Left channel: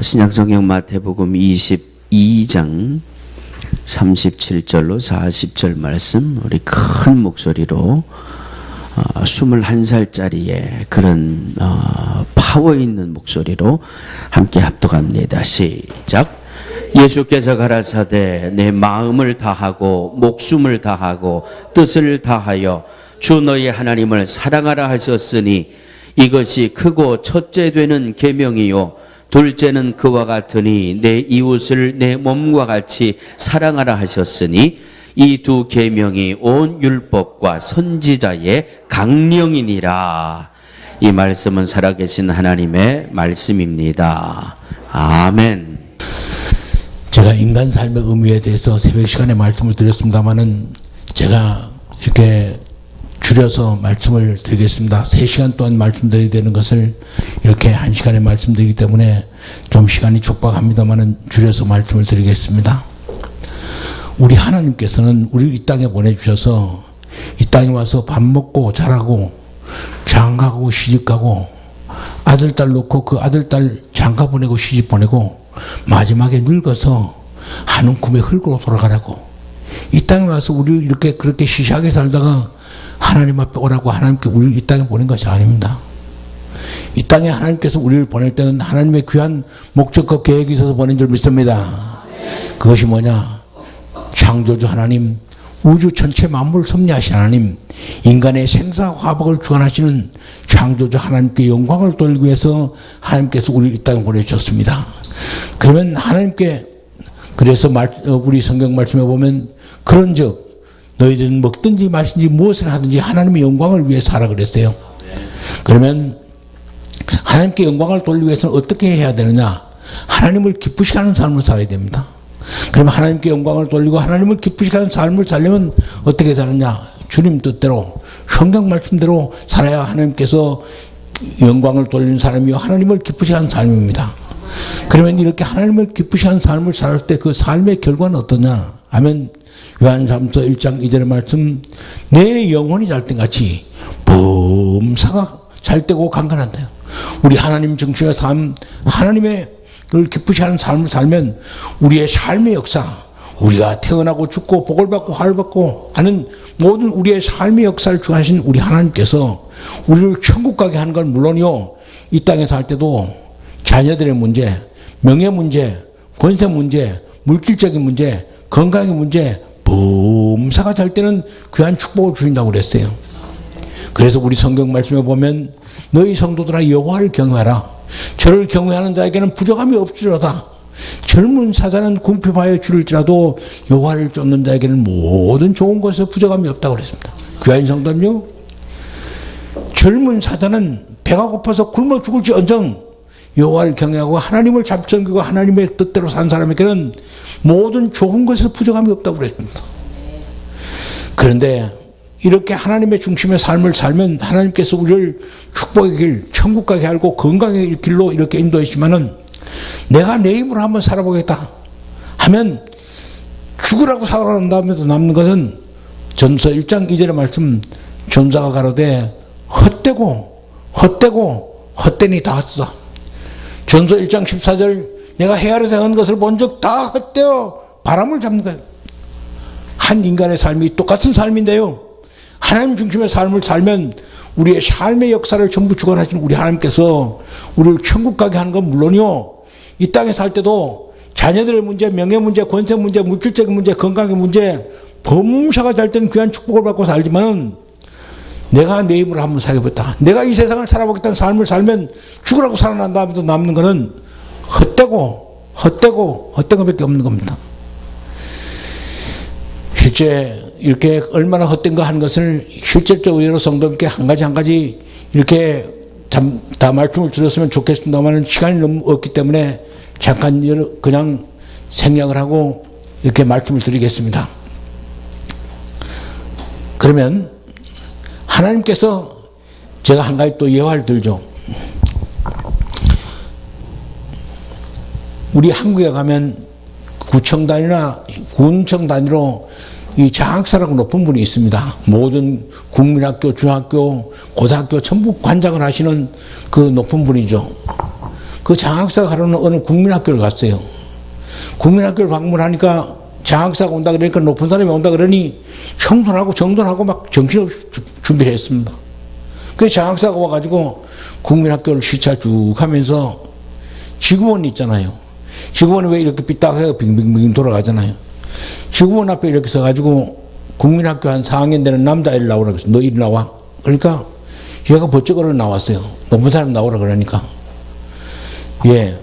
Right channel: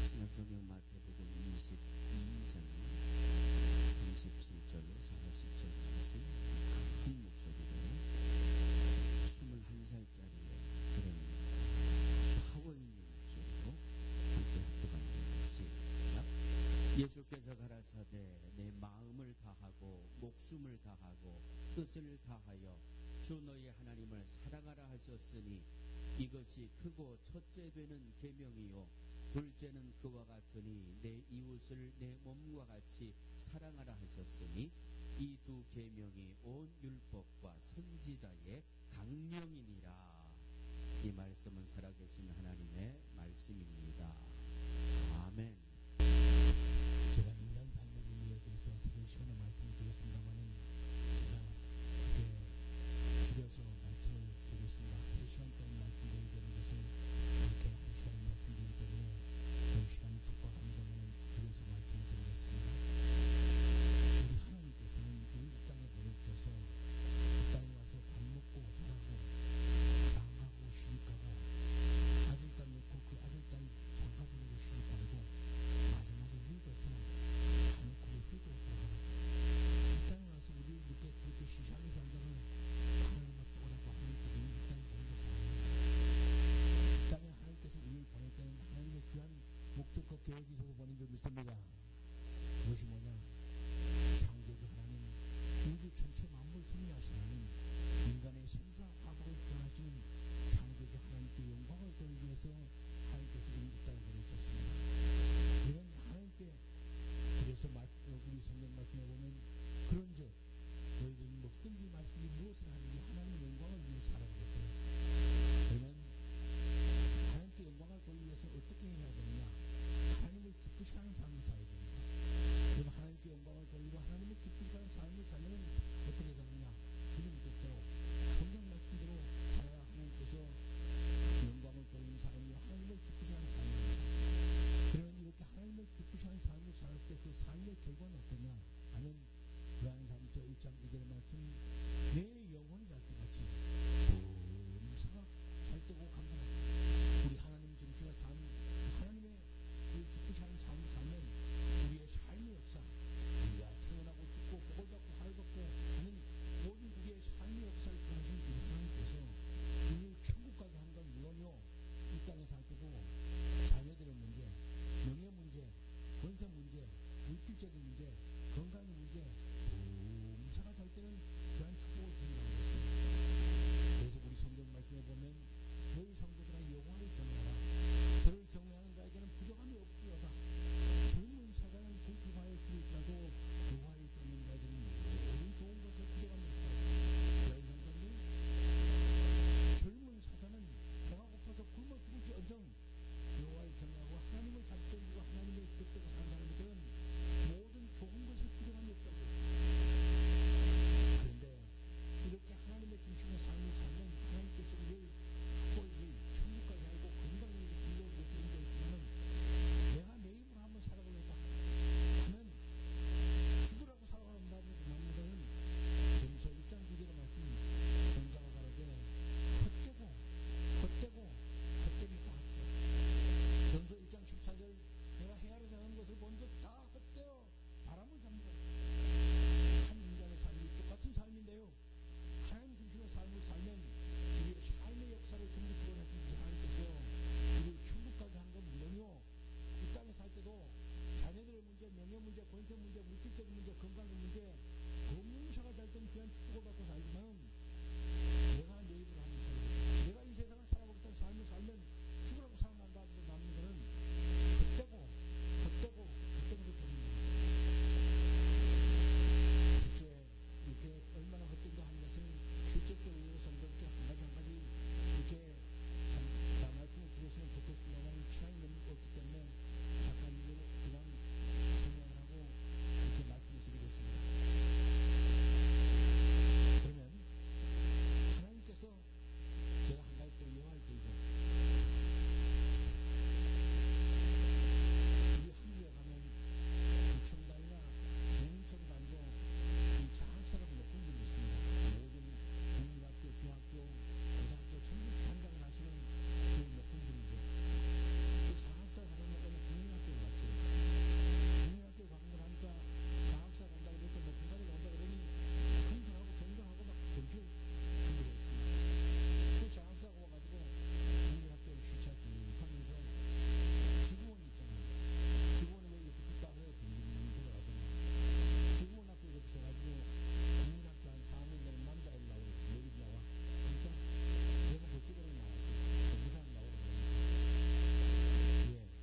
신약성경 마태복음 22장 37절로 40절 말씀 우리 큰 목소리로 21살짜리의 그런 파워 있는 목소리로 함께 합독합니다. 시작. 예수께서 가라사대 내 마음을 다하고 목숨을 다하고 뜻을 다하여 주 너희 하나님을 사랑하라 하셨으니 이것이 크고 첫째 되는 계명이요 둘째는 그와 같으니 내 이웃을 내 몸과 같이 사랑하라 하셨으니 이 두 계명이 온 율법과 선지자의 강령이니라. 이 말씀은 살아계신 하나님의 말씀입니다. 아멘. 제가 인간 삶의 의미에 대해서 새벽 시간에 말씀을 드렸습니다마는 제가 이렇게 줄여서 말씀을 드리겠습니다. 3시간 동안 말씀드려야 되는 것을 이렇게 1시간에 말씀드리기 때문에 좀 시간이 촉박합니다마는 줄여서 말씀을 드리겠습니다. 우리 하나님께서는 우리 이 땅에 보내주셔서 이 땅에 와서 밥 먹고 자라고 장가가고 시집가고 아들 딸 놓고 그 아들 딸 장가 보내고 시집 보내고 마지막에 늙어서 한 움큼의 흙으로 돌아가라고 이 땅에 와서 우리 이렇게 그렇게 시시하게 살다가 하나님 앞에 오라고 하나님께 우리를 이 땅에 보낸 것이 아닙니다. 이 땅에 하나님께서 우리를 보낼 때는 하나님의 귀한 목적과 계획이 있어서 보낸 줄 믿습니다. 그것이 뭐냐? 창조주 하나님, 우주 전체 만물을 섭리하신 하나님, 인간의 생사화복을 주관하시는 창조주 하나님께 영광을 돌리기 위해서 하나님께서 우리를 이 땅에 보내주셨습니다. 그러면 하나님께 그래서 우리 성경 말씀에 보면 그런즉 너희들은 먹든지 마시든지 무엇을 하든지 하나님의 영광을 위해서 하라 그랬어요. 그러면 하나님께 영광을 돌리기 위해서는 어떻게 해야 되느냐? 하나님을 기쁘시게 하는 삶을 살아야 됩니다. 그러면 하나님께 영광을 돌리고 하나님을 기쁘시게 하는 삶을 살려면 어떻게 사느냐? 주님 뜻대로 성경 말씀대로 살아야 하나님께서 영광을 돌리는 사람이요 하나님을 기쁘시게 하는 삶입니다. 그러면 이렇게 하나님을 기쁘시게 하는 삶을 살 때 그 삶의 결과는 어떠냐 하면 요한삼서 1장 2절의 말씀, 내 영혼이 잘 때 같이 범사가 잘 되고 강건한다. 우리 하나님 중심의 삶, 하나님의 그걸 기쁘시게 하는 삶을 살면 우리의 삶의 역사, 우리가 태어나고 죽고 복을 받고 화를 받고 하는 모든 우리의 삶의 역사를 주하신 우리 하나님께서 우리를 천국 가게 하는 건 물론이요, 이 땅에 살 때도 자녀들의 문제, 명예 문제, 권세 문제, 물질적인 문제, 건강의 문제, 범사가 잘 때는 귀한 축복을 주신다고 그랬어요. 그래서 우리 성경 말씀에 보면 너희 성도들아 여호와를 경외하라. 저를 경외하는 자에게는 부족함이 없으리로다. 젊은 사자는 궁핍하여 줄일지라도 여호와를 쫓는 자에게는 모든 좋은 것에 부족함이 없다고 그랬습니다. 귀한 성도님요, 젊은 사자는 배가 고파서 굶어 죽을지 언정 여호와를 경외하고 하나님을 잘 섬기고 하나님의 뜻대로 산 사람에게는 모든 좋은 것에 부족함이 없다고 그랬습니다. 그런데 이렇게 하나님의 중심의 삶을 살면 하나님께서 우리를 축복의 길, 천국 가게 하고 건강의 길로 이렇게 인도했지만은 내가 내 힘으로 한번 살아보겠다 하면 죽으라고 살아난 다음에도 남는 것은 전서 1장 2절의 말씀, 전사가 가로되 헛되고 헛되니 다 헛되다. 전서 1장 14절, 내가 해 아래서 한 것을 본 적 다 헛되어 바람을 잡는 거예요. 한 인간의 삶이 똑같은 삶인데요, 하나님 중심의 삶을 살면 우리의 삶의 역사를 전부 주관하시는 우리 하나님께서 우리를 천국 가게 하는 건 물론이요, 이 땅에 살 때도 자녀들의 문제, 명예 문제, 권세 문제, 물질적인 문제, 건강의 문제, 범사가 잘 때는 귀한 축복을 받고 살지만 내가 내 힘으로 한번 살아보겠다, 내가 이 세상을 살아보겠다는 삶을 살면 죽으라고 살아난 다음에도 남는 것은 헛된 것밖에 없는 겁니다. 실제 이렇게 얼마나 헛된 거 한 것을 실질적으로 성도님께 한 가지 이렇게 다 말씀을 드렸으면 좋겠습니다만 시간이 너무 없기 때문에 잠깐 그냥 생략을 하고 이렇게 말씀을 드리겠습니다. 그러면 하나님께서 제가 한 가지 또 예화를 들죠. 우리 한국에 가면 구청 단위나 군청 단위로 이 장학사라고 높은 분이 있습니다. 모든 국민학교, 중학교, 고등학교 전부 관장을 하시는 그 높은 분이죠. 그 장학사가 가려는 어느 국민학교를 갔어요. 국민학교를 방문하니까 장학사가 온다 그러니까 높은 사람이 온다 그러니 청소하고 정돈하고 막 정신없이 준비를 했습니다. 그 장학사가 와가지고 국민학교를 시찰 쭉 하면서 지구본 있잖아요. 지구본이 왜 이렇게 삐딱해서 빙빙빙 돌아가잖아요. 지구본 앞에 이렇게 서가지고 국민학교 한 4학년 되는 남자애를 나오라 그랬어. 너 이리 나와. 그러니까 얘가 번쩍 얼어 나왔어요. 높은 사람 나오라 그러니까. 예.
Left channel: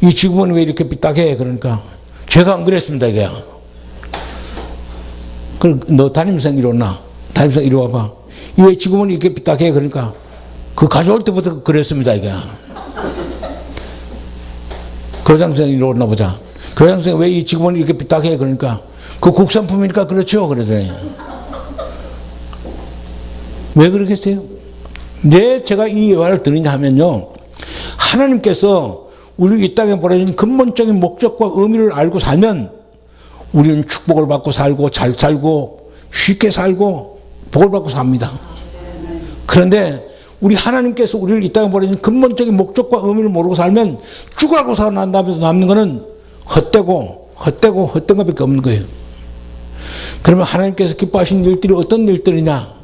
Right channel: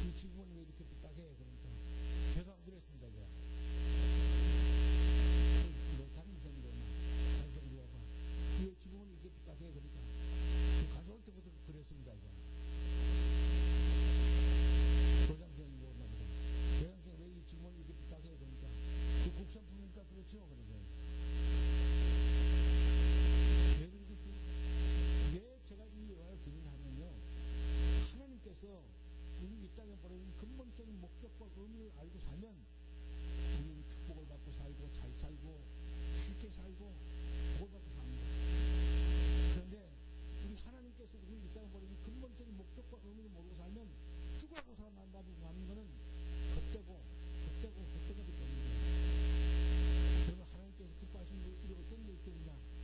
이 지구본이 왜 이렇게 삐딱해? 그러니까 제가 안 그랬습니다, 이게. 그럼 너 담임생 이리 오나? 담임생 이리 와봐. 왜 지구본이 이렇게 삐딱해? 그러니까 그 가져올 때부터 그랬습니다, 이게. 교장선생님 이리 오나 보자. 교장선생님 왜 이 지구본이 이렇게 삐딱해? 그러니까 그 국산품이니까 그렇죠. 그러더니. 왜 그러겠어요? 왜 제가 이 말을 드리냐 하면요. 하나님께서 우리 이 땅에 보내준 근본적인 목적과 의미를 알고 살면 우리는 축복을 받고 살고 잘 살고 쉽게 살고 복을 받고 삽니다. 그런데 우리 하나님께서 우리를 이 땅에 보내준 근본적인 목적과 의미를 모르고 살면 죽으라고 살아난다면서 남는 것은 헛되고 헛된 것밖에 없는 거예요. 그러면 하나님께서 기뻐하신 일들이 어떤 일들이냐?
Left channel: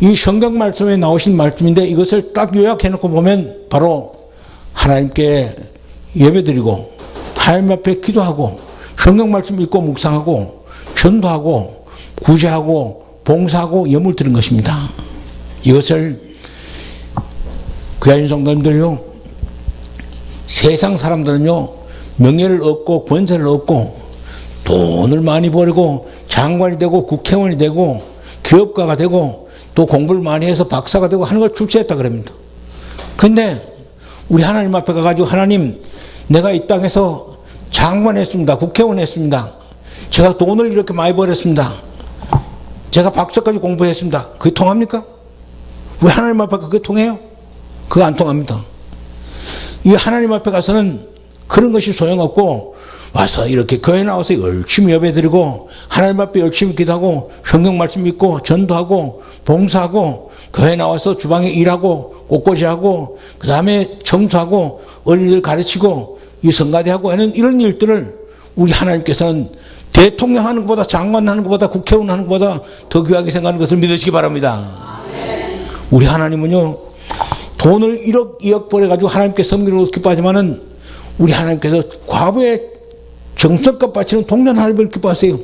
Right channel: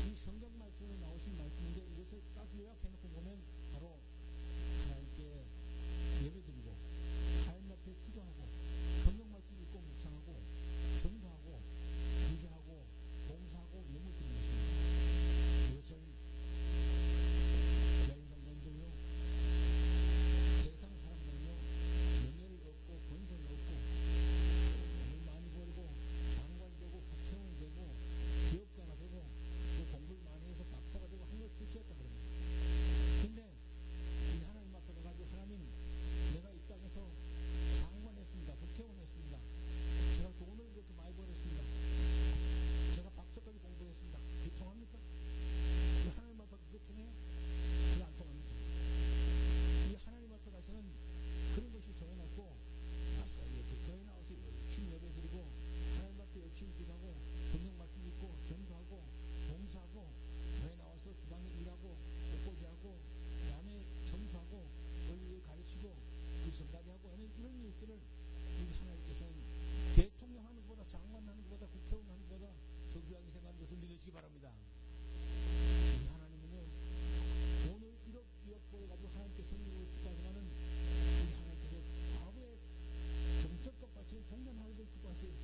이 성경 말씀에 나오신 말씀인데 이것을 딱 요약해 놓고 보면 바로 하나님께 예배드리고 하나님 앞에 기도하고 성경 말씀 읽고 묵상하고 전도하고 구제하고 봉사하고 예물 드린 것입니다. 이것을 귀하신 성도님들요, 세상 사람들은요 명예를 얻고 권세를 얻고 돈을 많이 벌고 장관이 되고 국회의원이 되고 기업가가 되고 또 공부를 많이 해서 박사가 되고 하는 걸 출세했다 그럽니다. 근데 우리 하나님 앞에 가가지고 하나님, 내가 이 땅에서 장관 했습니다. 국회의원 했습니다. 제가 돈을 이렇게 많이 벌었습니다. 제가 박사까지 공부했습니다. 그게 통합니까? 왜 하나님 앞에 그게 통해요? 그거 안 통합니다. 이 하나님 앞에 가서는 그런 것이 소용없고 와서 이렇게 교회 나와서 열심히 예배드리고 하나님 앞에 열심히 기도하고 성경 말씀 읽고 전도하고 봉사하고 교회 나와서 주방에 일하고 꽃꽂이하고 그 다음에 청소하고 어린이들 가르치고 이 성가대하고 하는 이런 일들을 우리 하나님께서는 대통령 하는 것보다 장관 하는 것보다 국회의원 하는 것보다 더 귀하게 생각하는 것을 믿으시기 바랍니다. 우리 하나님은요 돈을 1억 2억 벌어가지고 하나님께 섬기는 것도 기뻐하지만은 우리 하나님께서 과부의 정성껏 바치는 동전 하나님을 기뻐하세요.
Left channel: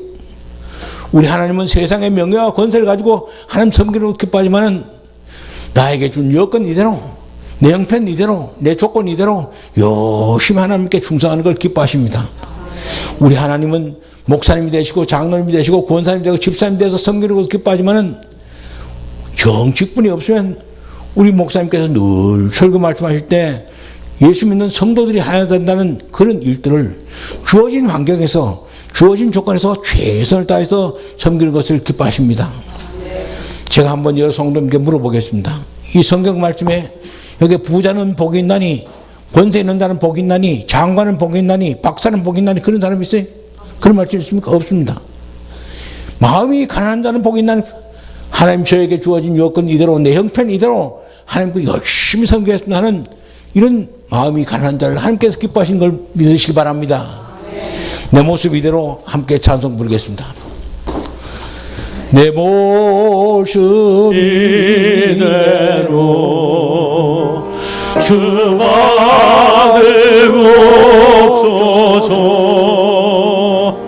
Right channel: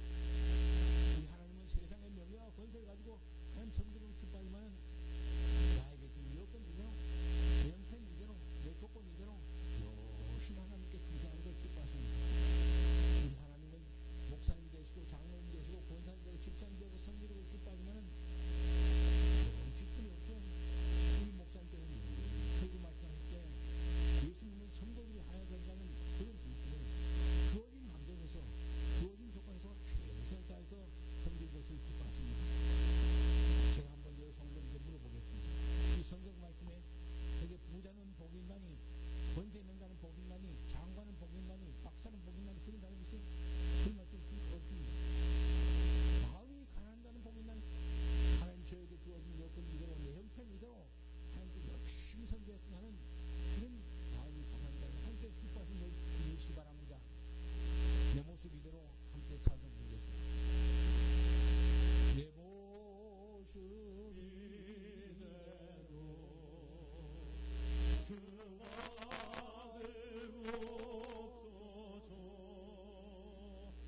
우리 하나님은 세상의 명예와 권세를 가지고 하나님 섬기는 것도 기뻐하지만은 나에게 준 여건 이대로 내 형편 이대로 내 조건 이대로 열심히 하나님께 충성하는 걸 기뻐하십니다. 우리 하나님은 목사님이 되시고 장로님이 되시고 권사님이 되고 집사님이 돼서 섬기는 것도 기뻐하지만은 정직분이 없으면 우리 목사님께서 늘 설교 말씀하실 때 예수 믿는 성도들이 해야 된다는 그런 일들을 주어진 환경에서 주어진 조건에서 최선을 다해서 섬기는 것을 기뻐하십니다. 제가 한번 여러 성도님께 물어보겠습니다. 이 성경 말씀에 여기 부자는 복이 있나니 권세 있는 자는 복이 있나니 장관은 복이 있나니 박사는 복이 있나니 그런 사람이 있어요? 그런 말씀 있습니까? 없습니다. 마음이 가난한 자는 복이 있나니 하나님 저에게 주어진 여건 이대로 내 형편 이대로 하나님께 열심히 섬기겠습니다 하는 이런 마음이 가난한 자를 하나님께서 기뻐하신 걸 믿으시기 바랍니다. 내 모습 이대로 함께 찬송 부르겠습니다. 내 모습 이대로 주 받으옵소서.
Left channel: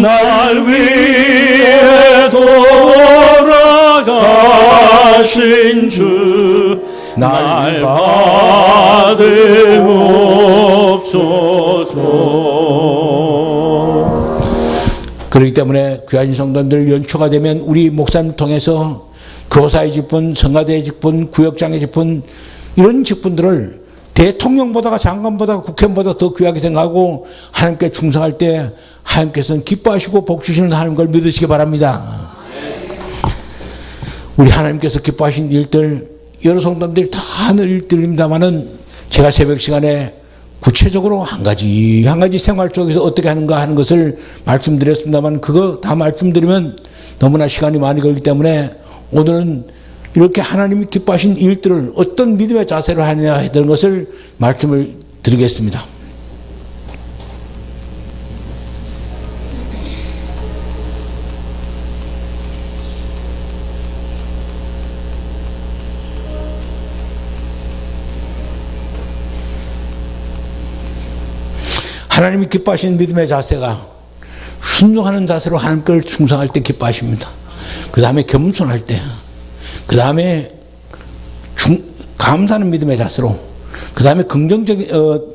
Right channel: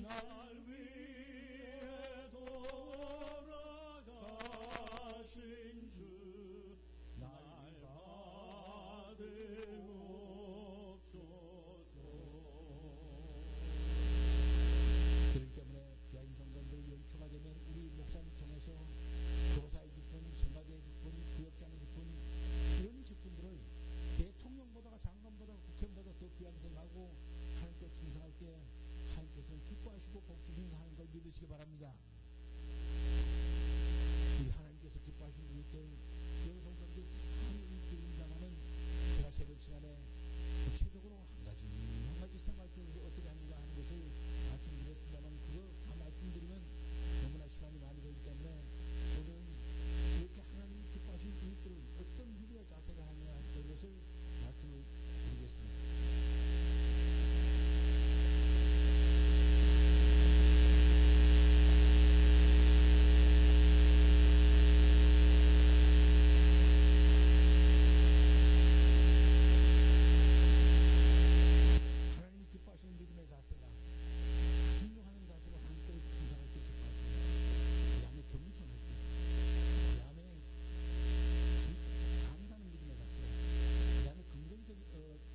날 위해 돌아가신 주 날 받으옵소서. 그렇기 때문에 귀하신 성도님들 연초가 되면 우리 목사님 통해서 교사의 직분, 성가대의 직분, 구역장의 직분 이런 직분들을 대통령보다가 장관보다가 국회의원보다 더 귀하게 생각하고 하나님께 충성할 때 하나님께서는 기뻐하시고 복 주시는 하나님 걸 믿으시기 바랍니다. 우리 하나님께서 기뻐하신 일들 여러 성도님들이 다 하는 일들입니다만은 제가 새벽 시간에 구체적으로 한 가지 생활 속에서 어떻게 하는가 하는 것을 말씀드렸습니다만 그거 다 말씀드리면 너무나 시간이 많이 걸리기 때문에 오늘은 이렇게 하나님이 기뻐하신 일들을 어떤 믿음의 자세로 하느냐 하는 것을 말씀을 드리겠습니다. 하나님이 기뻐하시는 믿음의 자세가 순종하는 자세로 하나님께 충성할 때 기뻐하십니다. 그 다음에 겸손할 때, 그 다음에 감사하는 믿음의 자세로, 그 다음에 긍정적인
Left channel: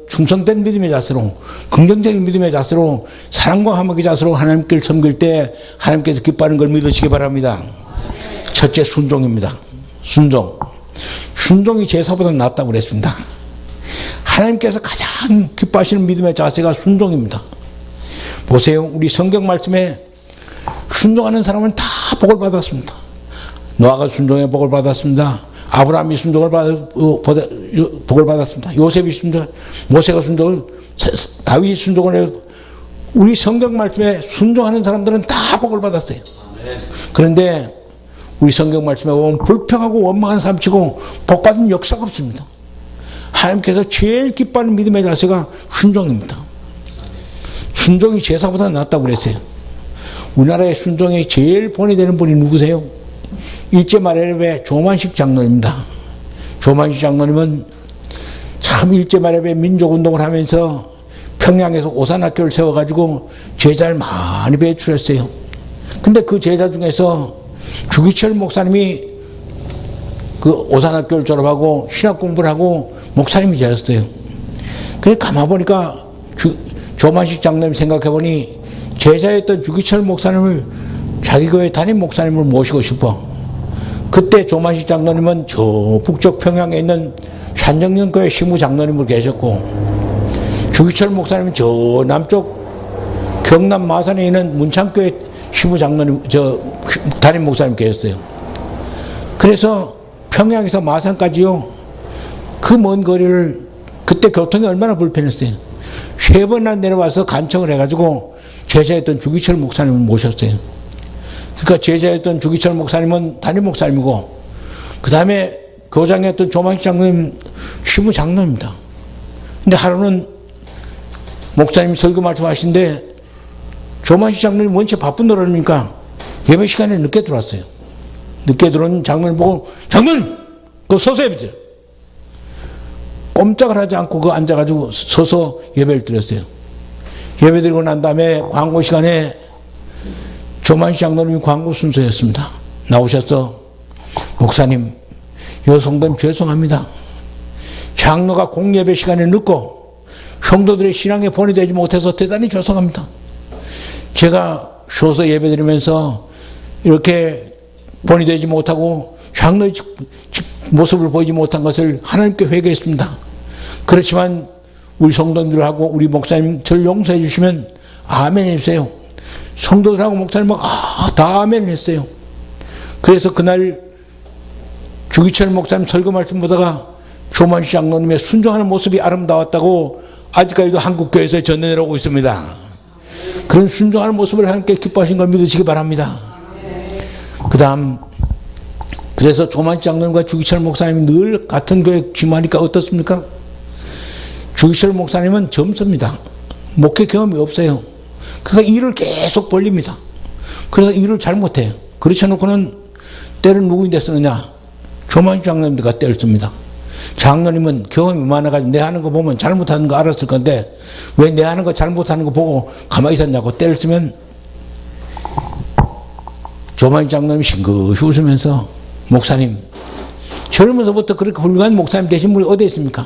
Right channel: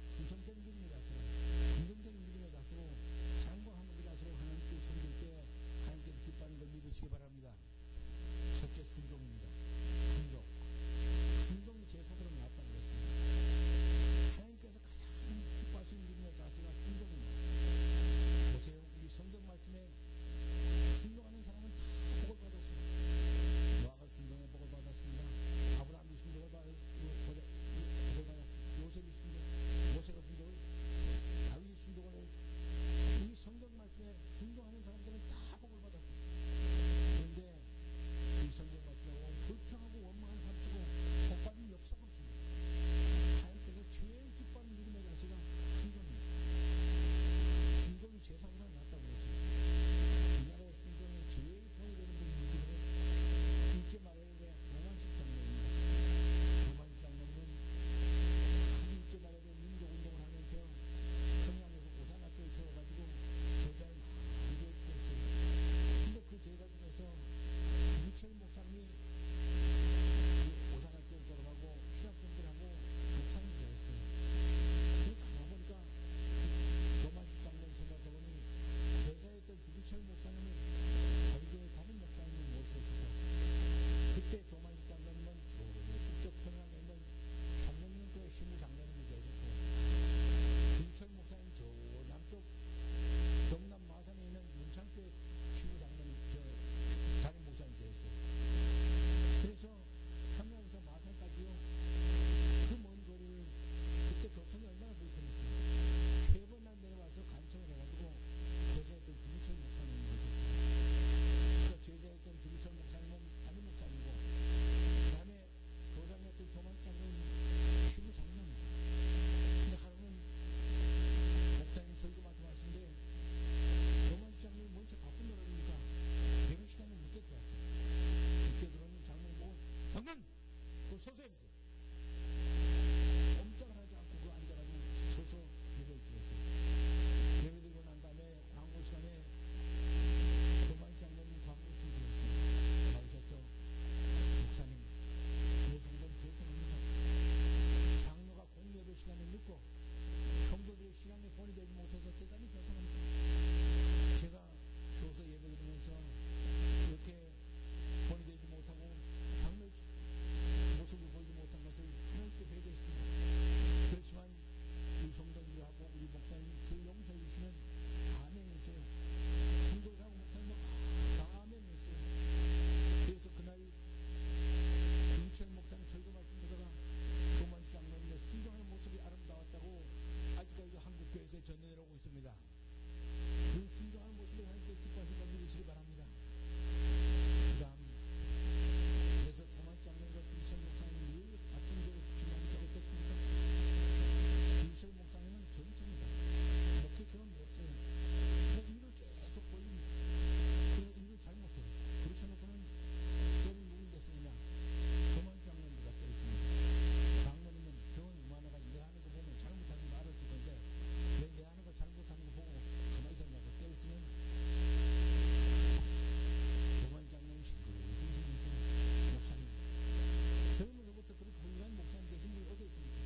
충성된 믿음의 자세로, 긍정적인 믿음의 자세로, 사랑과 화목의 자세로 하나님께 섬길 때 하나님께서 기뻐하는 걸 믿으시기 바랍니다. 첫째, 순종입니다. 순종이 제사보다 낫다고 그랬습니다. 하나님께서 가장 기뻐하시는 믿음의 자세가 순종입니다. 보세요. 우리 성경 말씀에 순종하는 사람은 다 복을 받았습니다. 노아가 순종에 복을 받았습니다. 아브라함이 순종을 복을 받았습니다. 요셉이 순종, 모세가 순종을, 다윗이 순종을 해요. 우리 성경 말씀에 순종하는 사람들은 다 복을 받았어요. 그런데 우리 성경 말씀에 보면 불평하고 원망하는 사람 치고 복 받은 역사가 없습니다. 하나님께서 제일 기뻐하는 믿음의 자세가 순종입니다. 순종이 제사보다 낫다고 그랬어요. 우리나라의 순종에 제일 본이 되는 분이 누구세요? 일제 말해협의 조만식 장로입니다. 조만식 장로님은 참 일제 말해협의 민족운동을 하면서 평양에서 오산학교를 세워가지고 제자를 많이 배출했어요. 근데 그 제자 중에서 주기철 목사님이 그 오산학교를 졸업하고 신학 공부를 하고 목사님이 되었어요. 그래서 가만 보니까 조만식 장로님 생각해보니 제자였던 주기철 목사님을 자기 교회 담임 목사님을 모시고 싶어. 그때 조만식 장로님은 저 북쪽 평양에 있는 산정령교회 시무 장로님으로 계셨고, 주기철 목사님은 저 남쪽 경남 마산에 있는 문창교회 시무 장로님, 담임 목사님 계셨어요. 그래서 평양에서 마산까지요, 그 먼 거리를, 그때 교통이 얼마나 불편했어요. 3번이나 내려와서 간청을 해가지고 제자였던 주기철 목사님을 모셨어요. 그러니까 제자였던 주기철 목사님은 담임 목사님이고, 그 다음에 교장이었던 조만식 장로님 시부 장로입니다. 근데 하루는 목사님이 설교 말씀하시는데 조만식 장로님 원체 바쁜 노릇이니까 예배 시간에 늦게 들어왔어요. 늦게 들어온 장로님 보고, 장로님! 그거 서서 해보세요. 꼼짝을 하지 않고 그 앉아가지고 서서 예배를 드렸어요. 예배 드리고 난 다음에 광고 시간에 조만식 장로님이 광고 순서였습니다. 나오셔서, 목사님, 요 성도님 죄송합니다. 장로가 공예배 시간에 늦고 성도들의 신앙에 본이 되지 못해서 대단히 죄송합니다. 제가 서서 예배 드리면서 이렇게 본이 되지 못하고 장로의 모습을 보이지 못한 것을 하나님께 회개했습니다. 그렇지만 우리 성도들하고 우리 목사님 저를 용서해 주시면 아멘 해주세요. 성도들하고 목사님 다 아멘 했어요. 그래서 그날 주기철 목사님 설교 말씀 보다가 조만식 장로님의 순종하는 모습이 아름다웠다고 아직까지도 한국교회에서 전해내려오고 있습니다. 그런 순종하는 모습을 하나님께 기뻐하신 걸 믿으시기 바랍니다. 그 다음, 그래서 조만식 장로님과 주기철 목사님이 늘 같은 교회 지마니까 어떻습니까? 주기철 목사님은 젊습니다. 목회 경험이 없어요. 그러니까 일을 계속 벌립니다. 그래서 일을 잘못해요. 그렇지 않고는 때를 누구인데 쓰느냐? 조만식 장로님들과 때를 씁니다. 장로님은 경험이 많아가지고 내 하는 거 보면 잘못하는 거 알았을 건데 왜 내 하는 거 잘못하는 거 보고 가만히 있었냐고 때를 쓰면 조만식 장로님이 싱긋이 웃으면서, 목사님, 젊어서부터 그렇게 훌륭한 목사님 되신 분이 어디 있습니까?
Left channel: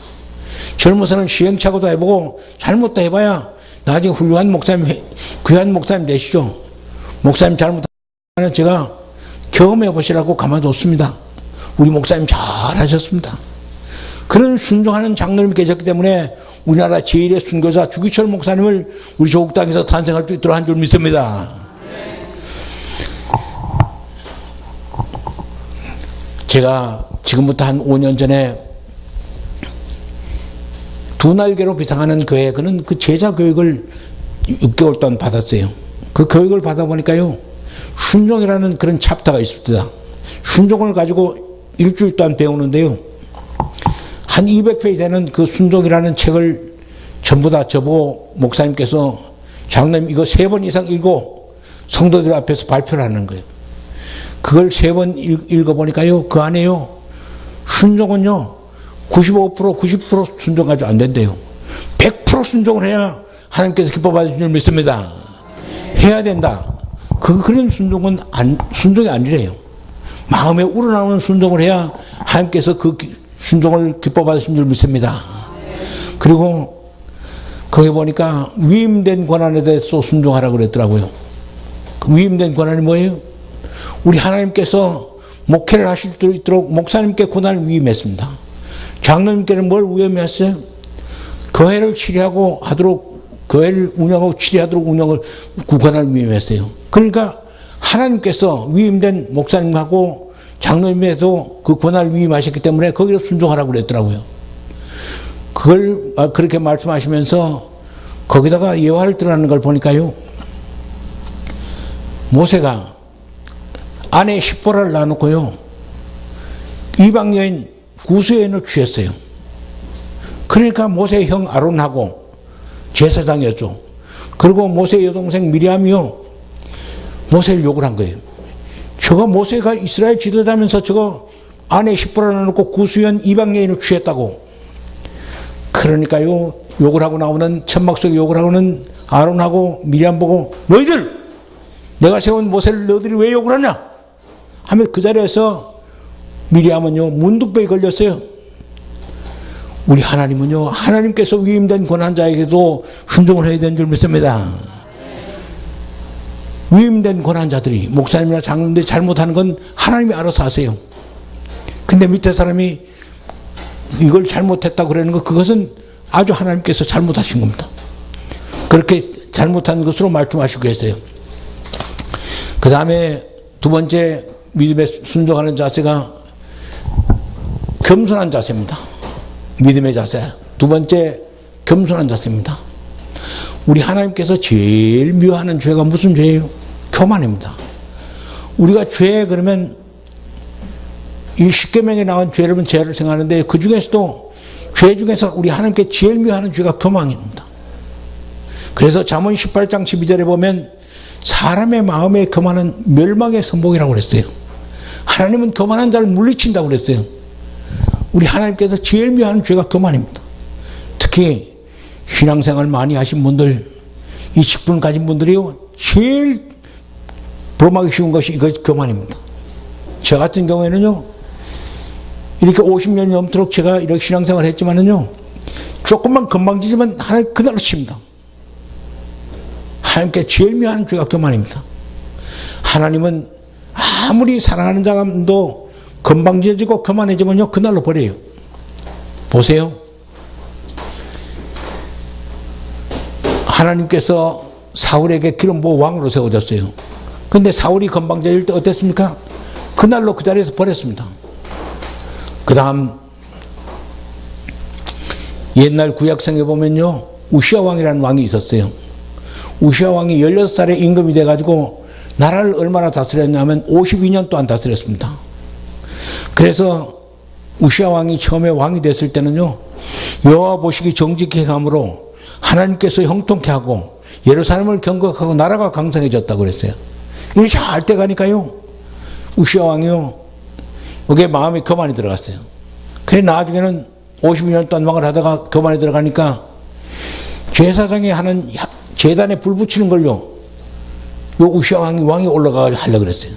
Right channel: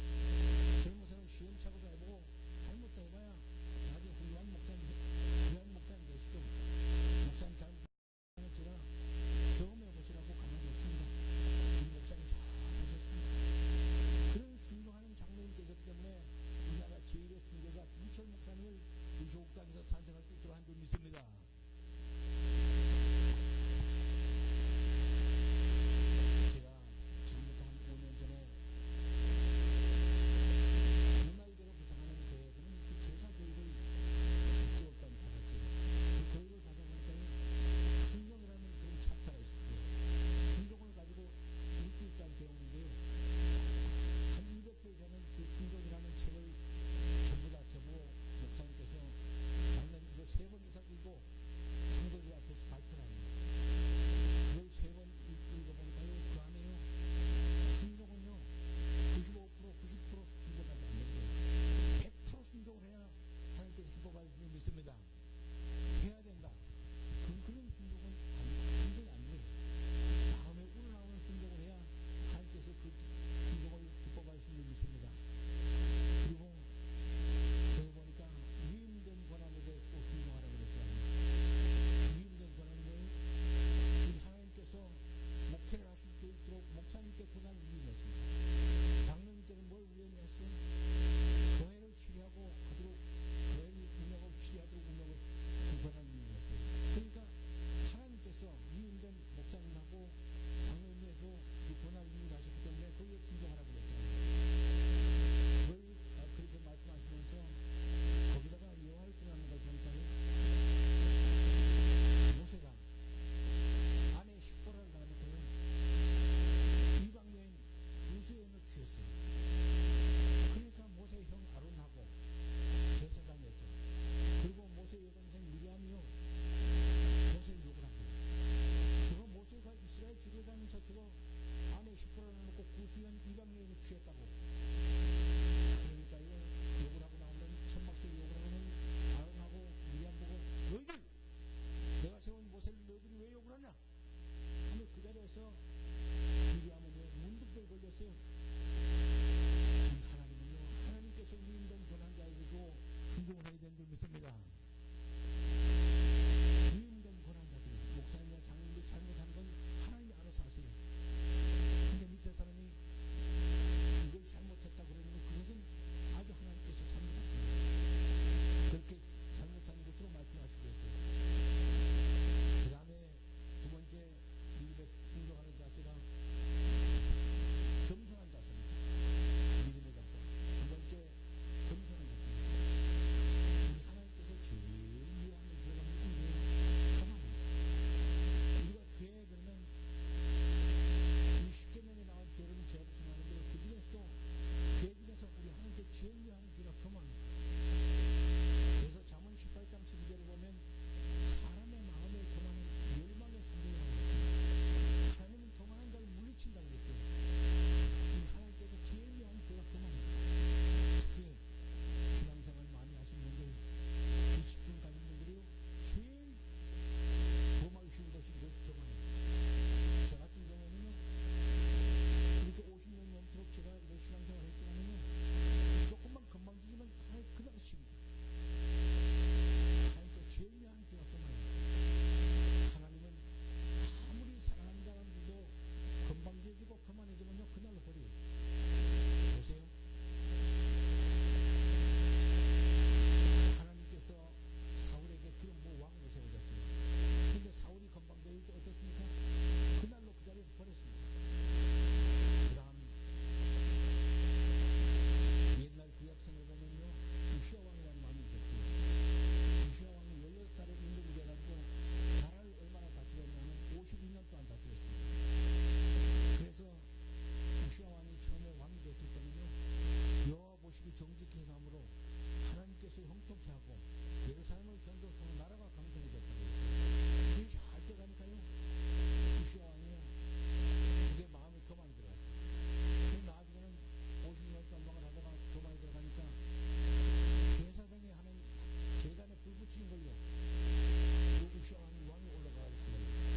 젊어서는 시행착오도 해보고 잘못도 해봐야 나중에 훌륭한 목사님, 귀한 목사님 되시죠. 목사님 잘못하면 제가 경험해 보시라고 가만뒀습니다. 우리 목사님 잘하셨습니다. 그런 순종하는 장로님이 계셨기 때문에 우리나라 제1의 순교자 주기철 목사님을 우리 조국 땅에서 탄생할 수 있도록 한 줄 믿습니다. 제가 지금부터 한 5년 전에 두 날개로 비상하는 교회, 그는 그 제자 교육을 6개월 동안 받았어요. 그 교육을 받아보니까요, 순종이라는 그런 챕터가 있습니다. 순종을 가지고 일주일 동안 배우는데요, 한 200페이지 되는 그 순종이라는 책을 전부 다 저보고 목사님께서 장로님 이거 3번 이상 읽고 성도들 앞에서 발표를 하는 거예요. 그걸 3번 읽어보니까요, 그 안에요, 순종은요, 95%, 90% 순종하지 안 된대요. 100% 순종을 해야 하나님께서 기뻐 받으실 줄 믿습니다. 해야 된다. 그런 순종이 아니래요. 마음에 우러나오는 순종을 해야 하나님께서 그 순종을 기뻐 받으신 줄 믿습니다. 그리고 거기 보니까 위임된 권한에 대해서 순종하라고 그랬더라고요. 그 위임된 권한이 뭐예요? 우리 하나님께서 목회를 하실 수 있도록 목사님께 권한을 위임했습니다. 장로님께는 뭘 위임했어요? 교회를 치리하고 하도록, 교회를 운영하고 치리하도록 권한을 위임했어요. 그러니까 하나님께서 위임된 목사님하고 장로님에도 그 권한을 위임하셨기 때문에 거기로 순종하라고 그랬더라고요. 그걸 그렇게 말씀하시면서 거기다가 예화를 드러나는 걸 보니까요, 모세가 아내 십보라를 놔놓고요, 이방 여인 구수 여인을 취했어요. 그러니까 모세의 형 아론하고 제사장이었죠. 그리고 모세의 여동생 미리암이요, 모세를 욕을 한 거예요. 저거 모세가 이스라엘 지도자면서 저거 아내 십보라를 놔놓고 구수 여인 이방 여인을 취했다고. 그러니까요, 욕을 하고 나오는, 천막 속에 욕을 하고는 아론하고 미리암 보고, 너희들! 내가 세운 모세를 너희들이 왜 욕을 하냐? 하면 그 자리에서 미리암은요, 문둥병에 걸렸어요. 우리 하나님은요, 하나님께서 위임된 권한자에게도 순종을 해야 되는 줄 믿습니다. 위임된 권한자들이, 목사님이나 장로님들이 잘못하는 건 하나님이 알아서 하세요. 근데 밑에 사람이 이걸 잘못했다고 그러는 거, 그것은 아주 하나님께서 잘못하신 겁니다. 그렇게 잘못한 것으로 말씀하시고 계세요. 그 다음에 두 번째 믿음에 순종하는 자세가 겸손한 자세입니다. 믿음의 자세. 두 번째, 겸손한 자세입니다. 우리 하나님께서 제일 미워하는 죄가 무슨 죄예요? 교만입니다. 우리가 죄 그러면 이 십계명에 나온 죄를 생각하는데, 그 중에서도 죄 중에서 우리 하나님께 제일 미워하는 죄가 교만입니다. 그래서 잠언 18장 12절에 보면 사람의 마음에 교만은 멸망의 선봉이라고 그랬어요. 하나님은 교만한 자를 물리친다고 그랬어요. 우리 하나님께서 제일 미워하는 죄가 교만입니다. 특히 신앙생활 많이 하신 분들, 이 직분 가진 분들이요, 제일 범하기 쉬운 것이 이것 교만입니다. 저 같은 경우에는요, 이렇게 50년이 넘도록 제가 이렇게 신앙생활을 했지만은요, 조금만 건방지지만 하나님 그날로 칩니다. 하나님께 제일 미워하는 죄가 교만입니다. 하나님은 아무리 사랑하는 사람도 건방져지고 교만해지면요, 그날로 버려요. 보세요. 하나님께서 사울에게 기름 부어 왕으로 세워졌어요. 근데 사울이 건방져질 때 어땠습니까? 그날로 그 자리에서 버렸습니다. 그 다음 옛날 구약성에 보면요, 우시아 왕이라는 왕이 있었어요. 우시아 왕이 16살에 임금이 돼가지고 나라를 얼마나 다스렸냐면 52년 동안 다스렸습니다. 그래서 우시아 왕이 처음에 왕이 됐을 때는요, 여호와 보시기 정직히 함으로 하나님께서 형통케 하고 예루살렘을 경거하고 나라가 강성해졌다고 그랬어요. 이게 잘 돼 가니까요, 우시아 왕이요, 여기에 마음에 교만이 들어갔어요. 그래 나중에는 52년 동안 왕을 하다가 교만이 들어가니까 제사장이 하는 제단에 불 붙이는 걸요, 요 우시아 왕이 올라가 하려고 그랬어요.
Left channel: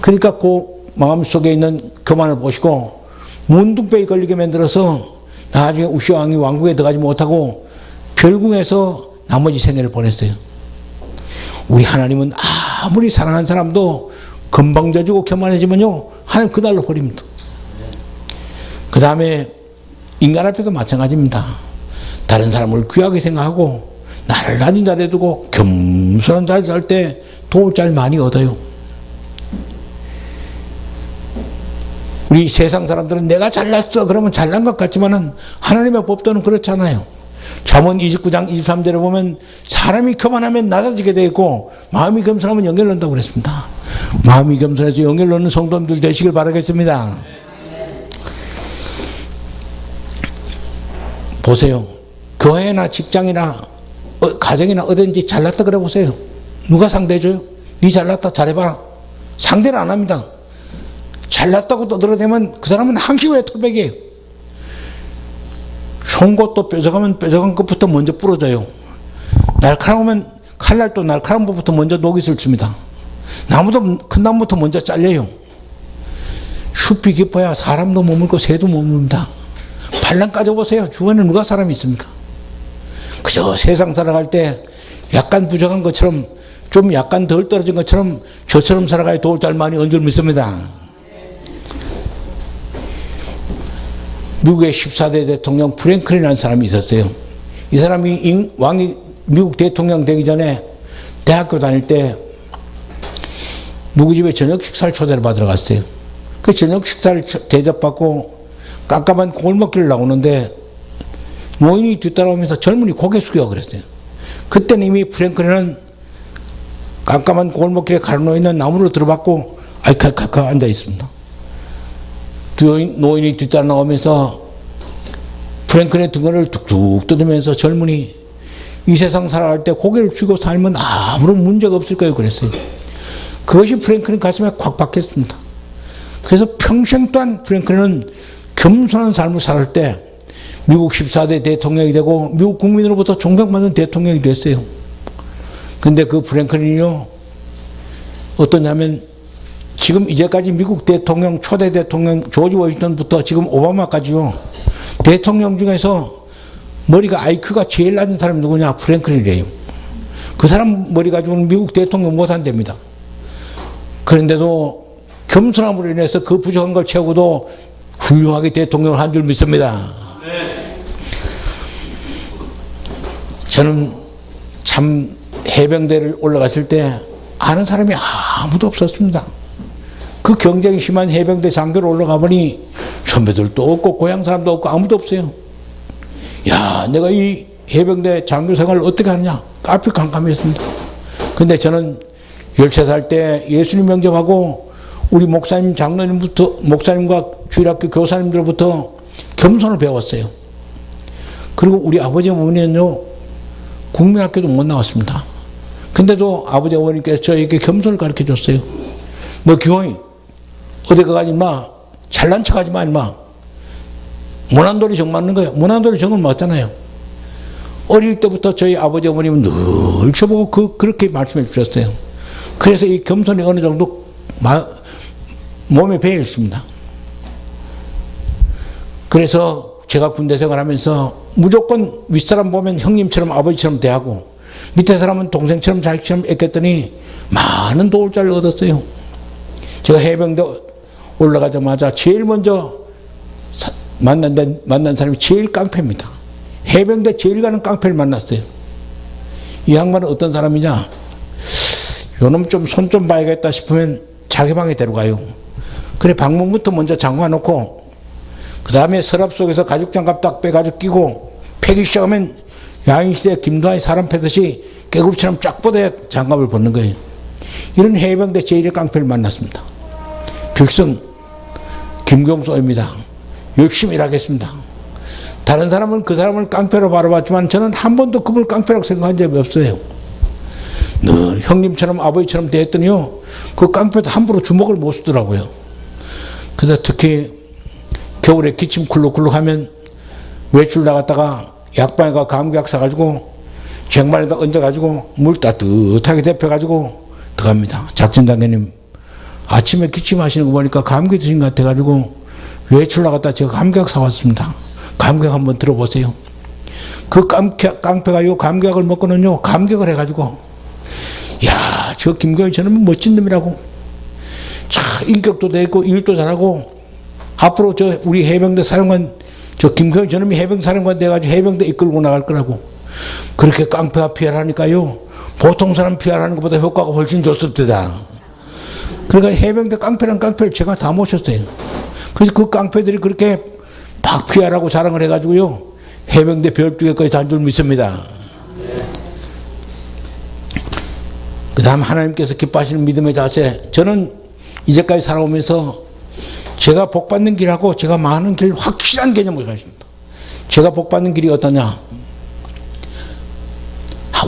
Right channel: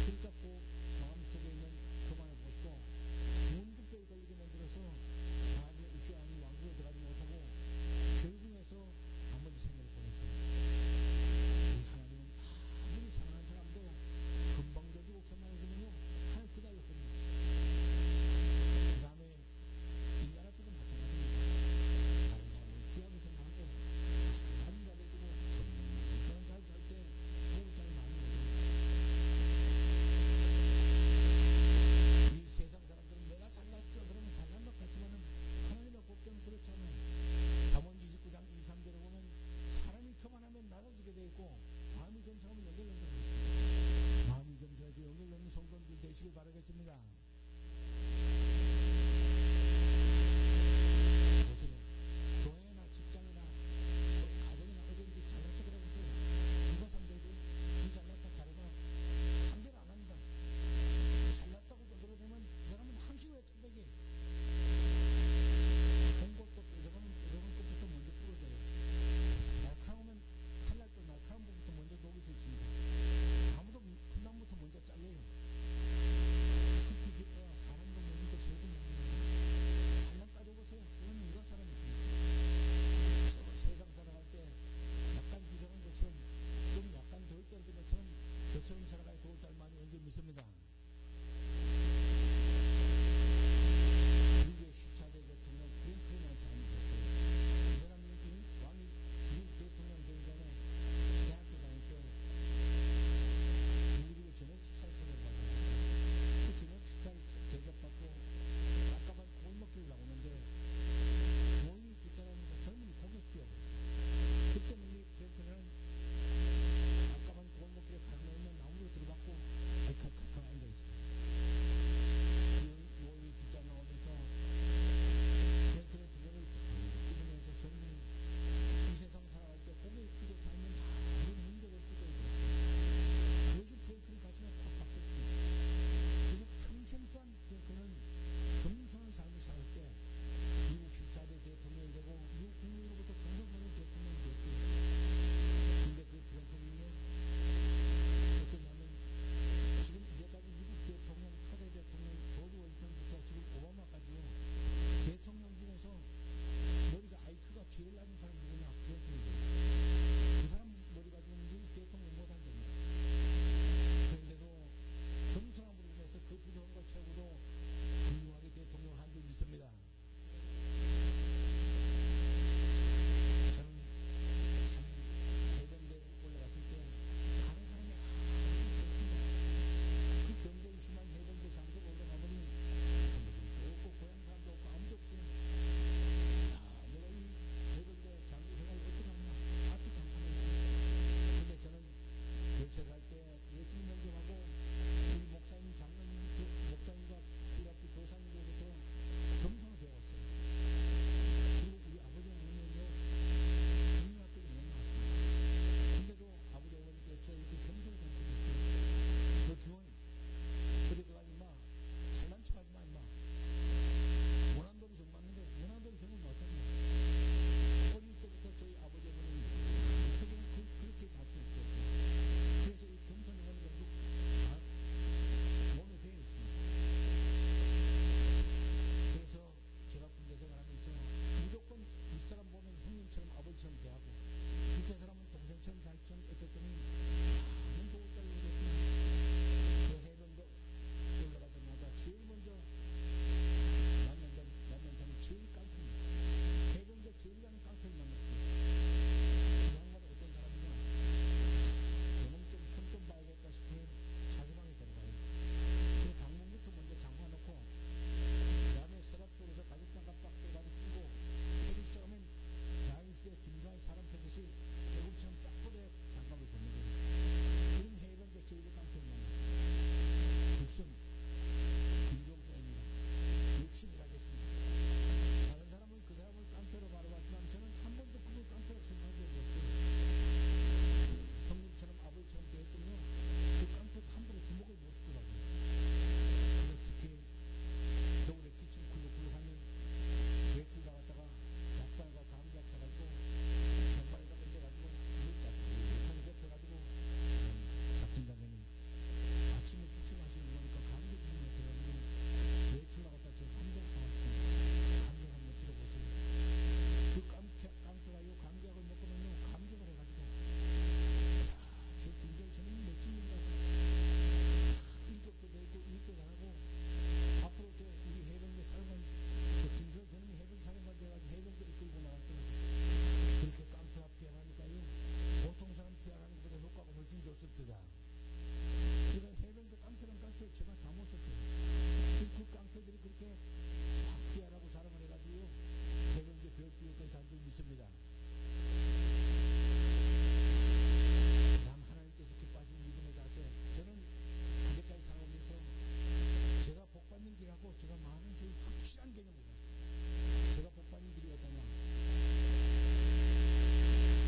그러니까 그 마음속에 있는 교만을 보시고 문둥병에 걸리게 만들어서 나중에 우시아 왕이 왕국에 들어가지 못하고 별궁에서 나머지 생애를 보냈어요. 우리 하나님은 아무리 사랑하는 사람도 건방져지고 교만해지면요, 하나님 그날로 버립니다. 그 다음에 인간 앞에도 마찬가지입니다. 다른 사람을 귀하게 생각하고 나를 낮은 자리에 두고 겸손한 자리에 살 때 도울 잘 많이 얻어요. 우리 세상 사람들은 내가 잘났어 그러면 잘난 것 같지만은 하나님의 법도는 그렇잖아요. 잠언 29장 23절에 보면 사람이 교만하면 낮아지게 되어 있고 마음이 겸손하면 영예를 얻는다고 그랬습니다. 마음이 겸손해서 영예를 얻는 성도님들 되시길 바라겠습니다. 보세요. 교회나 직장이나 가정이나 어딘지 잘났다 그래 보세요. 누가 상대해줘요? 니 잘났다 잘해봐. 상대를 안 합니다. 잘났다고 떠들어대면 그 사람은 항시호의 토백이에요. 송곳도 뾰족하면 뾰족한 것부터 먼저 부러져요. 날카로우면 칼날도 날카로운 것부터 먼저 녹이 슬칩니다. 나무도 큰 나무부터 먼저 잘려요. 숲이 깊어야 사람도 머물고 새도 머뭅니다. 반란 까져보세요. 주변에 누가 사람이 있습니까? 그저 세상 살아갈 때 약간 부족한 것처럼 좀 약간 덜 떨어진 것처럼 저처럼 살아가야 도울 잘 많이 얹을 믿습니다. 미국의 14대 대통령 프랭클린이라는 사람이 있었어요. 이 사람이 왕이 미국 대통령 되기 전에 대학교 다닐 때 누구 집에 저녁 식사를 초대를 받으러 갔어요. 그 저녁 식사를 대접받고 깜깜한 골목길을 나오는데 노인이 뒤따라오면서 젊은이 고개 숙여 그랬어요. 그때는 이미 프랭클린은 깜깜한 골목길에 가로놓여있는 나무로 들어받고 알카카카 앉아 있습니다. 노인이 뒤따라 나오면서 프랭클린의 등을 툭툭 뜯으면서 젊은이 이 세상 살아갈 때 고개를 숙이고 살면 아무런 문제가 없을 거예요 그랬어요. 그것이 프랭클린 가슴에 콱 박혔습니다. 그래서 평생 동안 프랭클린은 겸손한 삶을 살 때 미국 14대 대통령이 되고 미국 국민으로부터 존경받는 대통령이 됐어요. 근데 그 프랭클린이요 어떠냐면 지금 이제까지 미국 대통령 초대 대통령 조지 워싱턴부터 지금 오바마까지요 대통령 중에서 머리가 IQ가 제일 낮은 사람이 누구냐? 프랭클린이래요. 그 사람 머리 가지고는 미국 대통령 못 한답니다. 그런데도 겸손함으로 인해서 그 부족한 걸 채우고도 훌륭하게 대통령을 한 줄 믿습니다. 저는 참 해병대를 올라갔을 때 아는 사람이 아무도 없었습니다. 그 경쟁이 심한 해병대 장교로 올라가 보니 선배들도 없고 고향 사람도 없고 아무도 없어요. 야, 내가 이 해병대 장교 생활을 어떻게 하느냐? 앞이 깜깜했습니다. 근데 저는 13살 때 예수님 영접하고 우리 목사님, 장로님부터, 목사님과 주일학교 교사님들부터 겸손을 배웠어요. 그리고 우리 아버지 어머니는요, 국민학교도 못 나왔습니다. 근데도 아버지 어머니께서 저에게 겸손을 가르쳐 줬어요. 너 기호이, 어디 가가지 마. 잘난 척 하지 마, 임마. 모난돌이 정 맞는 거야. 모난돌이 정은 맞잖아요. 어릴 때부터 저희 아버지 어머님은 늘 저보고 그렇게 말씀해 주셨어요. 그래서 이 겸손이 어느 정도 몸에 배어 있습니다. 그래서 제가 군대 생활하면서 무조건 윗사람 보면 형님처럼 아버지처럼 대하고 밑에 사람은 동생처럼 자식처럼 애꼈더니 많은 도울자를 얻었어요. 제가 해병대 올라가자마자 제일 먼저 만난 사람이 제일 깡패입니다. 해병대 제일 가는 깡패를 만났어요. 이 양반은 어떤 사람이냐? 요놈 좀 손 좀 봐야겠다 싶으면 자기 방에 데려가요. 그래 방문부터 먼저 잠가 놓고 그 다음에 서랍 속에서 가죽장갑 딱 빼가지고 끼고 패기 시작하면 야인시대 김도하의 사람 패듯이 깨구리처럼 쫙 뻗어야 장갑을 벗는 거예요. 이런 해병대 제1의 깡패를 만났습니다. 필승 김경수입니다. 열심히 일하겠습니다. 다른 사람은 그 사람을 깡패로 바라봤지만 저는 한 번도 그분을 깡패라고 생각한 적이 없어요. 늘 형님처럼 아버지처럼 대했더니요 그 깡패도 함부로 주먹을 못 쓰더라고요. 그래서 특히 겨울에 기침 쿨룩쿨룩 하면 외출 나갔다가 약방에 가 감기약 사가지고 쟁반에다 얹어가지고 물 따뜻하게 데펴가지고 들어갑니다. 작전장교님 아침에 기침하시는 거 보니까 감기 드신 것 같아가지고 외출 나갔다 제가 감기약 사왔습니다. 감기약 한번 들어보세요. 그 깡패가 요 감기약을 먹고는요 감격을 해가지고 야, 저 김경희 저놈은 멋진 놈이라고. 참 인격도 되고 일도 잘하고 앞으로 저 우리 해병대 사령관 저 김경희 저놈이 해병 사령관 돼가지고 해병대 이끌고 나갈 거라고. 그렇게 깡패가 PR 하니까요 보통 사람 PR 하는 것보다 효과가 훨씬 좋습니다. 그러니까 해병대 깡패랑 깡패를 제가 다 모셨어요. 그래서 그 깡패들이 그렇게 막 PR하고 자랑을 해가지고요 해병대 별두개까지 단 줄 믿습니다. 그 다음 하나님께서 기뻐하시는 믿음의 자세. 저는 이제까지 살아오면서 제가 복받는 길하고 제가 망하는 길 확실한 개념을 가집니다. 제가 복받는 길이 어떠냐?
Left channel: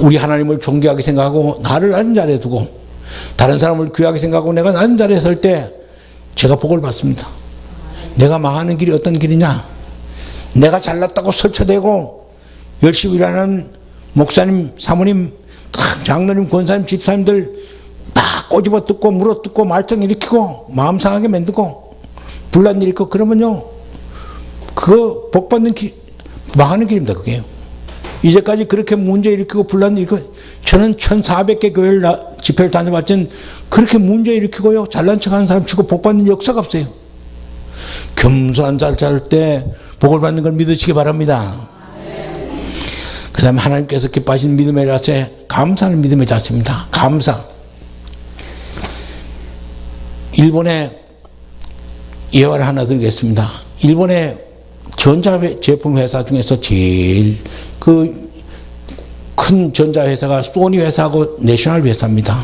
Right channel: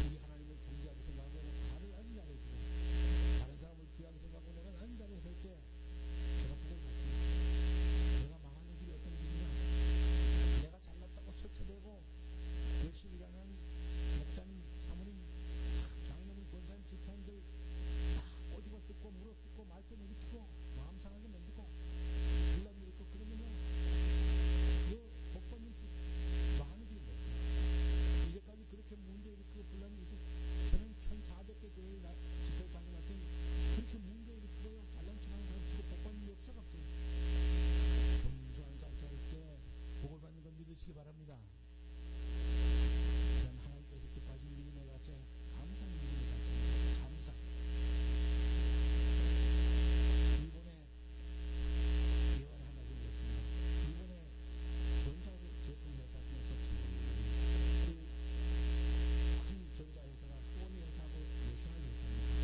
우리 하나님을 존귀하게 생각하고 나를 낮은 자리에 두고 다른 사람을 귀하게 생각하고 내가 낮은 자리에 설 때 제가 복을 받습니다. 내가 망하는 길이 어떤 길이냐? 내가 잘났다고 설쳐대고 열심히 일하는 목사님, 사모님, 장로님, 권사님, 집사님들 막 꼬집어 뜯고 물어 뜯고 말썽 일으키고 마음 상하게 만들고 분란 일으키고 그러면요, 그거 복 받는 길, 망하는 길입니다. 그게요. 이제까지 그렇게 문제 일으키고 분란 일으키고, 저는 1400개 교회를 집회를 다녀봤지만 그렇게 문제 일으키고요 잘난 척하는 사람 치고 복 받는 역사가 없어요. 겸손한 자를 잘 때 복을 받는 걸 믿으시기 바랍니다. 그 다음에 하나님께서 기뻐하신 믿음의 자세, 감사하는 믿음의 자세입니다. 감사. 일본의 예화를 하나 들겠습니다. 일본의 전자제품 회사 중에서 제일 그 큰 전자회사가 소니 회사하고 내셔널 회사입니다.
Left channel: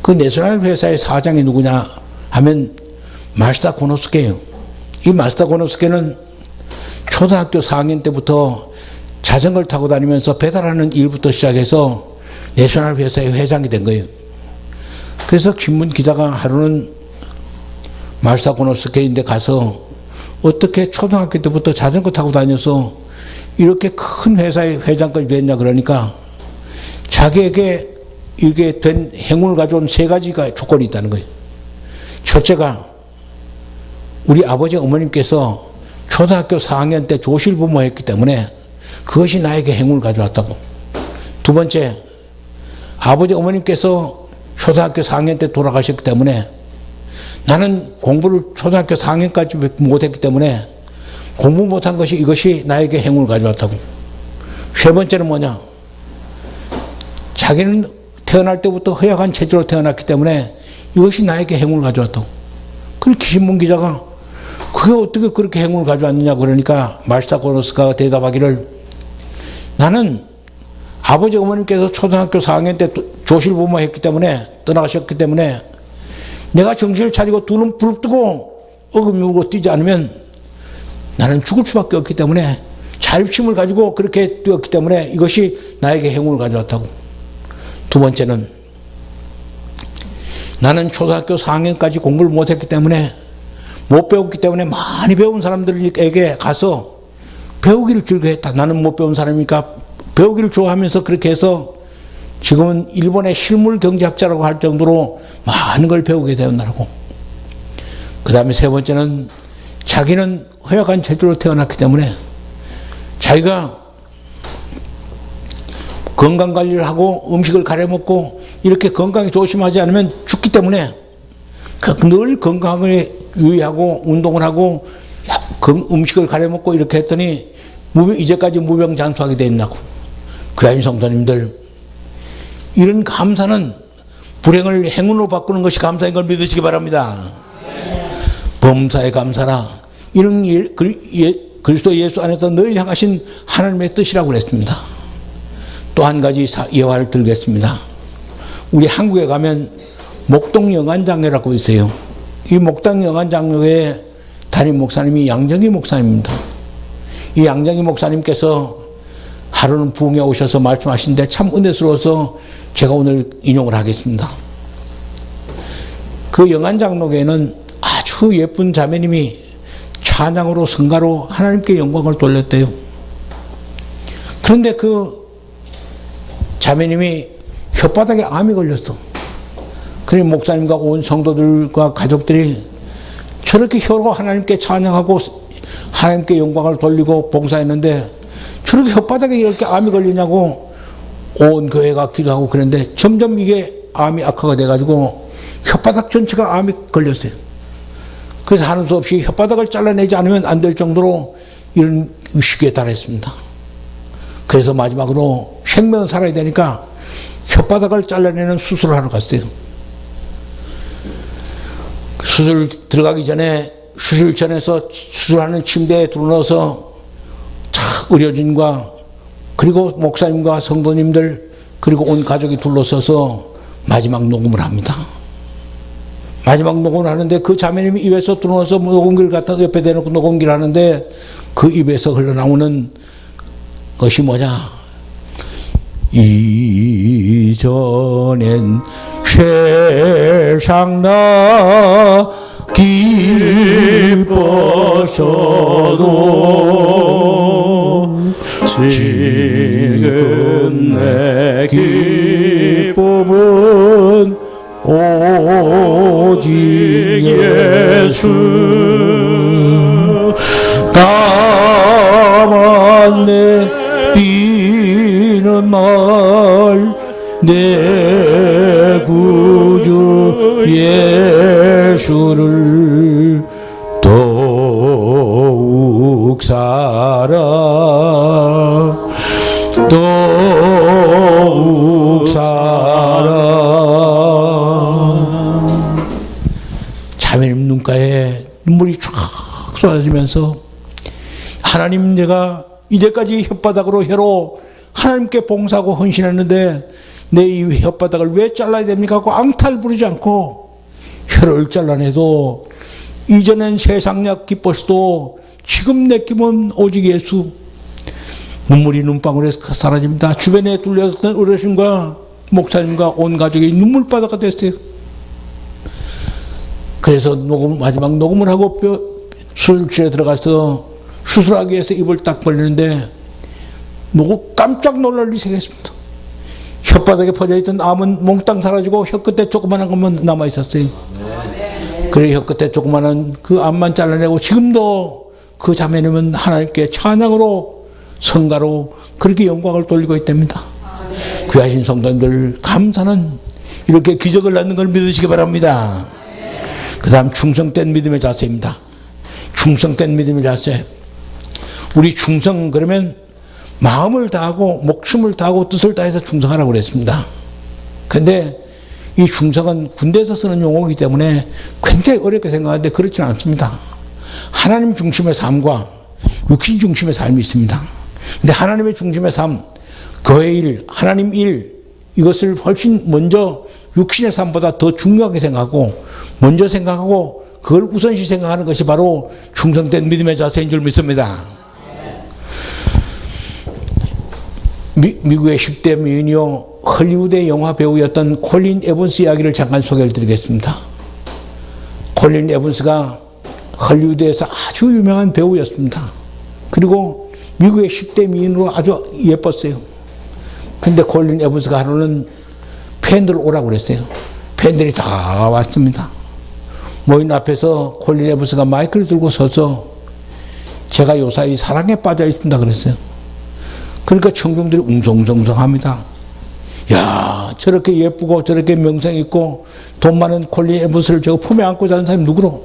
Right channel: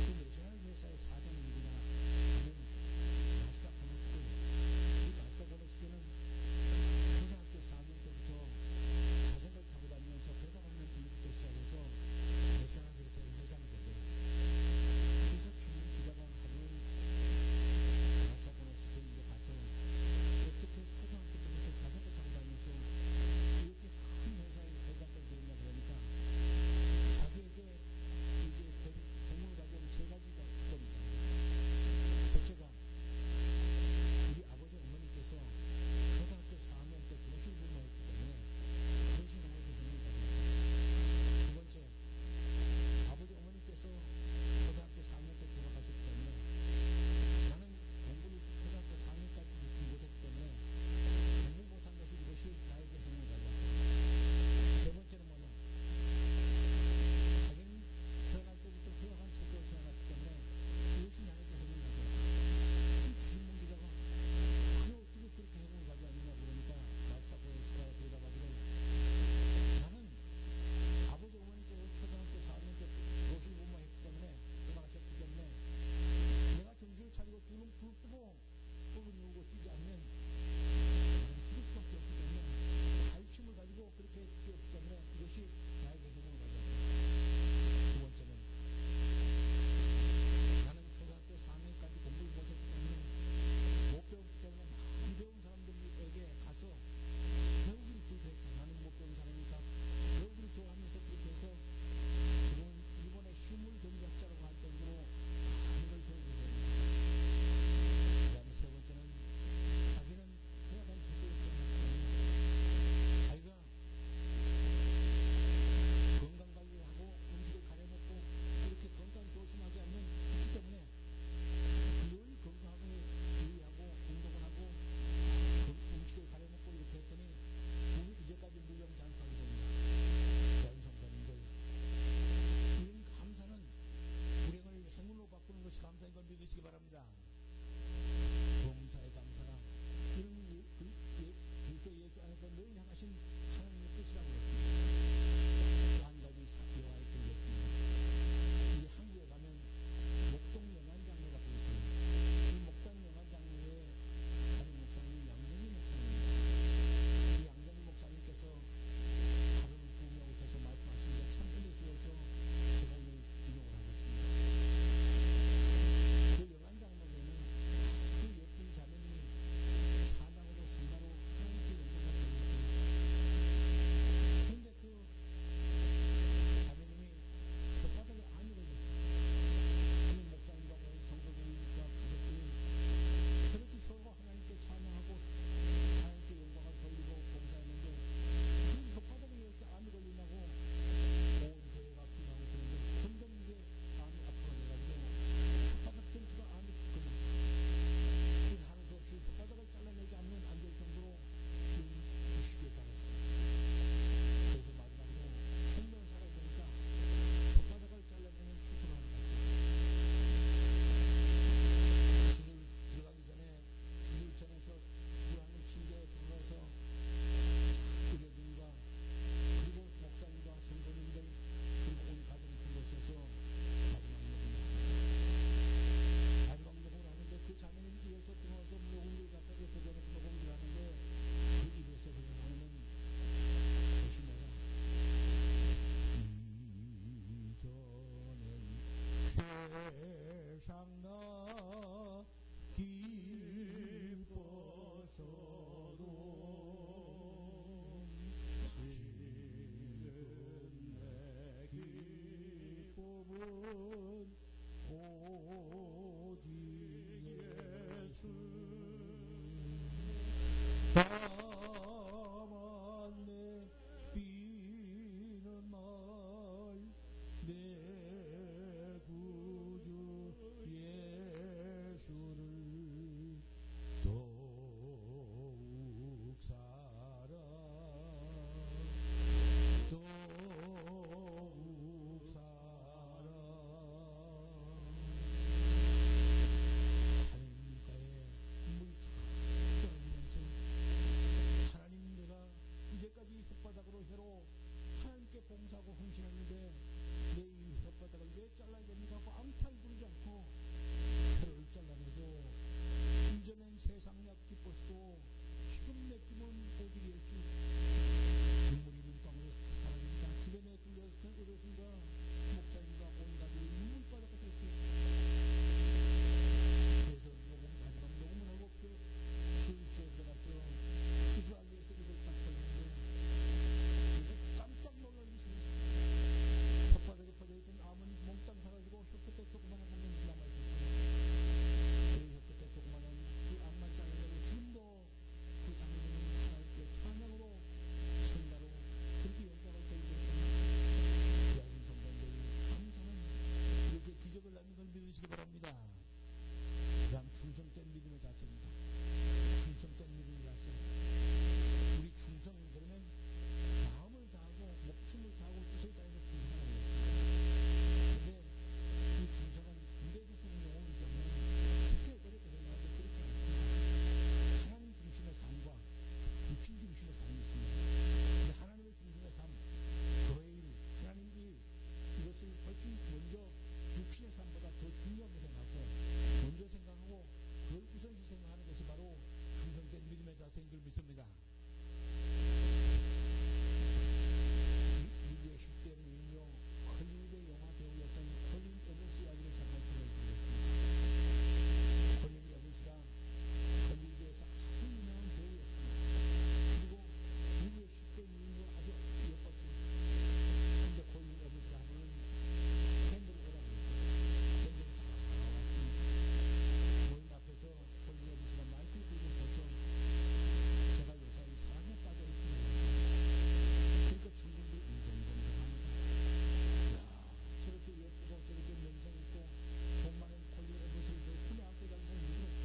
그 내셔널 회사의 사장이 누구냐 하면 마시다 고노스케예요. 이 마시다 고노스케는 초등학교 4학년 때부터 자전거를 타고 다니면서 배달하는 일부터 시작해서 내셔널 회사의 회장이 된 거예요. 그래서 신문 기자가 하루는 마시다 고노스케인데 가서 어떻게 초등학교 때부터 자전거 타고 다녀서 이렇게 큰 회사의 회장까지 됐냐 그러니까 자기에게 이게 된 행운을 가져온 3가지가 조건이 있다는 거예요. 첫째가 우리 아버지 어머님께서 초등학교 4학년 때 조실부모했기 때문에 그것이 나에게 행운을 가져왔다고. 두 번째, 아버지 어머님께서 초등학교 4학년 때 돌아가셨기 때문에 나는 공부를 초등학교 4학년까지 못했기 때문에 공부 못한 것이 이것이 나에게 행운을 가져왔다고. 세 번째는 뭐냐? 자기는 태어날 때부터 허약한 체질로 태어났기 때문에 이것이 나에게 행운을 가져왔다고. 그렇게 신문 기자가 그게 어떻게 그렇게 행운을 가져왔느냐 그러니까 마시다 고노스카가 대답하기를, 나는 아버지 어머님께서 초등학교 4학년 때 조실부모 했기 때문에 떠나가셨기 때문에 내가 정신을 차리고 두 눈 부릅뜨고 어금니고 뛰지 않으면 나는 죽을 수밖에 없기 때문에 자립심을 가지고 그렇게 뛰었기 때문에 이것이 나에게 행운을 가져왔다고. 두 번째는 나는 초등학교 4학년까지 공부를 못했기 때문에 못 배웠기 때문에 많이 배운 사람들에게 가서 배우기를 즐겨했다. 나는 못 배운 사람이니까 배우기를 좋아하면서 그렇게 해서 지금은 일본의 실물 경제학자라고 할 정도로 많은 걸 배우게 되었다고. 그 다음에 세 번째는 자기는 허약한 체질로 태어났기 때문에 자기가 건강관리를 하고 음식을 가려 먹고 이렇게 건강에 조심하지 않으면 죽기 때문에 늘 건강에 유의하고 운동을 하고 음식을 가려 먹고 이렇게 했더니 이제까지 무병장수하게 되었나고. 그다음에 성도님들, 이런 감사는 불행을 행운으로 바꾸는 것이 감사인 걸 믿으시기 바랍니다. 범사에 감사라. 이런 그리스도 예수 안에서 늘 향하신 하나님의 뜻이라고 그랬습니다. 또 한 가지 예화를 들겠습니다. 우리 한국에 가면 목동 영안장로라고 있어요. 이 목동 영안장로의 담임 목사님이 양정희 목사님입니다. 이 양정희 목사님께서 하루는 부흥에 오셔서 말씀하시는데 참 은혜스러워서 제가 오늘 인용을 하겠습니다. 그 영안장로교회는 아주 예쁜 자매님이 찬양으로 성가로 하나님께 영광을 돌렸대요. 그런데 그 자매님이 혓바닥에 암이 걸렸어. 그래 목사님과 온 성도들과 가족들이 저렇게 혀로 하나님께 찬양하고 하나님께 영광을 돌리고 봉사했는데 저렇게 혓바닥에 이렇게 암이 걸리냐고 온 교회가 기도하고 그랬는데 점점 이게 암이 악화가 돼가지고 혓바닥 전체가 암이 걸렸어요. 그래서 하는 수 없이 혓바닥을 잘라내지 않으면 안 될 정도로 이런 위기에 달했습니다. 그래서 마지막으로 생명은 살아야 되니까 혓바닥을 잘라내는 수술을 하러 갔어요. 수술 들어가기 전에 수술전에서 수술하는 침대에 들어넣어서 의료진과 그리고 목사님과 성도님들 그리고 온 가족이 둘러서서 마지막 녹음을 합니다. 마지막 녹음을 하는데 그 자매님이 입에서 들어넣어서 녹음기를 갖다 옆에 대놓고 녹음기를 하는데 그 입에서 흘러나오는 것이 뭐냐? 이전엔 세상 나 기뻤어도 지금 내 기쁨은 오직 예수. 다만 내 비는 말 내 구주 예수를 더욱 살아 더욱 살아. 자매님 눈가에 눈물이 쫙 쏟아지면서 하나님, 내가 이제까지 혓바닥으로 혀로 하나님께 봉사하고 헌신했는데 내 이 혓바닥을 왜 잘라야 됩니까? 하고 앙탈 부리지 않고 혀를 잘라내도 이전엔 세상약 기뻤어도 지금 내 기쁨은 오직 예수. 눈물이 눈방울에 사라집니다. 주변에 둘러있던 어르신과 목사님과 온 가족이 눈물바다가 됐어요. 그래서 마지막 녹음을 하고 수술실에 들어가서 수술하기 위해서 입을 딱 벌리는데 깜짝 놀랄 일이 생겼습니다. 혓바닥에 퍼져있던 암은 몽땅 사라지고 혀끝에 조그만한 것만 남아있었어요. 그래 혀끝에 조그만한 그 암만 잘라내고 지금도 그 자매님은 하나님께 찬양으로 성가로 그렇게 영광을 돌리고 있답니다. 귀하신 성도님들, 감사는 이렇게 기적을 낳는 걸 믿으시기 바랍니다. 그 다음 충성된 믿음의 자세입니다. 충성된 믿음의 자세. 우리 충성 그러면 마음을 다하고 목숨을 다하고 뜻을 다해서 충성하라고 그랬습니다. 근데 이 충성은 군대에서 쓰는 용어이기 때문에 굉장히 어렵게 생각하는데 그렇지는 않습니다. 하나님 중심의 삶과 육신 중심의 삶이 있습니다. 근데 하나님의 중심의 삶, 교회 일, 하나님 일, 이것을 훨씬 먼저 육신의 삶보다 더 중요하게 생각하고 먼저 생각하고 그걸 우선시 생각하는 것이 바로 충성된 믿음의 자세인 줄 믿습니다. 미국의 10대 미니어 헐리우드의 영화 배우였던 콜린 에번스 이야기를 잠깐 소개를 드리겠습니다. 콜린 에번스가 헐리우드에서 아주 유명한 배우였습니다. 그리고 미국의 10대 미인으로 아주 예뻤어요. 근데 콜린 에번스가 하루는 팬들 오라고 그랬어요. 팬들이 다 왔습니다. 모인 앞에서 콜린 에번스가 마이크를 들고 서서 제가 요사이 사랑에 빠져 있습니다 그랬어요. 그러니까 청중들이 웅성웅성합니다. 야, 저렇게 예쁘고 저렇게 명성 있고 돈 많은 콜린 에번스를 저 품에 안고 자는 사람이 누구로?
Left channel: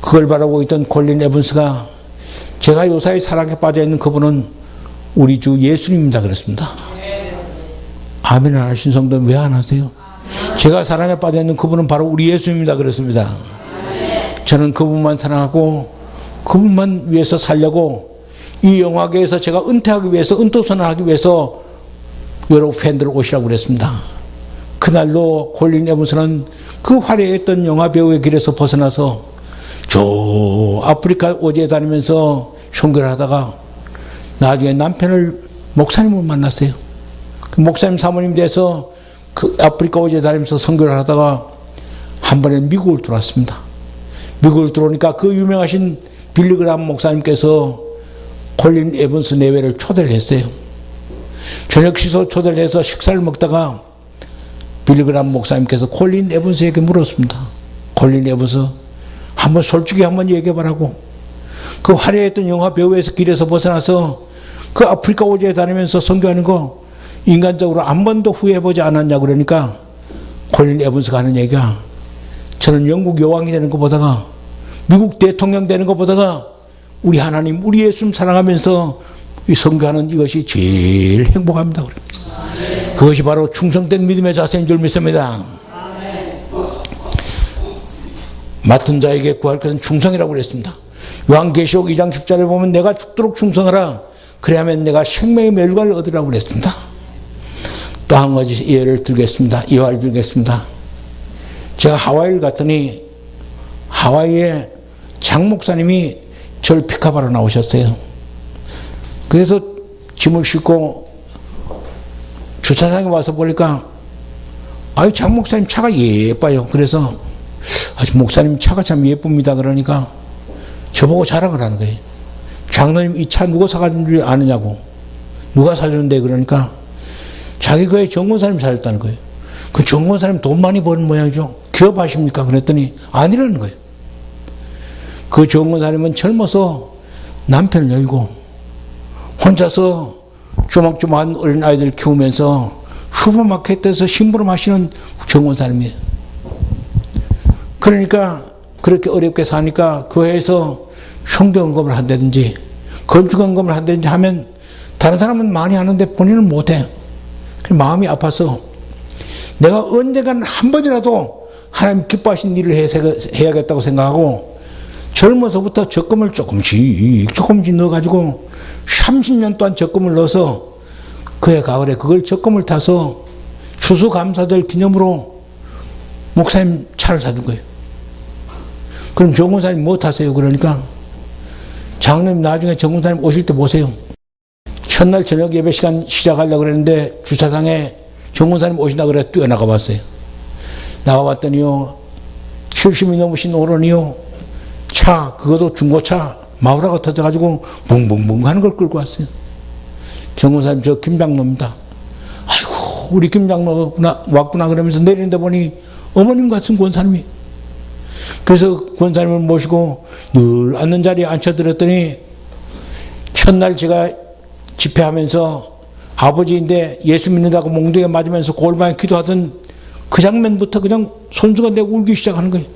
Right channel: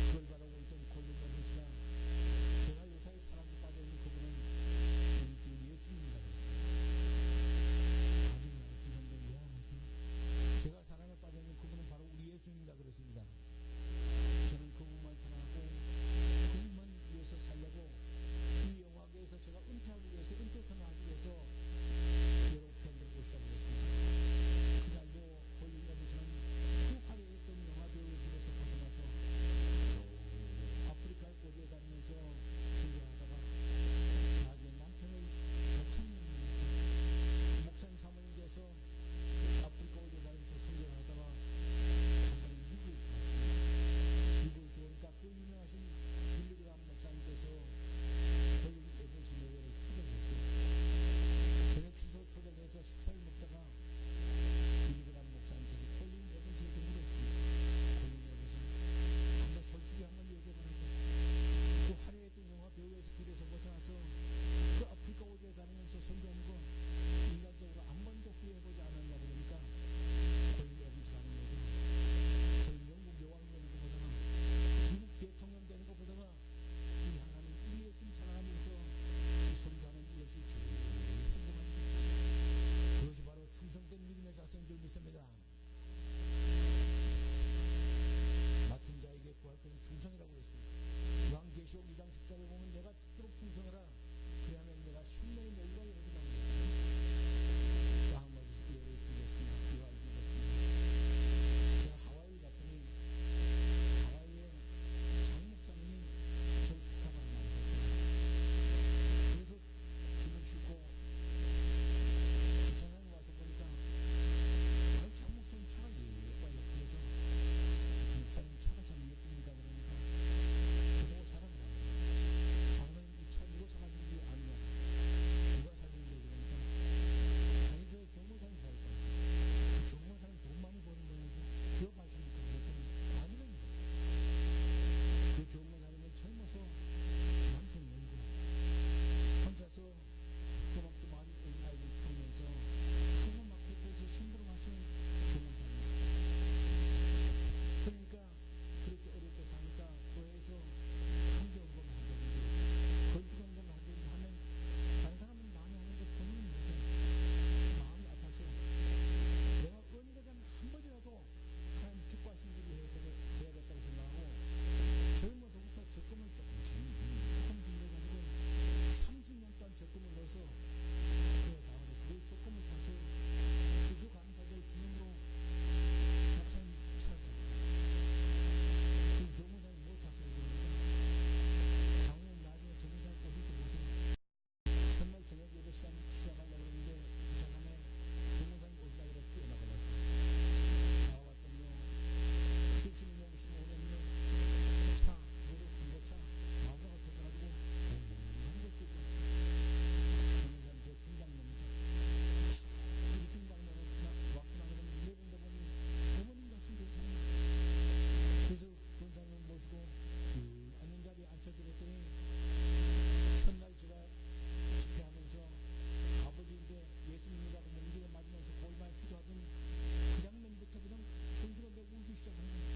그걸 바라보고 있던 콜린 에번스가 제가 요사이 사랑에 빠져 있는 그분은 우리 주 예수님입니다 그랬습니다. 아멘 안 하신 성도는 왜 안 하세요? 제가 사랑에 빠져 있는 그분은 바로 우리 예수님입니다 그랬습니다. 저는 그분만 사랑하고 그분만 위해서 살려고 이 영화계에서 제가 은퇴하기 위해서 은퇴선언하기 위해서 여러 팬들 오시라고 그랬습니다. 그날로 콜린 에번스는 그 화려했던 영화 배우의 길에서 벗어나서 저 아프리카 오지에 다니면서 선교를 하다가 나중에 남편을 목사님을 만났어요. 그 목사님 사모님 돼서 그 아프리카 오지에 다니면서 선교를 하다가 한 번에 미국을 들어왔습니다. 미국을 들어오니까 그 유명하신 빌리그람 목사님께서 콜린 에번스 내외를 초대를 했어요. 저녁 식사 초대를 해서 식사를 먹다가 빌리그람 목사님께서 콜린 에번스에게 물었습니다. 콜린 에번스, 한번 솔직히 한번 얘기해보라고. 그 화려했던 영화 배우에서 길에서 벗어나서 그 아프리카 오지에 다니면서 선교하는 거 인간적으로 한 번도 후회해보지 않았냐고 그러니까 콜린 에번스가 하는 얘기가 저는 영국 여왕이 되는 것보다가 미국 대통령 되는 것보다가 우리 하나님, 우리 예수님 사랑하면서 이 선교하는 이것이 제일 행복합니다. 그것이 바로 충성된 믿음의 자세인 줄 믿습니다. 맡은 자에게 구할 것은 충성이라고 그랬습니다. 요한계시록 2장 10절에 보면 내가 죽도록 충성하라. 그래야만 내가 생명의 멸관을 얻으라고 그랬습니다. 또 한 가지 예를 들겠습니다. 예화를 들겠습니다. 제가 하와이를 갔더니 하와이에 장 목사님이 절 픽업하러 나오셨어요. 그래서 짐을 싣고 주차장에 와서 보니까 아유 장 목사님 차가 예뻐요. 그래서 아주 목사님 차가 참 예쁩니다. 그러니까 저보고 자랑을 하는 거예요. 장로님 이 차 누가 사가준 줄 아느냐고. 누가 사주는데 그러니까 자기 교회 정권사님 사줬다는 거예요. 그 정권사님 돈 많이 버는 모양이죠. 기업하십니까? 그랬더니 아니라는 거예요. 그 정권사님은 젊어서 남편을 열고 혼자서 조막조막한 어린아이들 키우면서 슈퍼마켓에서 심부름 하시는 정권사님이에요. 그러니까 그렇게 어렵게 사니까 교회에서 성경언급을 한다든지 건축언급을 한다든지 하면 다른 사람은 많이 하는데 본인은 못해. 마음이 아파서 내가 언젠간 한 번이라도 하나님 기뻐하신 일을 해야겠다고 생각하고 젊어서부터 적금을 조금씩 넣어가지고 30년 동안 적금을 넣어서 그해 가을에 그걸 적금을 타서 추수감사절 기념으로 목사님 차를 사준 거예요. 그럼 정권사님 뭐 타세요? 그러니까 장로님 나중에 정권사님 오실 때 보세요. 첫날 저녁 예배 시간 시작하려고 그랬는데 주차장에 정권사님 오신다 그래 뛰어나가 봤어요. 나가봤더니요 70이 넘으신 어른이요 차 그것도 중고차 마우라가 터져가지고 붕붕붕 하는 걸 끌고 왔어요. 정권사님 저 김장로입니다. 아이고 우리 김장로 왔구나 그러면서 내리는데 보니 어머님 같은 권사님이. 그래서 권사님을 모시고 늘 앉는 자리에 앉혀드렸더니 첫날 제가 집회하면서 아버지인데 예수 믿는다고 몽둥이에 맞으면서 골방에 기도하던 그 장면부터 그냥 손수가 내고 울기 시작하는 거예요.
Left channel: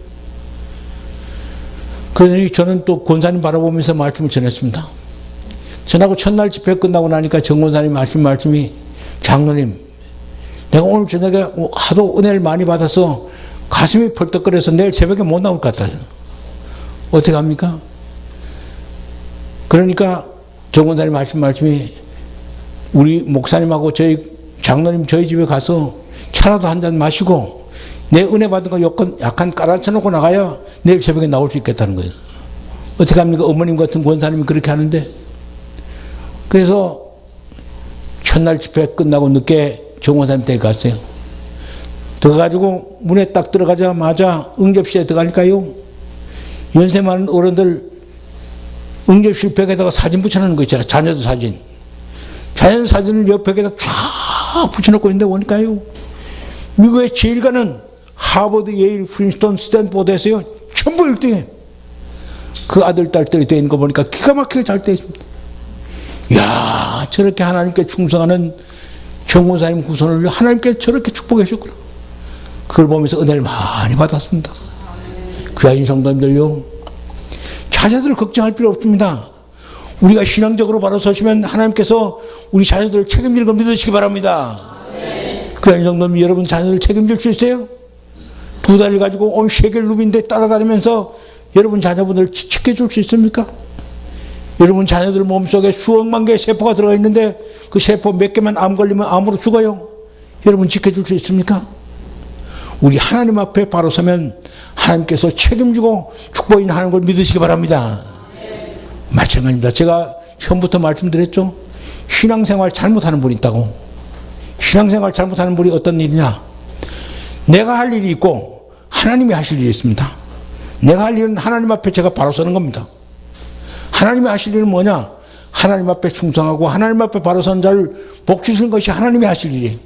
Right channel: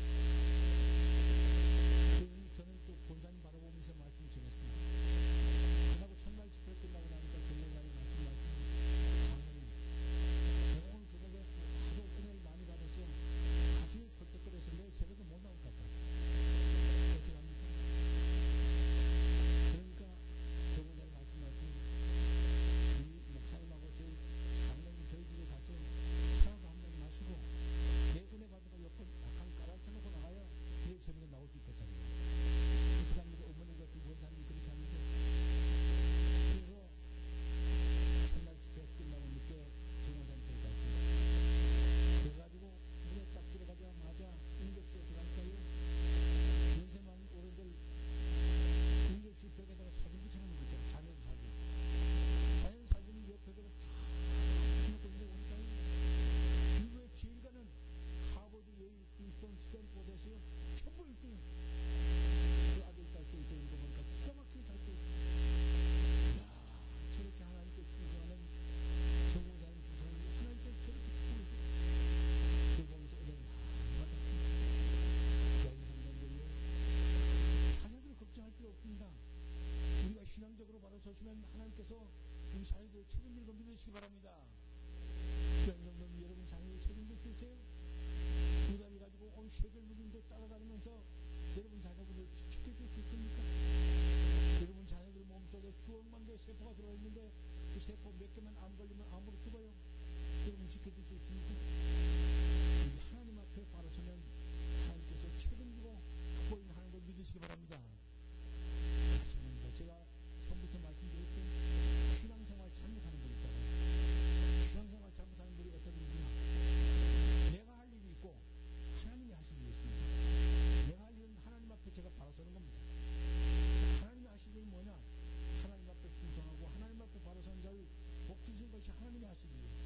그러더니 저는 또 권사님 바라보면서 말씀을 전했습니다. 전하고 첫날 집회 끝나고 나니까 정 권사님 말씀이 장로님 내가 오늘 저녁에 하도 은혜를 많이 받아서 가슴이 펄떡거려서 내일 새벽에 못 나올 것 같다. 어떻게 합니까? 그러니까 정 권사님 말씀이 우리 목사님하고 저희 장로님 저희 집에 가서 차라도 한 잔 마시고 내 은혜 받은 거 약간 깔아쳐놓고 나가야 내일 새벽에 나올 수 있겠다는 거예요. 어떻게 합니까? 어머님 같은 권사님이 그렇게 하는데. 그래서 첫날 집회 끝나고 늦게 정 권사님 댁에 갔어요. 들어가지고 문에 딱 들어가자마자 응접실에 들어가니까요 연세 많은 어른들 응접실 벽에다가 사진 붙여놓는 거 있잖아요. 자녀들 사진. 자녀들 사진을 옆 벽에다 쫙 붙여놓고 있는데 보니까요 미국의 제일 가는 하버드, 예일, 프린스턴, 스탠포드에서요 전부 1등에 그 아들, 딸들이 돼 있는 거 보니까 기가 막히게 잘 돼 있습니다. 이야 저렇게 하나님께 충성하는 정권사님 후손을 하나님께 저렇게 축복해 주셨구나. 그걸 보면서 은혜를 많이 받았습니다. 귀하신 성도님들요 자녀들을 걱정할 필요 없습니다. 우리가 신앙적으로 바로 서시면 하나님께서 우리 자녀들을 책임질 걸 믿으시기 바랍니다. 귀하신 성도님 여러분 자녀들 책임질 수 있어요? 2달을 가지고 온 세계 루빈데 따라다니면서 여러분 자녀분들 지켜줄 수 있습니까? 여러분 자녀들 몸속에 수억만 개의 세포가 들어가 있는데 그 세포 몇 개만 암 걸리면 암으로 죽어요. 여러분 지켜줄 수 있습니까? 우리 하나님 앞에 바로 서면 하나님께서 책임지고 축복인하는 걸 믿으시기 바랍니다. 마찬가지입니다. 제가 처음부터 말씀드렸죠. 신앙생활 잘못하는 분이 있다고. 신앙생활 잘못하는 분이 어떤 일이냐. 내가 할 일이 있고 하나님이 하실 일이 있습니다. 내가 할 일은 하나님 앞에 제가 바로 서는 겁니다. 하나님이 하실 일은 뭐냐. 하나님 앞에 충성하고 하나님 앞에 바로 서는 자를 복주시는 것이 하나님이 하실 일이에요.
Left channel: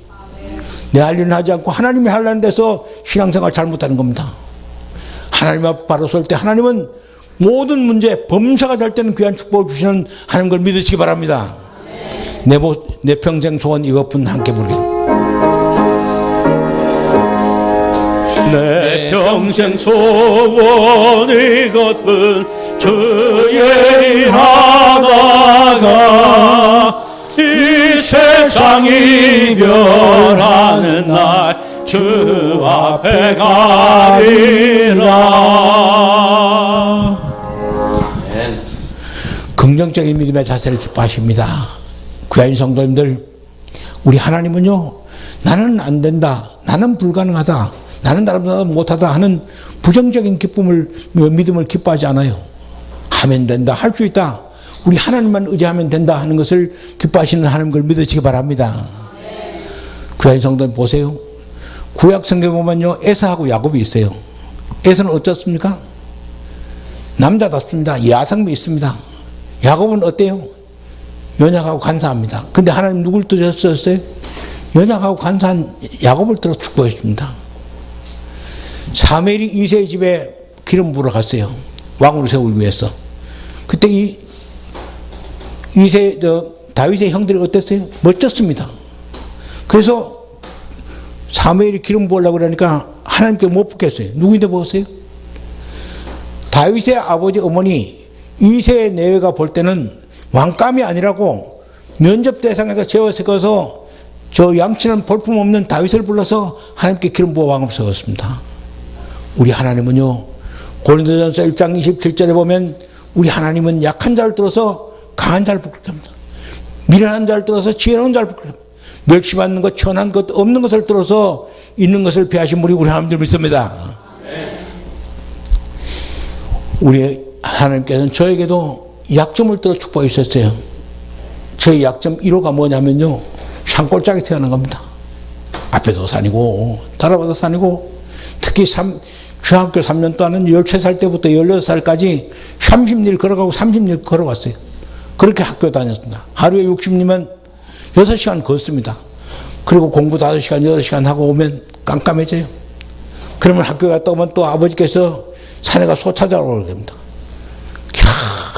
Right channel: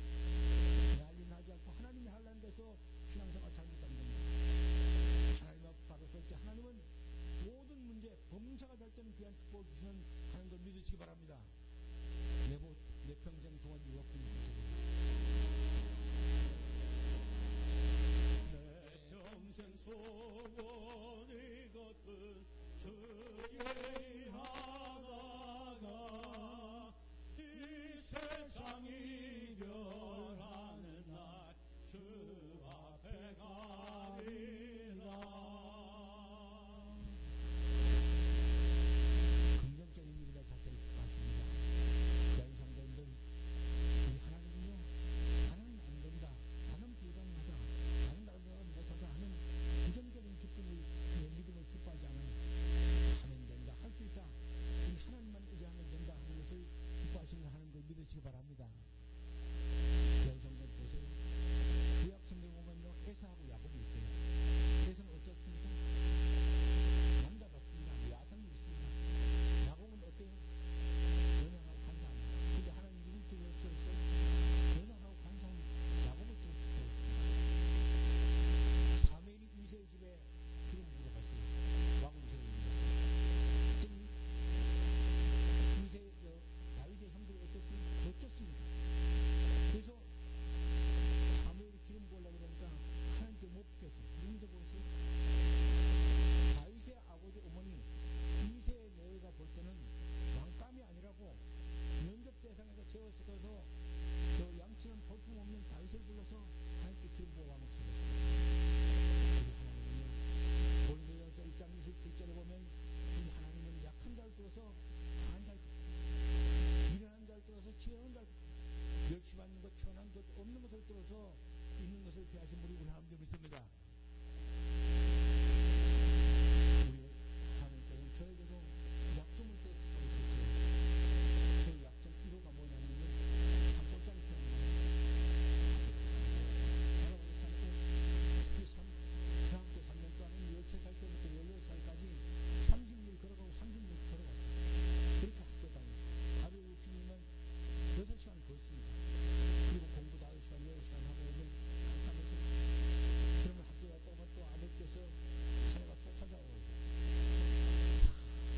내 할 일은 하지 않고 하나님이 하려는 데서 신앙생활 잘못하는 겁니다. 하나님 앞에 바로 설 때 하나님은 모든 문제 범사가 될 때는 귀한 축복을 주시는 하나님 걸 믿으시기 바랍니다. 내 평생 소원 이것뿐 함께 부르겠습니다. 내 평생 소원 이것뿐 주의 일하다가 이 세상 이별하는 날 주 앞에 가리라. 긍정적인 믿음의 자세를 기뻐하십니다. 귀한 성도님들 우리 하나님은요 나는 안 된다 나는 불가능하다 나는 나름대로 못하다 하는 부정적인 믿음을 기뻐하지 않아요. 하면 된다 할 수 있다 우리 하나님만 의지하면 된다 하는 것을 기뻐하시는 하나님 걸 믿으시기 바랍니다. 귀한 성도님 보세요. 구약 성경에 보면요, 에사하고 야곱이 있어요. 에사는 어떻습니까? 남자답습니다. 야성미 있습니다. 야곱은 어때요? 연약하고 간사합니다. 근데 하나님 누굴 뜨셨어요? 연약하고 간사한 야곱을 들어 축복해 줍니다. 사무엘이 이새의 집에 기름 부으러 갔어요. 왕으로 세우기 위해서. 그때 다윗의 형들이 어땠어요? 멋졌습니다. 그래서 사무엘이 기름 부으려고 그러니까 하나님께 못 붓겠어요. 누구인데 부었어요? 다윗의 아버지 어머니 이새의 내외가 볼 때는 왕감이 아니라고 면접 대상에서 재워서 저 양치는 볼품없는 다윗을 불러서 하나님께 기름 부어 왕을 세웠습니다. 우리 하나님은요, 고린도전서 1장 27절에 보면 우리 하나님은 약한 자를 들어서 강한 자를 부끄럽게 합니다. 미련한 자를 들어서 지혜로운 자를 부끄럽게 합니다. 멸시받는 것, 천한 것, 없는 것을 들어서 있는 것을 배하신 분이 우리 하나님들 믿습니다. 우리 하나님께서는 저에게도 약점을 들어 축복해 주셨어요. 저의 약점 1호가 뭐냐면요, 산골짜기 태어난 겁니다. 앞에도 산이고 달아봐도 산이고, 특히 중학교 3년 동안은 13살 때부터 16살까지 30일 걸어가고 30일 걸어왔어요. 그렇게 학교 다녔습니다. 하루에 60리면 6시간 걷습니다. 그리고 공부 5시간, 8시간 하고 오면 깜깜해져요. 그러면 학교 갔다 오면 또 아버지께서 산에 가 소 찾아오라고 합니다.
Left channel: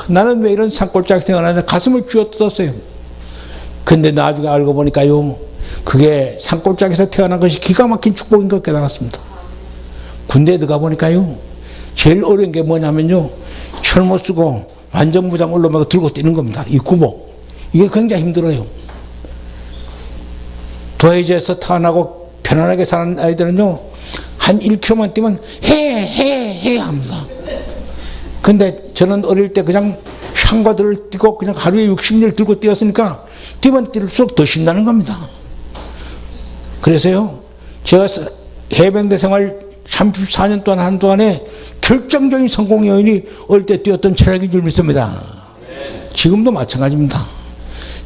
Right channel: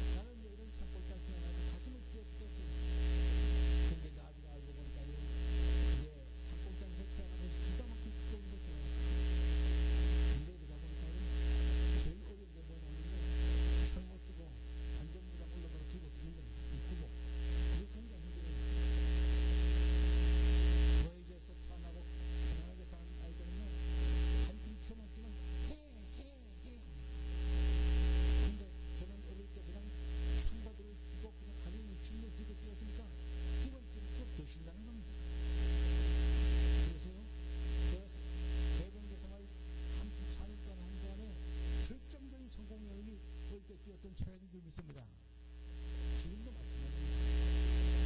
나는 왜 이런 산골짜기 태어나냐, 가슴을 쥐어 뜯었어요. 근데 나중에 알고 보니까요, 그게 산골짜기에서 태어난 것이 기가 막힌 축복인 걸 깨달았습니다. 군대에 들어가 보니까요, 제일 어려운 게 뭐냐면요, 철모 쓰고 완전무장 올라오고 들고 뛰는 겁니다. 이 구복. 이게 굉장히 힘들어요. 도해지에서 태어나고 편안하게 사는 아이들은요, 한 1km만 뛰면 해 합니다. 근데 저는 어릴 때 그냥 샹과들을 뛰고 그냥 하루에 60리를 들고 뛰었으니까 뛰면 뛸수록 더 신나는 겁니다. 그래서요, 제가 해병대 생활 34년 동안 한 동안에 결정적인 성공 요인이 어릴 때 뛰었던 체력인 줄 믿습니다. 지금도 마찬가지입니다.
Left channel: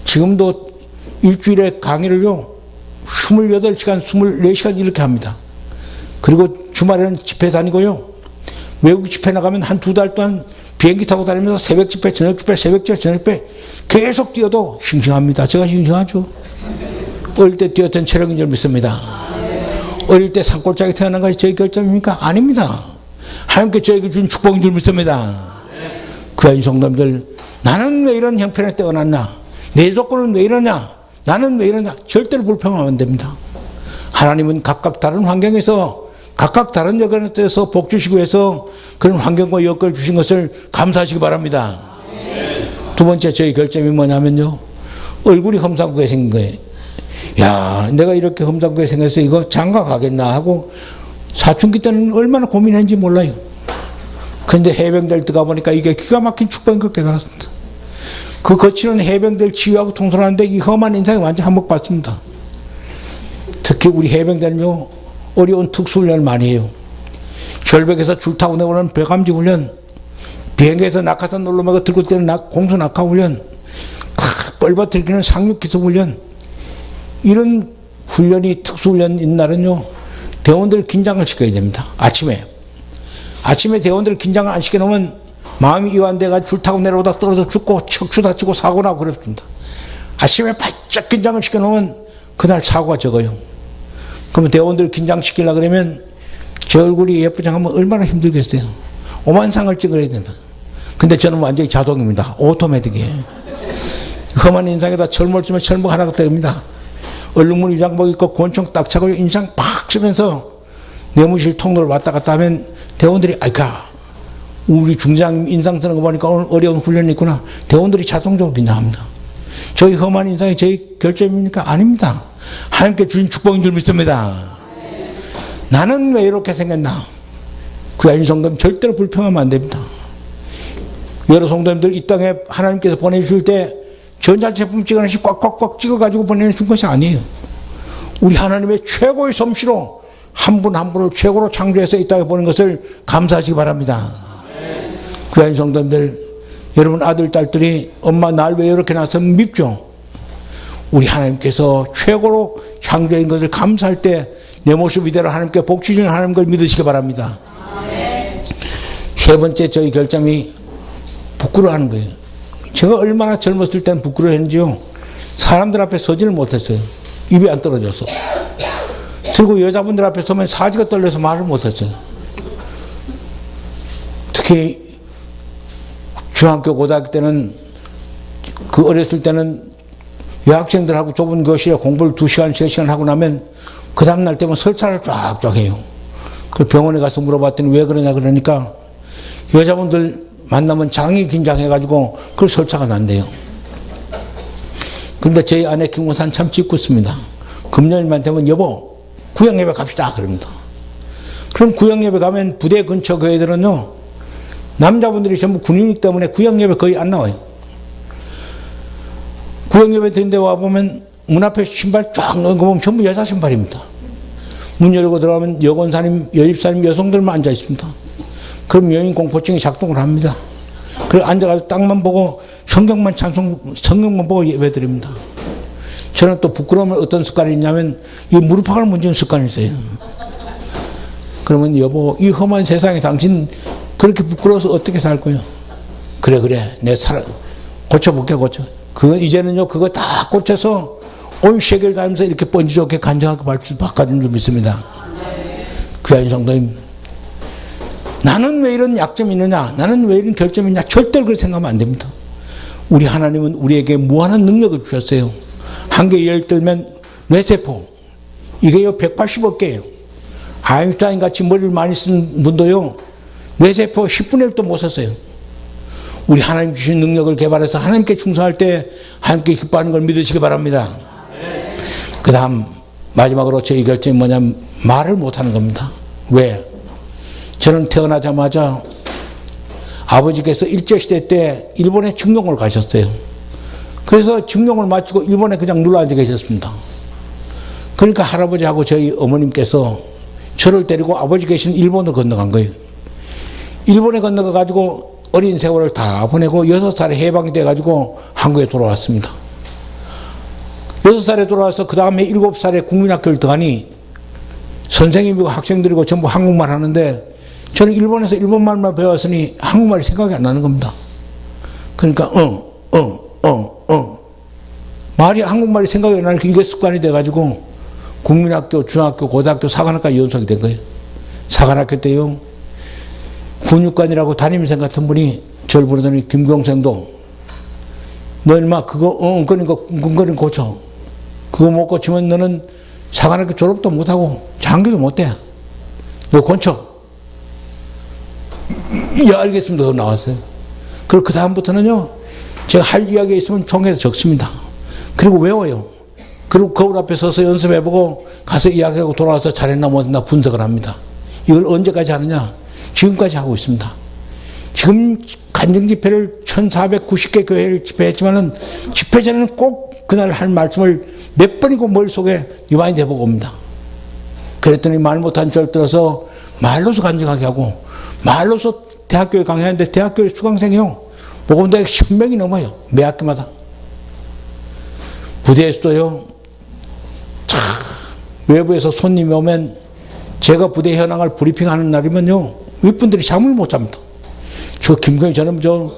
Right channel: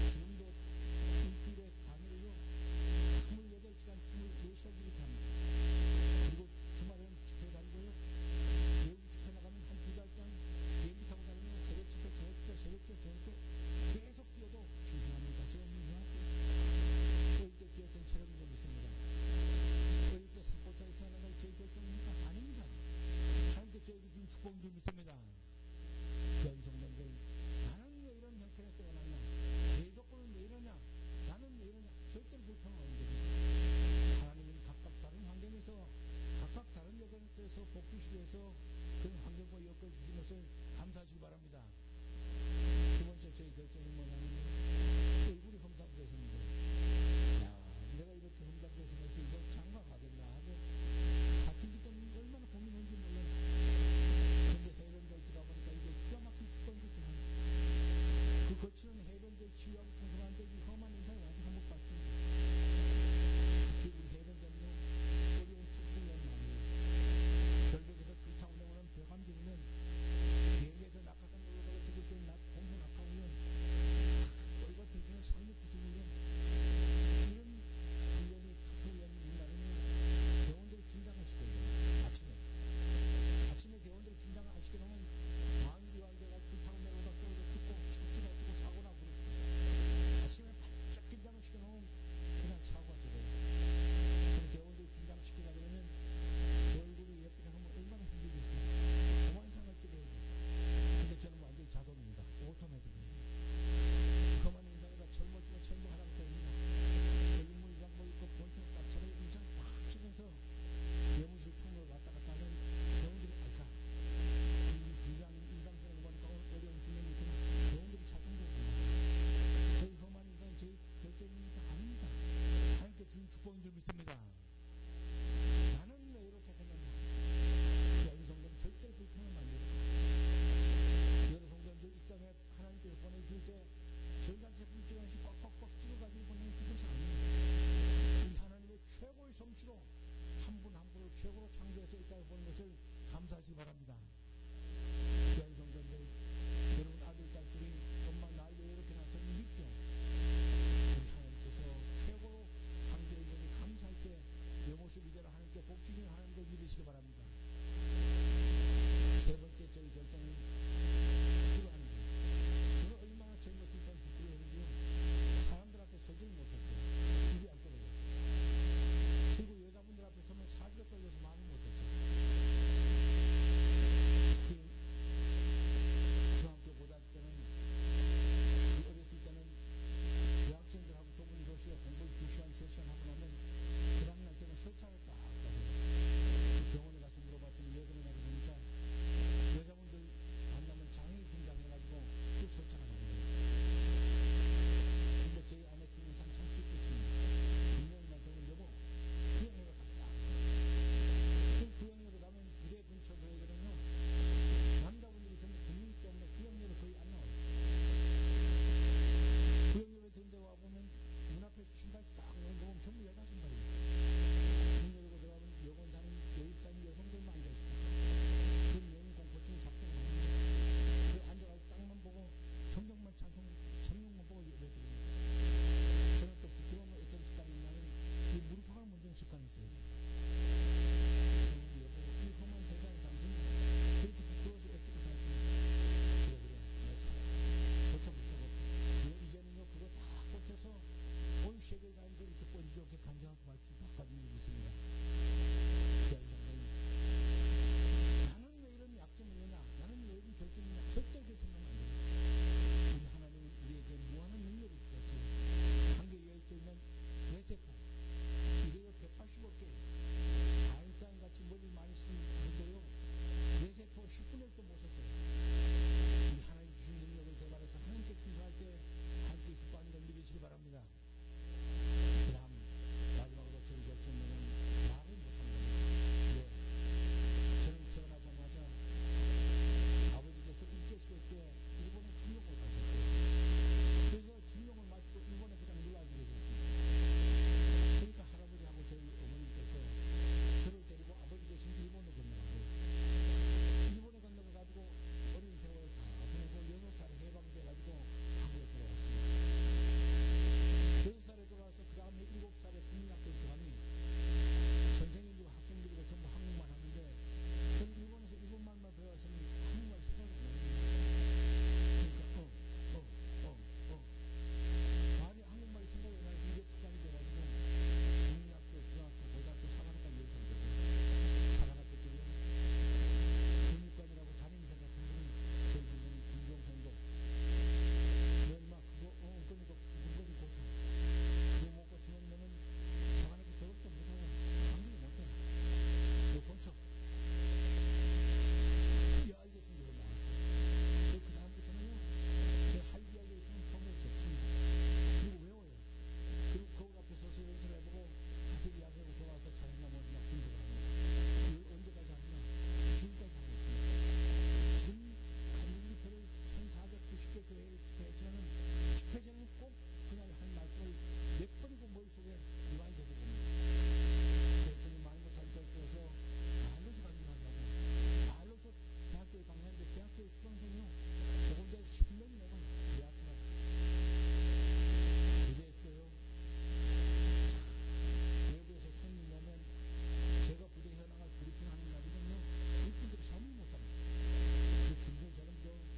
지금도 일주일에 강의를요, 28시간, 24시간 이렇게 합니다. 그리고 주말에는 집회 다니고요, 외국 집회 나가면 한 2달 동안 비행기 타고 다니면서 새벽 집회, 저녁 집회, 새벽 집회, 저녁 집회 계속 뛰어도 싱싱합니다. 제가 싱싱하죠. 어릴 때 뛰었던 체력인 줄 믿습니다. 어릴 때 산골짜기 태어난 것이 저희 결점입니까? 아닙니다. 하나님께 저에게 준 축복인 줄 믿습니다. 귀한 성도님들, 나는 왜 이런 형편에 태어났나? 내 조건은 왜 이러냐? 나는 왜 이러냐? 절대로 불평하면 안 됩니다. 하나님은 각각 다른 환경에서 각각 다른 여건에서 복 주시기 위해서 그런 환경과 여건을 주신 것을 감사하시기 바랍니다. 두 번째 저희 결점이 뭐냐면요, 얼굴이 험상궂게 생긴 거예요. 야, 내가 이렇게 험상궂게 생겨서 이거 장가 가겠나 하고 사춘기 때는 얼마나 고민했는지 몰라요. 그런데 해병대를 들어가 보니까 이게 기가 막힌 축복인 걸 깨달았습니다. 그 거치는 해병대를 치유하고 통솔하는데 이 험한 인상이 완전 한몫받습니다. 특히 우리 해병대는요, 어려운 특수훈련을 많이 해요. 절벽에서 줄 타고 내오는 배감지 훈련, 비행기에서 낙하산 올라가고 들고 뛰는 공수 낙하 훈련, 뻘받들기는 상륙 기습 훈련, 이런 훈련이 특수훈련인 날은요, 대원들 긴장을 시켜야 됩니다. 아침에 대원들 긴장을 안 시켜놓으면 마음이 이완돼가 줄 타고 내려오다 떨어져 죽고 척추 다치고 사고 나고 그렇습니다. 아침에 바짝 긴장을 시켜놓으면 그날 사고가 적어요. 그러면 대원들 긴장시키려고 그러면 제 얼굴이 예쁘지 않으면 얼마나 힘들겠어요. 오만상을 찍어야 됩니다. 근데 저는 완전히 자동입니다. 오토매틱이에요. 험한 인상에다 철모를 쓰면 철모가 하나가 됩니다. 얼룩무늬 위장복 입고 권총 딱 차고 인상 팍 쓰면서 내무실 통로를 왔다 갔다 하면 대원들이 아이까 우리 중장 인상 쓰는 거 보니까 오늘 어려운 훈련이 있구나. 대원들이 자동적으로 긴장합니다. 저희 험한 인상이 저희 결점입니까? 아닙니다. 하나님께 주신 축복인 줄 믿습니다. 나는 왜 이렇게 생겼나? 귀한 성도님 절대로 불평하면 안 됩니다. 여러 성도님들 이 땅에 하나님께서 보내주실 때 전자제품 찍어내시 꽉꽉꽉 찍어가지고 보내주신 것이 아니에요. 우리 하나님의 최고의 솜씨로 한 분 한 분을 최고로 창조해서 이 땅에 보낸 것을 감사하시기 바랍니다. 귀한 성도님들, 여러분 아들 딸들이 엄마 날 왜 이렇게 낳았으면 밉죠. 우리 하나님께서 최고로 창조인 것을 감사할 때 내 모습 이대로 하나님께 복 주시는 하나님 걸 믿으시기 바랍니다. 세 번째 저희 결점이 부끄러워하는 거예요. 제가 얼마나 젊었을 때는 부끄러워했는지요. 사람들 앞에 서지를 못했어요. 입이 안 떨어져서. 그리고 여자분들 앞에 서면 사지가 떨려서 말을 못했어요. 특히 중학교 고등학교 때는 그 어렸을 때는 여학생들하고 좁은 교실에 공부를 2시간 3시간 하고 나면 그 다음날 때면 설사를 쫙쫙 해요. 그 병원에 가서 물어봤더니 왜 그러냐 그러니까 여자분들 만나면 장이 긴장해가지고 그 설사가 난대요. 근데 저희 아내 김무사는 참 짓궂습니다. 금요일만 되면 여보 구역예배 갑시다 그럽니다. 그럼 구역예배 가면 부대 근처 교회들은요 남자분들이 전부 군인이기 때문에 구역예배 거의 안 나와요. 구역예배 드는 데 와보면 문 앞에 신발 쫙 넣은 거 보면 전부 여자 신발입니다. 문 열고 들어가면 여권사님, 여집사님, 여성들만 앉아 있습니다. 그럼 여인 공포증이 작동을 합니다. 그리고 앉아가지고 땅만 보고 성경만 보고 예배 드립니다. 저는 또 부끄러우면 어떤 습관이 있냐면 이 무릎팍을 문지는 습관이 있어요. 그러면 여보 이 험한 세상에 당신 그렇게 부끄러워서 어떻게 살 거예요? 그래 내 고쳐볼게 고쳐. 그건 이제는요 그거 다 고쳐서 온 세계를 다니면서 이렇게 번지 좋게 간증하고 바꿔준 줄 믿습니다. 귀한 성도님, 나는 왜 이런 약점이 있느냐, 나는 왜 이런 결점이 있냐, 절대로 그렇게 생각하면 안 됩니다. 우리 하나님은 우리에게 무한한 능력을 주셨어요. 한 개 예를 들면 뇌세포, 이게요 180억 개예요. 아인슈타인 같이 머리를 많이 쓴 분도요 뇌세포 10분의 1도 못 썼어요. 우리 하나님 주신 능력을 개발해서 하나님께 충성할 때 하나님께 기뻐하는 걸 믿으시기 바랍니다. 그 다음 마지막으로 저희 결점이 뭐냐면 말을 못하는 겁니다. 왜? 저는 태어나자마자 아버지께서 일제시대 때 일본에 증용을 가셨어요. 그래서 증용을 마치고 일본에 그냥 눌러앉아 계셨습니다. 그러니까 할아버지하고 저희 어머님께서 저를 데리고 아버지 계신 일본으로 건너간 거예요. 일본에 건너가 가지고 어린 세월을 다 보내고 6살에 해방이 돼가지고 한국에 돌아왔습니다. 6살에 돌아와서 그 다음에 7살에 국민학교를 들어가니 선생님이고 학생들이고 전부 한국말 하는데 저는 일본에서 일본말만 배웠으니 한국말이 생각이 안 나는 겁니다. 그러니까 말이 한국말이 생각이 안 나니까 이게 습관이 돼가지고 국민학교, 중학교, 고등학교, 사관학과 연속이 된 거예요. 사관학교 때요 군육관이라고 담임선 같은 분이 저를 부르더니 김경생도 너 인마 그거 엉거리는 거 고쳐. 그거 못 고치면 너는 사관학교 졸업도 못하고 장교도 못돼. 너 고쳐. 예 알겠습니다. 그거 나왔어요. 그리고 그 다음부터는요 제가 할 이야기가 있으면 총에서 적습니다. 그리고 외워요. 그리고 거울 앞에 서서 연습해보고 가서 이야기하고 돌아와서 잘했나 못했나 분석을 합니다. 이걸 언제까지 하느냐? 지금까지 하고 있습니다. 지금 간증 집회를 1490개 교회를 집회했지만은 집회 전에는 꼭 그날 할 말씀을 몇 번이고 머릿속에 리마인드 해보고 옵니다. 그랬더니 말 못한 절 들어서 말로서 간증하게 하고 말로서 대학교에 강의하는데 대학교에 수강생이요. 보건대 10명이 넘어요. 매 학기마다. 부대에서도요. 외부에서 손님이 오면 제가 부대 현황을 브리핑하는 날이면요. 윗분들이 잠을 못 잡니다. 저 김건희 저는 저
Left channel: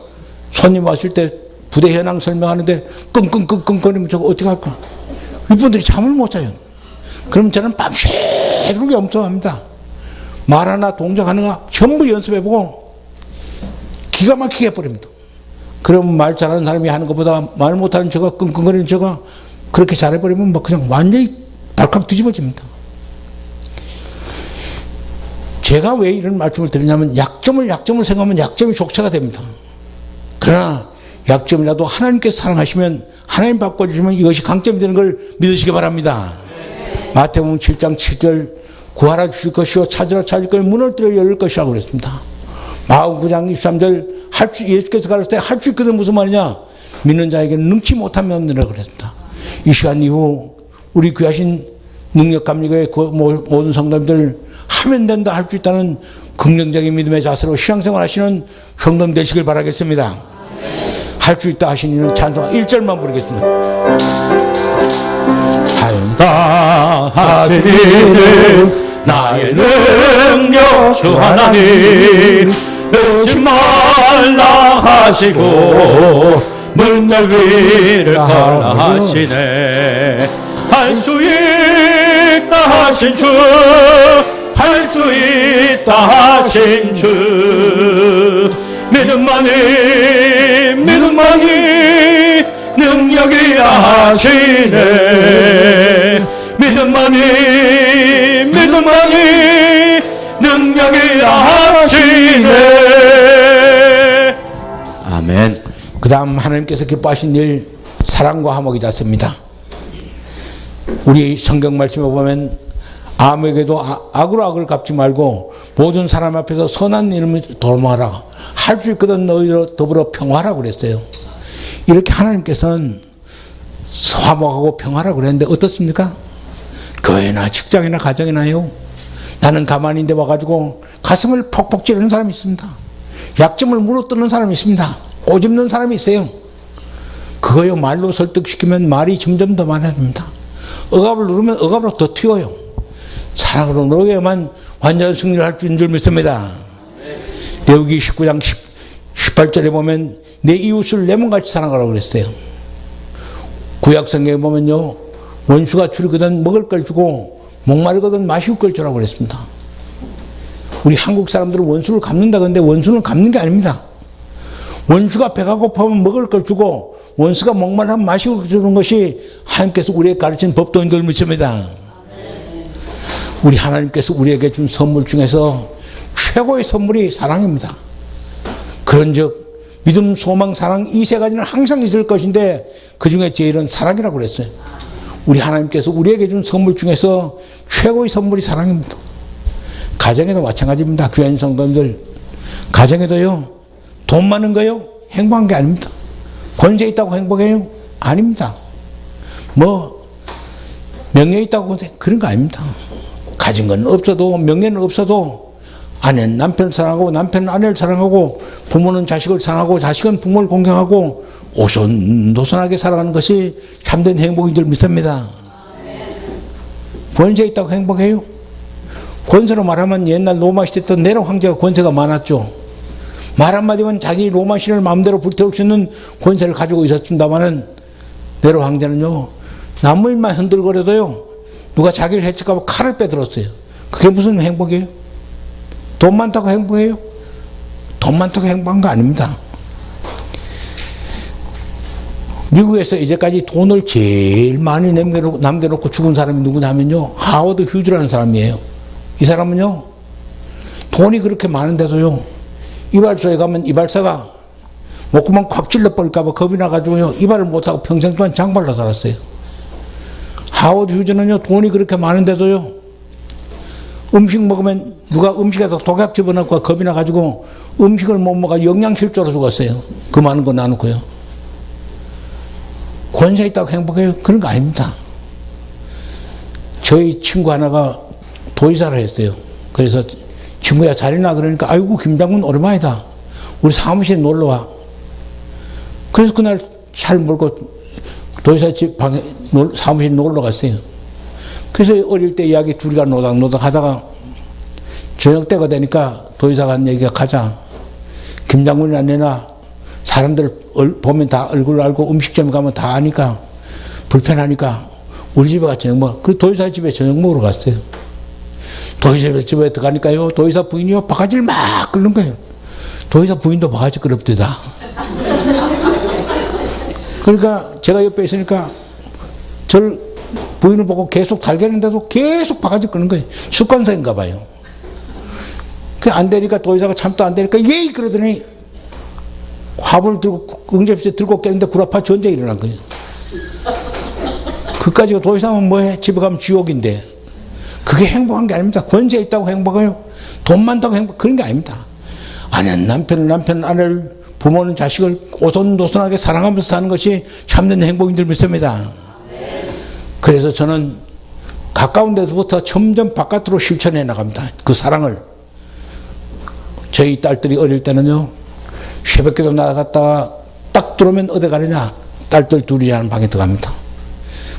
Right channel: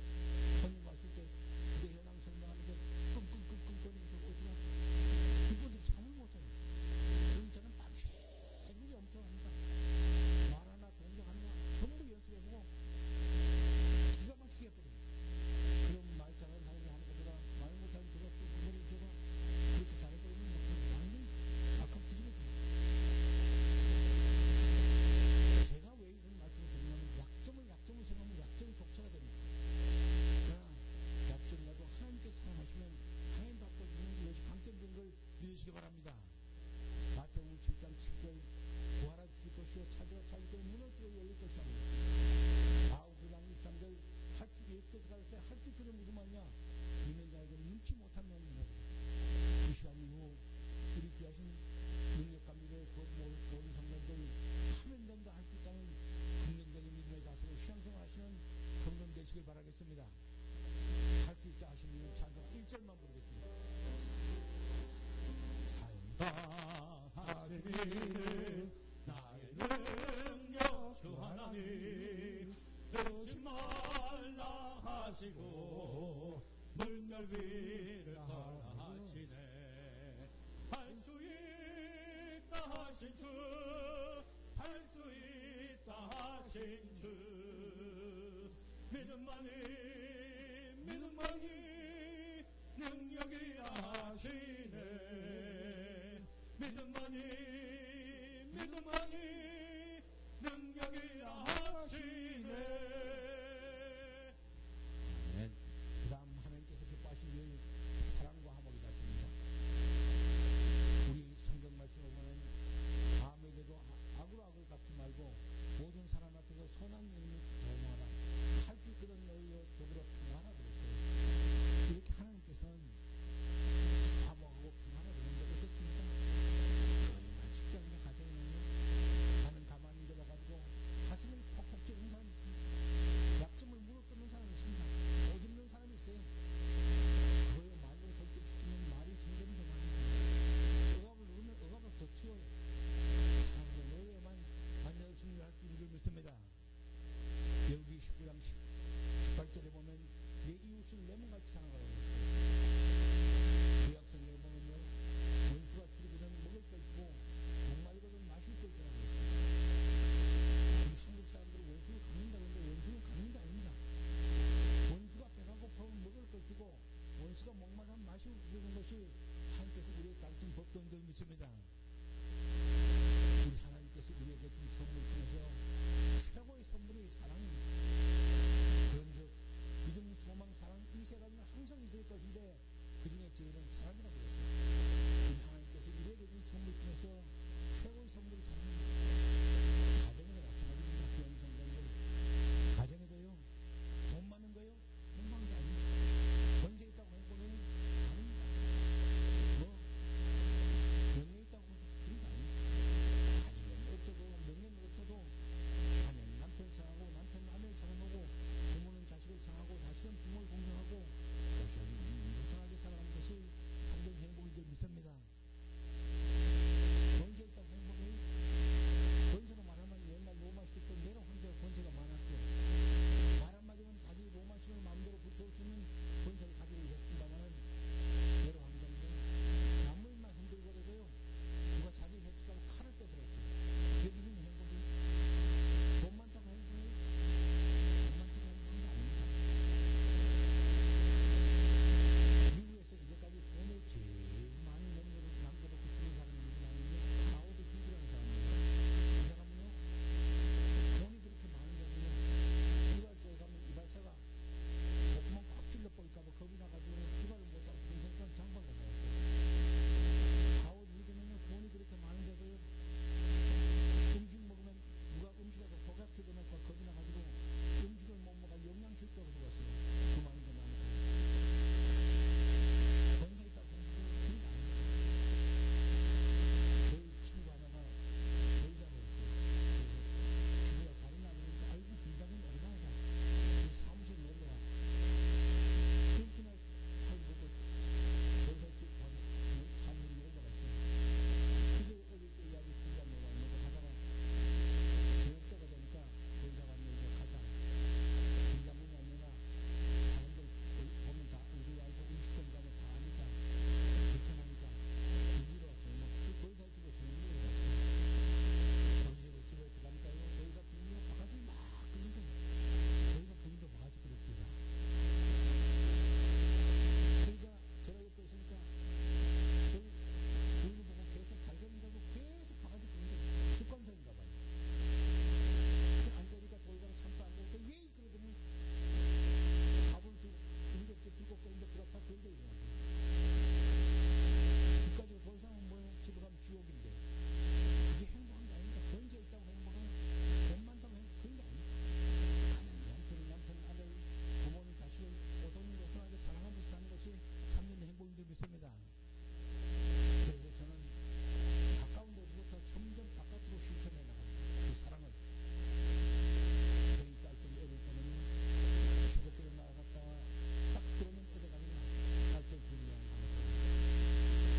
손님 왔을 때 부대 현황 설명하는데 끙끙끙끙거리면 저거 어떻게 할까? 윗분들이 잠을 못 자요. 그럼 저는 밤새도록 엄청합니다. 말 하나 동작 하나가 전부 연습해보고 기가 막히게 해버립니다. 그럼 말 잘하는 사람이 하는 것보다 말 못하는 저가 끙끙거리는 저가 그렇게 잘해버리면 뭐 그냥 완전히 발칵 뒤집어집니다. 제가 왜 이런 말씀을 드리냐면 약점을 생각하면 약점이 족쇄가 됩니다. 그러나 약점이라도 하나님께서 사랑하시면 하나님 바꿔주시면 이것이 강점이 되는 걸 믿으시기 바랍니다. 마태복음 7장 7절 구하라 주실 것이요 찾으라 찾을 것이요 문을 들어 열릴 것이라고 그랬습니다. 마가복음 9장 23절 예수께서 가르칠 때 할 수 있거든 무슨 말이냐? 믿는 자에게는 능치 못하면 없느라고 그랬습니다. 이 시간 이후 우리 귀하신 능력감리교회 모든 성도님들 하면 된다 할 수 있다는 긍정적인 믿음의 자세로 신앙생활 하시는 성도님 되시길 바라겠습니다. 할 수 있다 하시는 찬송 1절만 부르겠습니다. 하시는 나의 능력 주 하나님 의심 말라 하시고 문열 위를 가라 하시네. 할 수 있다 하신 주, 할 수 있다 하신 주, 믿음만이 능력이 하시네. 믿음만이 능력이 하시네. 아멘. 그 다음 하나님께서 기뻐하신 일, 사랑과 화목이 닿습니다. 우리 성경 말씀에 보면 아무에게도 악으로 악을 갚지 말고 모든 사람 앞에서 선한 이름을 도모하라. 할 수 있거든 너희로 더불어 평화하라고 그랬어요. 이렇게 하나님께서는 화목하고 평화라고 그랬는데 어떻습니까? 교회나 직장이나 가정이나요. 나는 가만히 있는데 와가지고 가슴을 퍽퍽 찌르는 사람이 있습니다. 약점을 물어뜯는 사람이 있습니다. 꼬집는 사람이 있어요. 그거요, 말로 설득시키면 말이 점점 더 많아집니다. 억압을 누르면 억압으로 더 튀어요. 사랑으로 노력해야만 완전한 승리를 할 수 있는 줄 믿습니다. 레위기 19장 18절에 보면 내 이웃을 내 몸같이 사랑하라고 그랬어요. 구약 성경에 보면요, 원수가 줄이거든 먹을 걸 주고 목마르거든 마실 걸 주라고 그랬습니다. 우리 한국 사람들은 원수를 갚는다 그러는데 원수는 갚는 게 아닙니다. 원수가 배가 고파면 먹을 걸 주고 원수가 목마르면 마실 걸 주는 것이 하나님께서 우리에게 가르친 법도인 줄 믿습니다. 우리 하나님께서 우리에게 준 선물 중에서 최고의 선물이 사랑입니다. 그런즉 믿음, 소망, 사랑 이 세 가지는 항상 있을 것인데 그 중에 제일은 사랑이라고 그랬어요. 우리 하나님께서 우리에게 준 선물 중에서 최고의 선물이 사랑입니다. 가정에도 마찬가지입니다. 귀한 성도님들, 가정에도요, 돈 많은 거요 행복한 게 아닙니다. 권세 있다고 행복해요? 아닙니다. 뭐 명예 있다고 그런 거 아닙니다. 가진 건 없어도, 명예는 없어도 아내는 남편을 사랑하고 남편은 아내를 사랑하고 부모는 자식을 사랑하고 자식은 부모를 공경하고 오손도손하게 살아가는 것이 참된 행복인 줄 믿습니다. 권세 있다고 행복해요? 권세로 말하면 옛날 로마 시대 때 네로 황제가 권세가 많았죠. 말 한마디면 자기 로마 신을 마음대로 불태울 수 있는 권세를 가지고 있었습니다마는 네로 황제는요, 나무일만 흔들거려도요 누가 자기를 해칠까 봐 칼을 빼들었어요. 그게 무슨 행복이에요? 돈 많다고 행복해요? 돈 많다고 행복한 거 아닙니다. 미국에서 이제까지 돈을 제일 많이 남겨놓고 죽은 사람이 누구냐면요, 하워드 휴즈라는 사람이에요. 이 사람은요, 돈이 그렇게 많은데도요, 이발소에 가면 이발사가 목구멍 콱 찔러버릴까 봐 겁이 나가지고요, 이발을 못하고 평생 동안 장발로 살았어요. 하워드 휴즈는요, 돈이 그렇게 많은데도요, 음식 먹으면 누가 음식에서 독약 집어넣고 겁이 나가지고 음식을 못 먹어 영양실조로 죽었어요. 그 많은 거 나누고요. 권세 있다고 행복해요? 그런 거 아닙니다. 저희 친구 하나가 도지사를 했어요. 그래서 친구야 잘해나 그러니까 아이고 김 장군 오랜만이다. 우리 사무실에 놀러와. 그래서 그날 차를 몰고 도지사 집 방에 사무실에 놀러 갔어요. 그래서 어릴 때 이야기 둘이가 노닥노닥 하다가 저녁 때가 되니까 도지사가 한 얘기가 가자. 김 장군이나 내나 사람들 보면 다 얼굴 알고 음식점에 가면 다 아니까 불편하니까 우리 집에 가서 저녁 먹어. 그 도지사 집에 저녁 먹으러 갔어요. 도지사 집에 들어가니까요, 도지사 부인이요 바가지를 막 끓는 거예요. 도지사 부인도 바가지 끓업대다. 그러니까 제가 옆에 있으니까 저를 부인을 보고 계속 달겠는데도 계속 바가지 끓는 거예요. 습관성인가 봐요. 그 안 되니까 도지사가 참도 안 되니까 예이 그러더니 화분을 들고 응접실에 들고 깼는데 구라파 전쟁이 일어난 거예요. 그까지 도지사면 뭐해? 집에 가면 지옥인데. 그게 행복한 게 아닙니다. 권세 있다고 행복해요? 돈 많다고 행복, 그런 게 아닙니다. 아내는 남편을, 남편은 아내를, 부모는 자식을 오손도손하게 사랑하면서 사는 것이 참된 행복인 줄 믿습니다. 그래서 저는 가까운 데서부터 점점 바깥으로 실천해 나갑니다. 그 사랑을. 저희 딸들이 어릴 때는요, 새벽에도 나갔다가 딱 들어오면 어디 가느냐? 딸들 둘이 자는 방에 들어갑니다.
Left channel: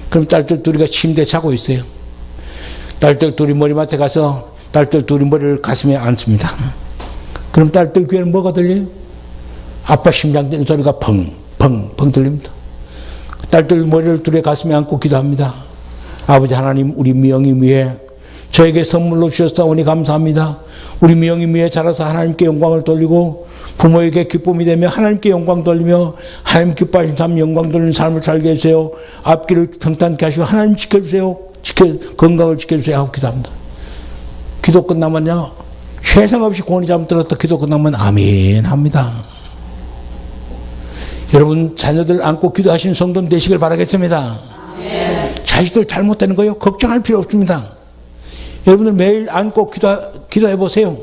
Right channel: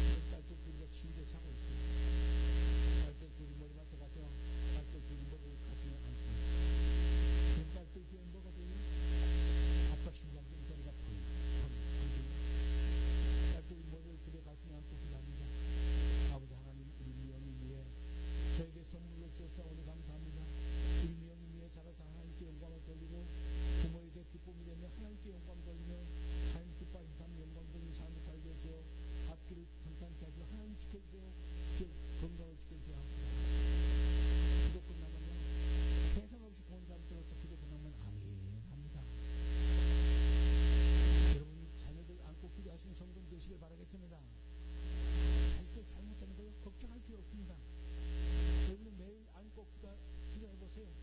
그럼 딸들 둘이가 침대에 자고 있어요. 딸들 둘이 머리맡에 가서 딸들 둘이 머리를 가슴에 앉습니다. 그럼 딸들 귀에는 뭐가 들려요? 아빠 심장 뛰는 소리가 펑펑펑 들립니다. 딸들 머리를 둘이 가슴에 안고 기도합니다. 아버지 하나님, 우리 미영이 위해 저에게 선물로 주셨사오니 감사합니다. 우리 미영이 위해 자라서 하나님께 영광을 돌리고 부모에게 기쁨이 되며 하나님께 영광 돌리며 하나님 기뻐하신 삶, 영광 돌리는 삶을 살게 해주세요. 앞길을 평탄케 하시고 하나님 지켜주세요. 건강을 지켜주세요 하고 기도합니다. 기도 끝나면요, 세상 없이 고니 잠 들었다 기도 끝나면 아멘 합니다. 여러분 자녀들 안고 기도하시는 성도 되시길 바라겠습니다. 자식들 잘못되는 거요, 걱정할 필요 없습니다. 여러분들 매일 안고 기도해 보세요.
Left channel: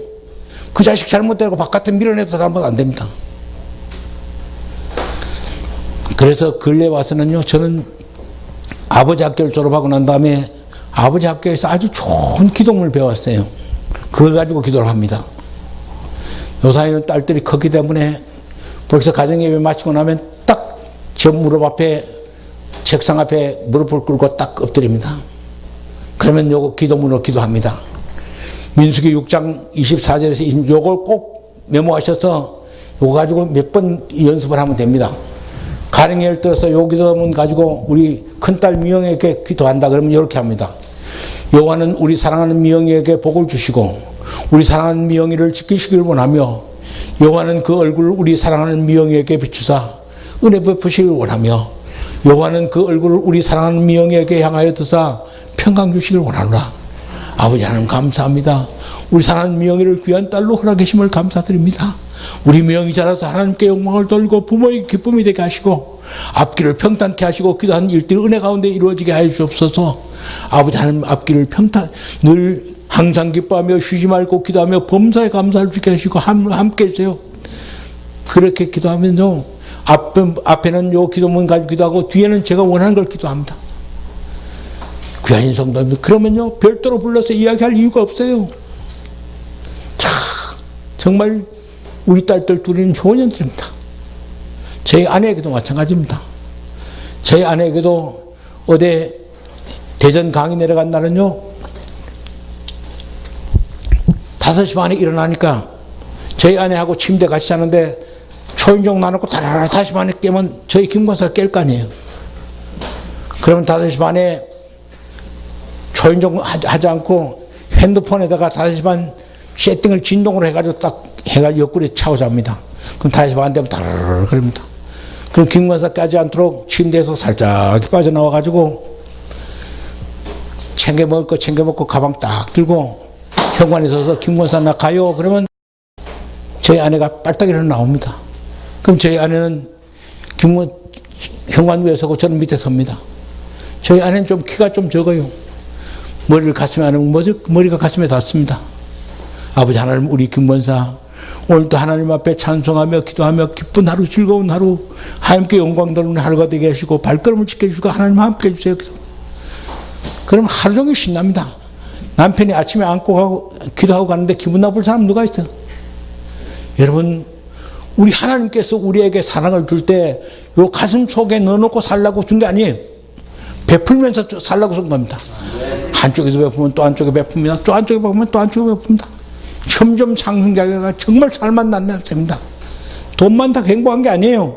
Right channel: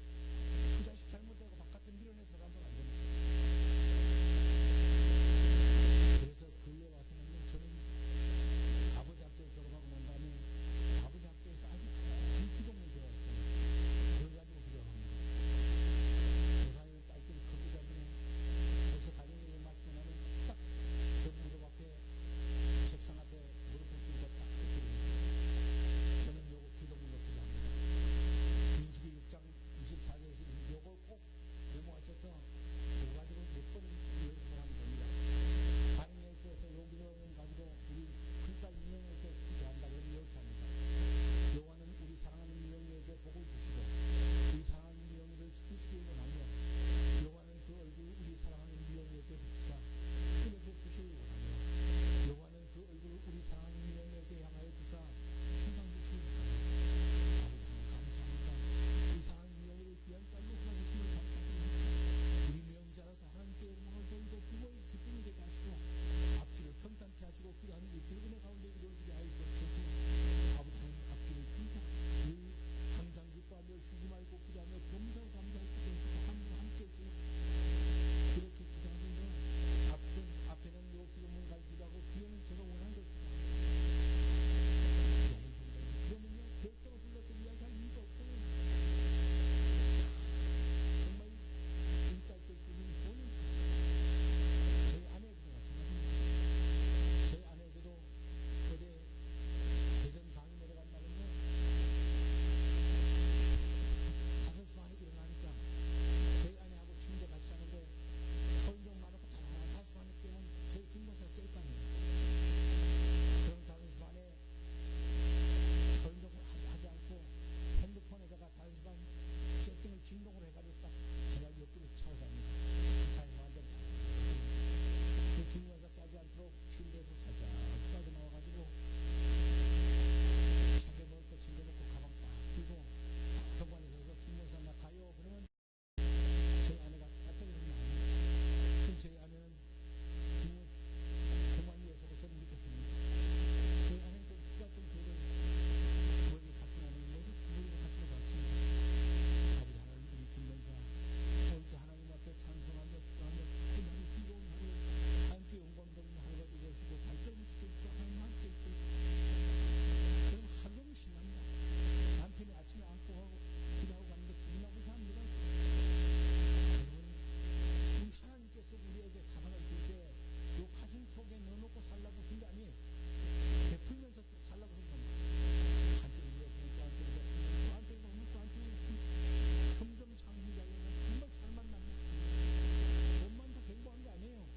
그 자식 잘못되고 바깥에 밀어내도 잘못 안 됩니다. 그래서 근래 와서는요, 저는 아버지 학교를 졸업하고 난 다음에 아버지 학교에서 아주 좋은 기도문을 배웠어요. 그걸 가지고 기도를 합니다. 요사이는 딸들이 컸기 때문에 벌써 가정예배 마치고 나면 딱 저 무릎 앞에, 책상 앞에 무릎을 꿇고 딱 엎드립니다. 그러면 요거 기도문으로 기도합니다. 민수기 6장 24절에서 요걸 꼭 메모하셔서 요거 가지고 몇 번 연습을 하면 됩니다. 가령 예를 들어서 요 기도문 가지고 우리 큰딸 미영에게 기도한다 그러면 이렇게 합니다. 여호와는 우리 사랑하는 미영이에게 복을 주시고 우리 사랑하는 미영이를 지키시길 원하며 여호와는 그 얼굴을 우리 사랑하는 미영이에게 비추사 은혜 베푸시길 원하며 여호와는 그 얼굴을 우리 사랑하는 미영이에게 향하여 드사 평강 주시길 원하노라. 아버지 하나님 감사합니다. 우리 사랑하는 미영이를 귀한 딸로 허락하심을 감사드립니다. 우리 미영이 자라서 하나님께 영광을 돌리고 부모에게 기쁨이 되게 하시고 앞길을 평탄케 하시고 기도한 일들이 은혜 가운데 이루어지게 하여 주옵소서. 아버지 하나님 앞길을 평탄 늘 항상 기뻐하며 쉬지 말고 기도하며 범사에 감사를 주게 하시고 함께 해주세요. 그렇게 기도하면요, 앞에는 요 기도문 가지고 기도하고 뒤에는 제가 원하는 걸 기도합니다. 귀한 성도님들, 그러면요 별도로 불러서 이야기할 이유가 없어요. 참 정말 우리 딸들 둘이는 효년들입니다. 저희 아내에게도 마찬가지입니다. 저희 아내에게도 어디 대전 강의 내려간 날은요 5시 반에 일어나니까 저희 아내하고 침대 같이 자는데 초인종 놔놓고 다라라 5시 반에 깨면 저희 김권사가 깰 거 아니에요. 그러면 5시 반에 초인종 하지 않고 핸드폰에다가 5시 반 세팅을 진동으로 해가지고 딱 해가 옆구리에 차고 잡니다. 그럼 5시 반 되면 다라라 그럽니다. 그럼 김권사 깨지 않도록 침대에서 살짝 빠져나와가지고 챙겨 먹을 거 챙겨 먹고 가방 딱 들고 현관에 서서 김권사 나 가요. 그러면 저희 아내가 빨딱이로 나옵니다. 그럼 저희 아내는 현관 위에 서고 저는 밑에 섭니다. 저희 아내는 좀 키가 좀 적어요. 머리를 가슴에 안 하면 머리가 가슴에 닿습니다. 아버지 하나님, 우리 김권사 오늘도 하나님 앞에 찬송하며 기도하며 기쁜 하루, 즐거운 하루, 하나님께 영광 돌리는 하루가 되게 하시고 발걸음을 지켜주시고 하나님 함께 해주세요. 그럼 하루 종일 신납니다. 남편이 아침에 안고 가고 기도하고 가는데 기분 나쁠 사람 누가 있어요? 여러분, 우리 하나님께서 우리에게 사랑을 줄 때 요 가슴 속에 넣어놓고 살라고 준 게 아니에요. 베풀면서 살라고 준 겁니다. 한쪽에서 베푸면 또 한쪽에 베풉니다. 또 한쪽에 베푸면 또 한쪽에 베풉니다. 점점 상승자가 정말 살만 난다 됩니다. 돈만 다 행복한 게 아니에요.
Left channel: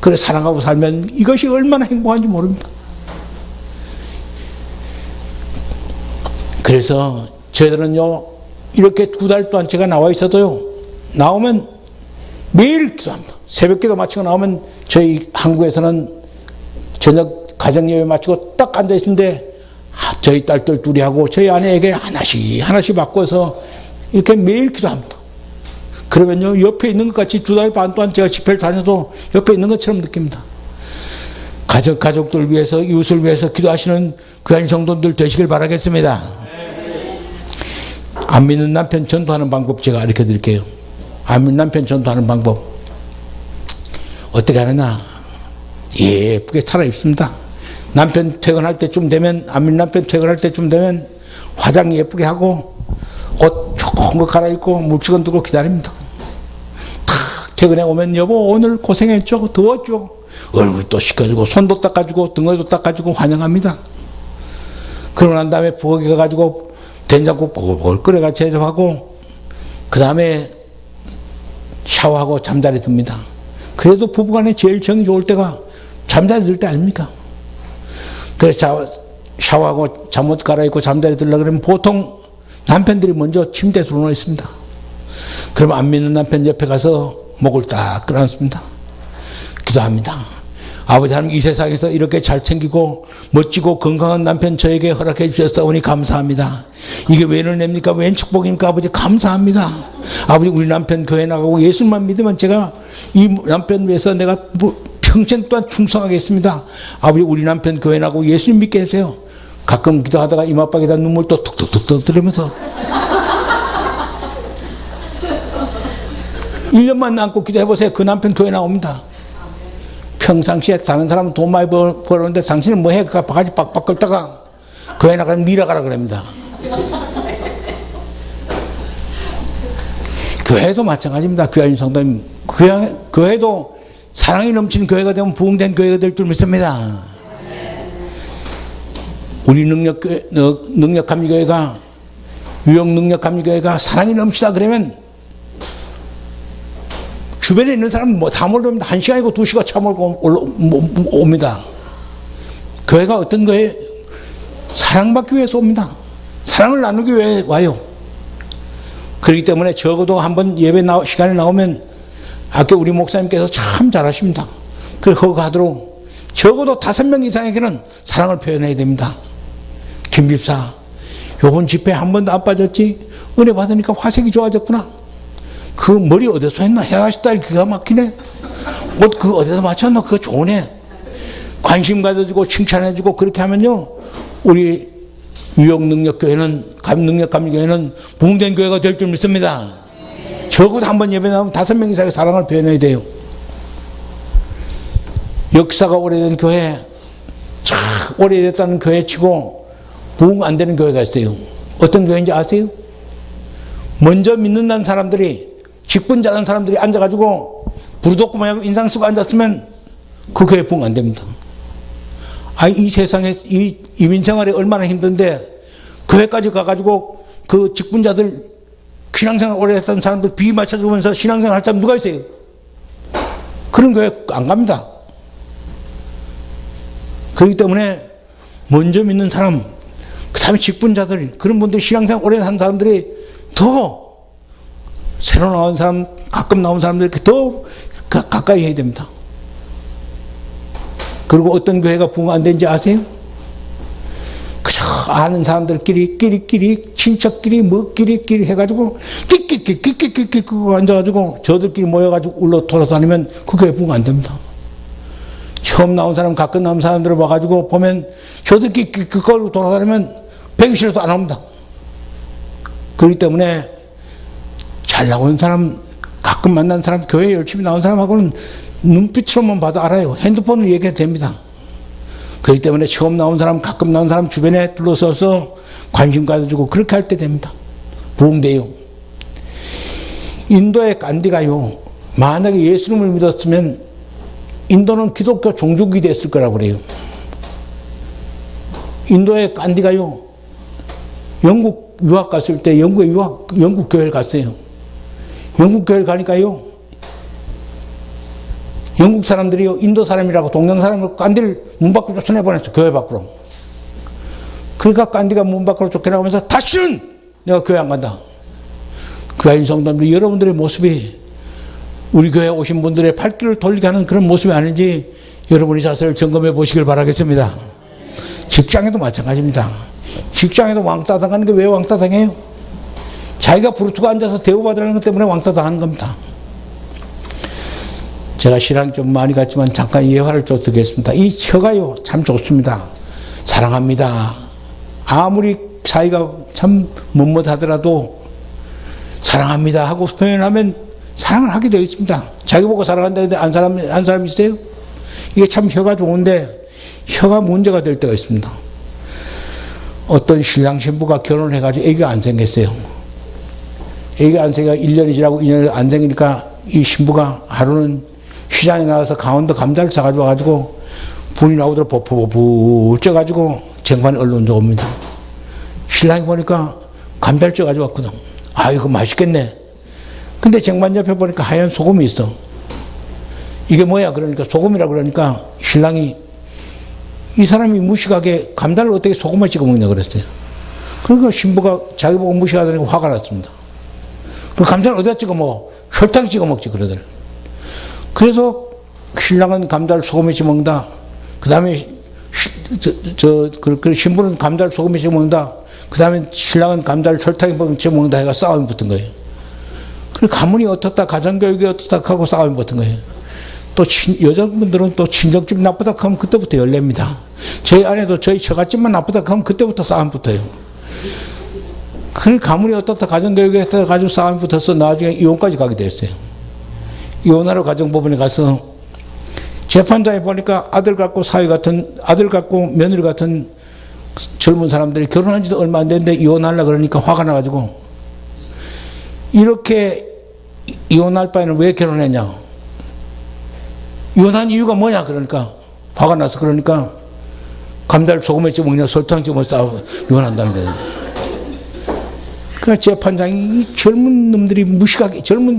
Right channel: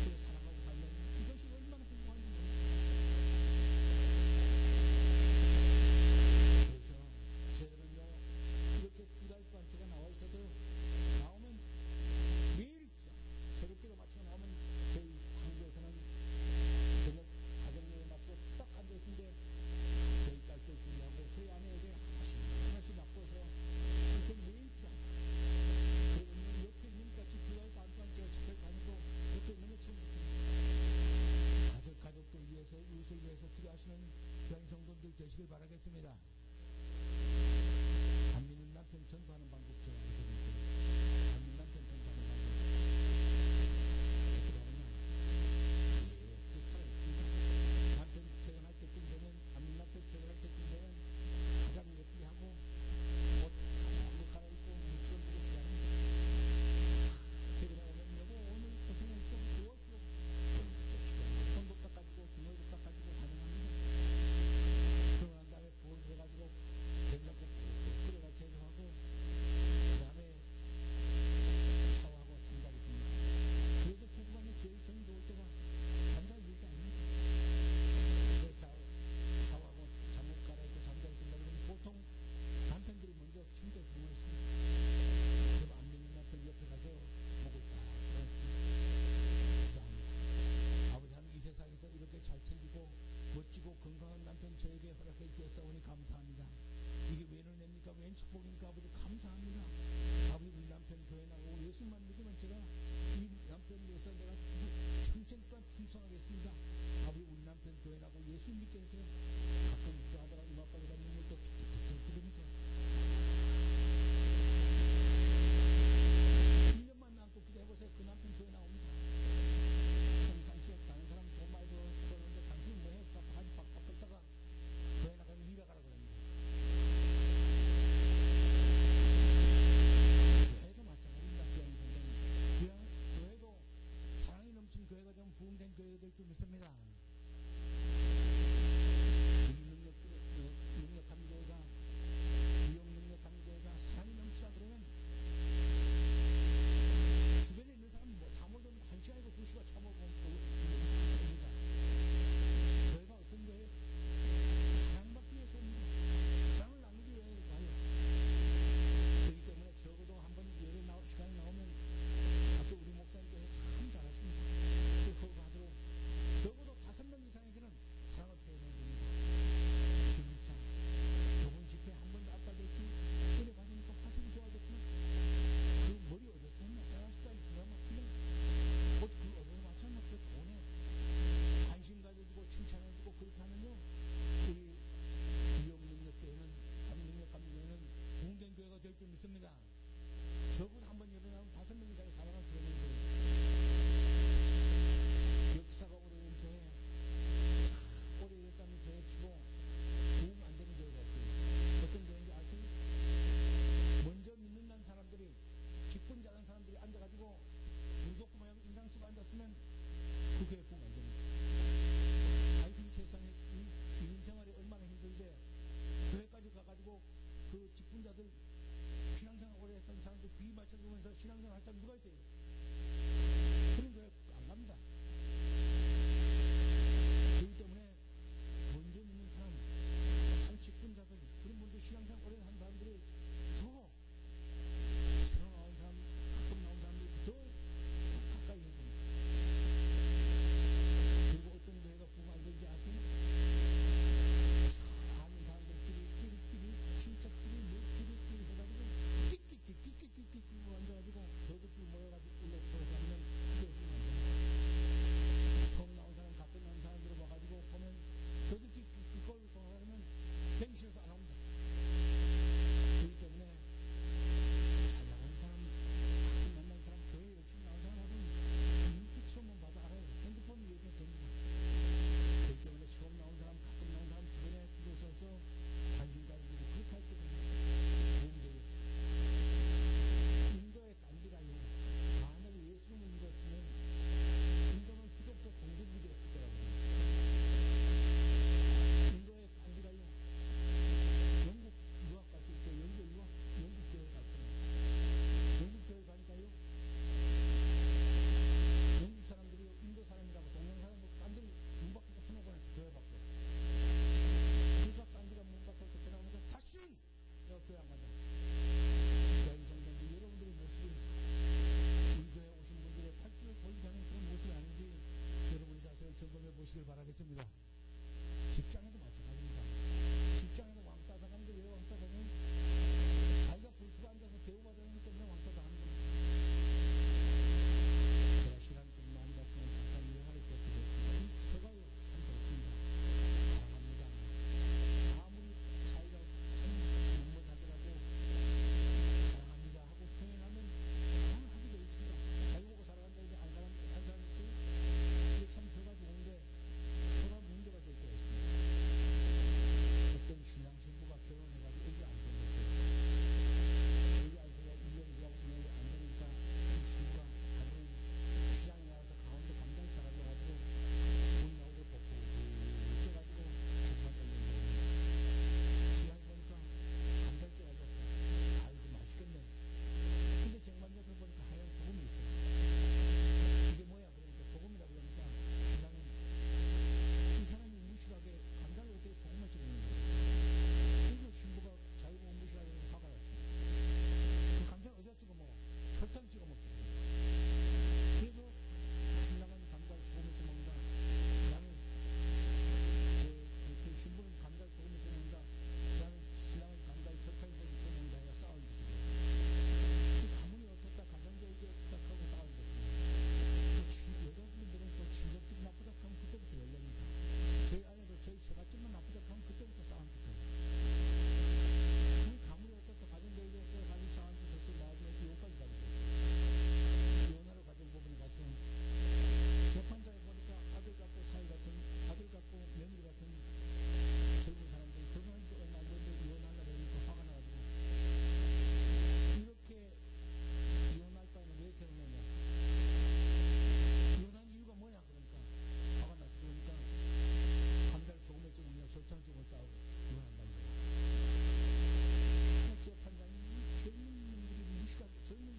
그래 사랑하고 살면 이것이 얼마나 행복한지 모릅니다. 그래서 저희들은요 이렇게 2달 동안 제가 나와 있어도요 나오면 매일 기도합니다. 새벽 기도 마치고 나오면 저희 한국에서는 저녁 가정예배 마치고 딱 앉아 있는데 저희 딸들 둘이 하고 저희 아내에게 하나씩 바꿔서 이렇게 매일 기도합니다. 그러면요 옆에 있는 것 같이 2달 반 동안 제가 집회를 다녀도 옆에 있는 것처럼 느낍니다. 가족들 위해서 이웃을 위해서 기도하시는 귀한 성도들 되시길 바라겠습니다. 안 믿는 남편 전도하는 방법 제가 가르쳐 드릴게요. 안 믿는 남편 전도하는 방법 어떻게 하느냐, 예쁘게 차려입습니다. 남편 퇴근할 때쯤 되면, 안 믿는 남편 퇴근할 때쯤 되면 화장 예쁘게 하고 옷 좋은 거 갈아입고 물수건 들고 기다립니다. 탁 퇴근해 오면 여보 오늘 고생했죠, 더웠죠, 얼굴도 씻겨주고 손도 닦아주고 등어도 닦아주고 환영합니다. 그러고 난 다음에 부엌에 가가지고 된장국 보글보글 끓여가 제조하고 그 다음에 샤워하고 잠자리 듭니다. 그래도 부부간에 제일 정이 좋을 때가 잠자리 들 때 아닙니까? 그래서 샤워하고 잠옷 갈아입고 잠자리 들려고 그러면 보통 남편들이 먼저 침대에 들어놓아 있습니다. 그러면 안 믿는 남편 옆에 가서 목을 딱 끌어안습니다. 기도합니다. 아버지 하나님, 이 세상에서 이렇게 잘 챙기고 멋지고 건강한 남편 저에게 허락해 주셨사오니 감사합니다. 이게 웬 은혜입니까? 웬 축복입니까? 아버지 감사합니다. 아버지 우리 남편 교회 나가고 예수만 믿으면 제가 이 남편 위해서 내가 평생 또한 충성하겠습니다. 아버지 우리 남편 교회 나가고 예수님 믿게 해주세요. 가끔 기도하다가 이마박에다 눈물 또 툭툭툭 들으면서 1년만 남고 기도해보세요. 그 남편 교회 나옵니다. 평상시에 다른 사람은 돈 많이 벌었는데 당신은 뭐 해? 그 바가지 빡빡 긁다가 교회 나가면 밀어가라 그럽니다. 교회도 마찬가지입니다. 귀하신 성도님, 교회도 사랑이 넘치는 교회가 되면 부흥된 교회가 될 줄 믿습니다. 우리 능력감리교회가 유형 능력감리교회가 사랑이 넘치다 그러면 주변에 있는 사람은 뭐 다 몰려옵니다. 1시간이고 2시간 차 몰고 옵니다. 교회가 어떤 거에 사랑받기 위해서 옵니다. 사랑을 나누기 위해 와요. 그렇기 때문에 적어도 한번 예배 시간에 나오면 아까 우리 목사님께서 참 잘하십니다. 그거 하도록 적어도 5명 이상에게는 사랑을 표현해야 됩니다. 김집사, 요번 집회 한 번도 안 빠졌지? 은혜 받으니까 화색이 좋아졌구나. 그 머리 어디서 했나? 헤어스타일 기가 막히네. 옷 그 어디서 맞췄나? 그거 좋네. 관심 가져주고 칭찬해주고 그렇게 하면요, 우리 유형능력교회는, 감능력감리교회는 부흥된 교회가 될 줄 믿습니다. 적어도 한 번 예배 나오면 5명 이상의 사랑을 표현해야 돼요. 역사가 오래된 교회, 참 오래됐다는 교회 치고 부흥 안 되는 교회가 있어요. 어떤 교회인지 아세요? 먼저 믿는다는 사람들이, 직분 잘하는 사람들이 앉아가지고 부르독고 모양 인상 쓰고 앉았으면 그 교회 부흥 안 됩니다. 이 세상에 이 이민생활이 얼마나 힘든데 교회까지 가가지고 그 직분자들, 신앙생활 오래 했던 사람들 비위 맞춰주면서 신앙생활 할 사람 누가 있어요? 그런 교회 안 갑니다. 그렇기 때문에 먼저 믿는 사람, 그 다음에 직분자들, 그런 분들이 신앙생활 오래 한 사람들이 더 새로 나온 사람, 가끔 나온 사람들 이렇게 더 가까이 해야 됩니다. 그리고 어떤 교회가 부흥 안 되는지 아세요? 그저 아는 사람들끼리, 끼리끼리, 친척끼리, 끼리끼리 해가지고, 끼끼끼끼끼끼끼 앉아가지고, 저들끼리 모여가지고 울러 돌아다니면 그 교회 부흥 안 됩니다. 처음 나온 사람, 가끔 나온 사람들을 와가지고 보면, 저들끼리 그걸로 돌아다니면 배기 싫어도 안 옵니다. 그렇기 때문에 잘 나온 사람, 가끔 만난 사람, 교회에 열심히 나온 사람하고는 눈빛으로만 봐도 알아요. 핸드폰으로 얘기해도 됩니다. 그렇기 때문에 처음 나온 사람, 가끔 나온 사람 주변에 둘러서서 관심 가져주고 그렇게 할 때 됩니다. 부흥돼요. 인도의 간디가요, 만약에 예수님을 믿었으면 인도는 기독교 종족이 됐을 거라고 그래요. 인도의 간디가요, 영국 유학 갔을 때 영국 교회를 갔어요. 영국 교회를 가니까요, 영국 사람들이요, 인도 사람이라고 동양 사람을 간디를 문 밖으로 쫓아내보냈어. 교회 밖으로. 그러니까 간디가 문 밖으로 쫓겨나가면서 다시는 내가 교회 안 간다. 그러한 성도님들, 여러분들의 모습이 우리 교회에 오신 분들의 팔길을 돌리게 하는 그런 모습이 아닌지 여러분이 자세를 점검해 보시길 바라겠습니다. 직장에도 마찬가지입니다. 직장에도 왕따 당하는 게 왜 왕따 당해요? 자기가 부르트고 앉아서 대우받으라는 것 때문에 왕따 당하는 겁니다. 제가 신앙이 좀 많이 갔지만 잠깐 예화를 좀 드리겠습니다. 이 혀가요, 참 좋습니다. 사랑합니다. 아무리 사이가 참 못못하더라도 사랑합니다 하고 표현하면 사랑을 하게 되어 있습니다. 자기 보고 사랑한다는데 안 사람 있어요? 이게 참 혀가 좋은데 혀가 문제가 될 때가 있습니다. 어떤 신랑 신부가 결혼을 해가지고 애기가 안 생겼어요. 애기가 안 생기가 1년이 지나고 2년이 안 생기니까 이 신부가 하루는 시장에 나가서 강원도 감자를 사가지고 와가지고 분이 나오도록 버퍼버퍼 쪄가지고 쟁반에 얼른 옵니다. 신랑이 보니까 감달주 가져왔거든. 아, 이거 맛있겠네. 근데 쟁반 옆에 보니까 하얀 소금이 있어. 이게 뭐야? 그러니까 소금이라 그러니까 신랑이 이 사람이 무식하게 감달을 어떻게 소금을 찍어 먹냐 그랬어요. 그러니까 신부가 자기 보고 무식하다니까 화가 났습니다. 그 감달을 어디다 찍어 먹어? 설탕 찍어 먹지 그러더래. 그래서 신랑은 감달 소금에 찍어 먹는다. 그 다음에 신부는 감달 소금에 찍어 먹는다. 그 다음에 신랑은 감달 설탕에 찍어 먹는다 해가 싸움이 붙은 거예요. 그리고 가문이 어떻다, 가정교육이 어떻다 하고 싸움이 붙은 거예요. 또 여자분들은 또 친정집 나쁘다 하면 그때부터 열립니다. 저희 아내도 저희 처갓집만 나쁘다 하면 그때부터 싸움 붙어요. 그 가문이 어떻다, 가정교육이 어떻다 가지고 싸움이 붙어서 나중에 이혼까지 가게 됐어요. 이혼하러 가정법원에 가서 재판장에 보니까 아들 같고 며느리 같은 젊은 사람들이 결혼한 지도 얼마 안 됐는데 이혼하려고 그러니까 화가 나가지고 이렇게 이혼할 바에는 왜 결혼했냐? 이혼한 이유가 뭐냐? 그러니까 화가 나서 그러니까 감달 소금에 찍어 먹냐 설탕 찍어 싸우고 이혼한다는 거예요. 그러니까 재판장이 젊은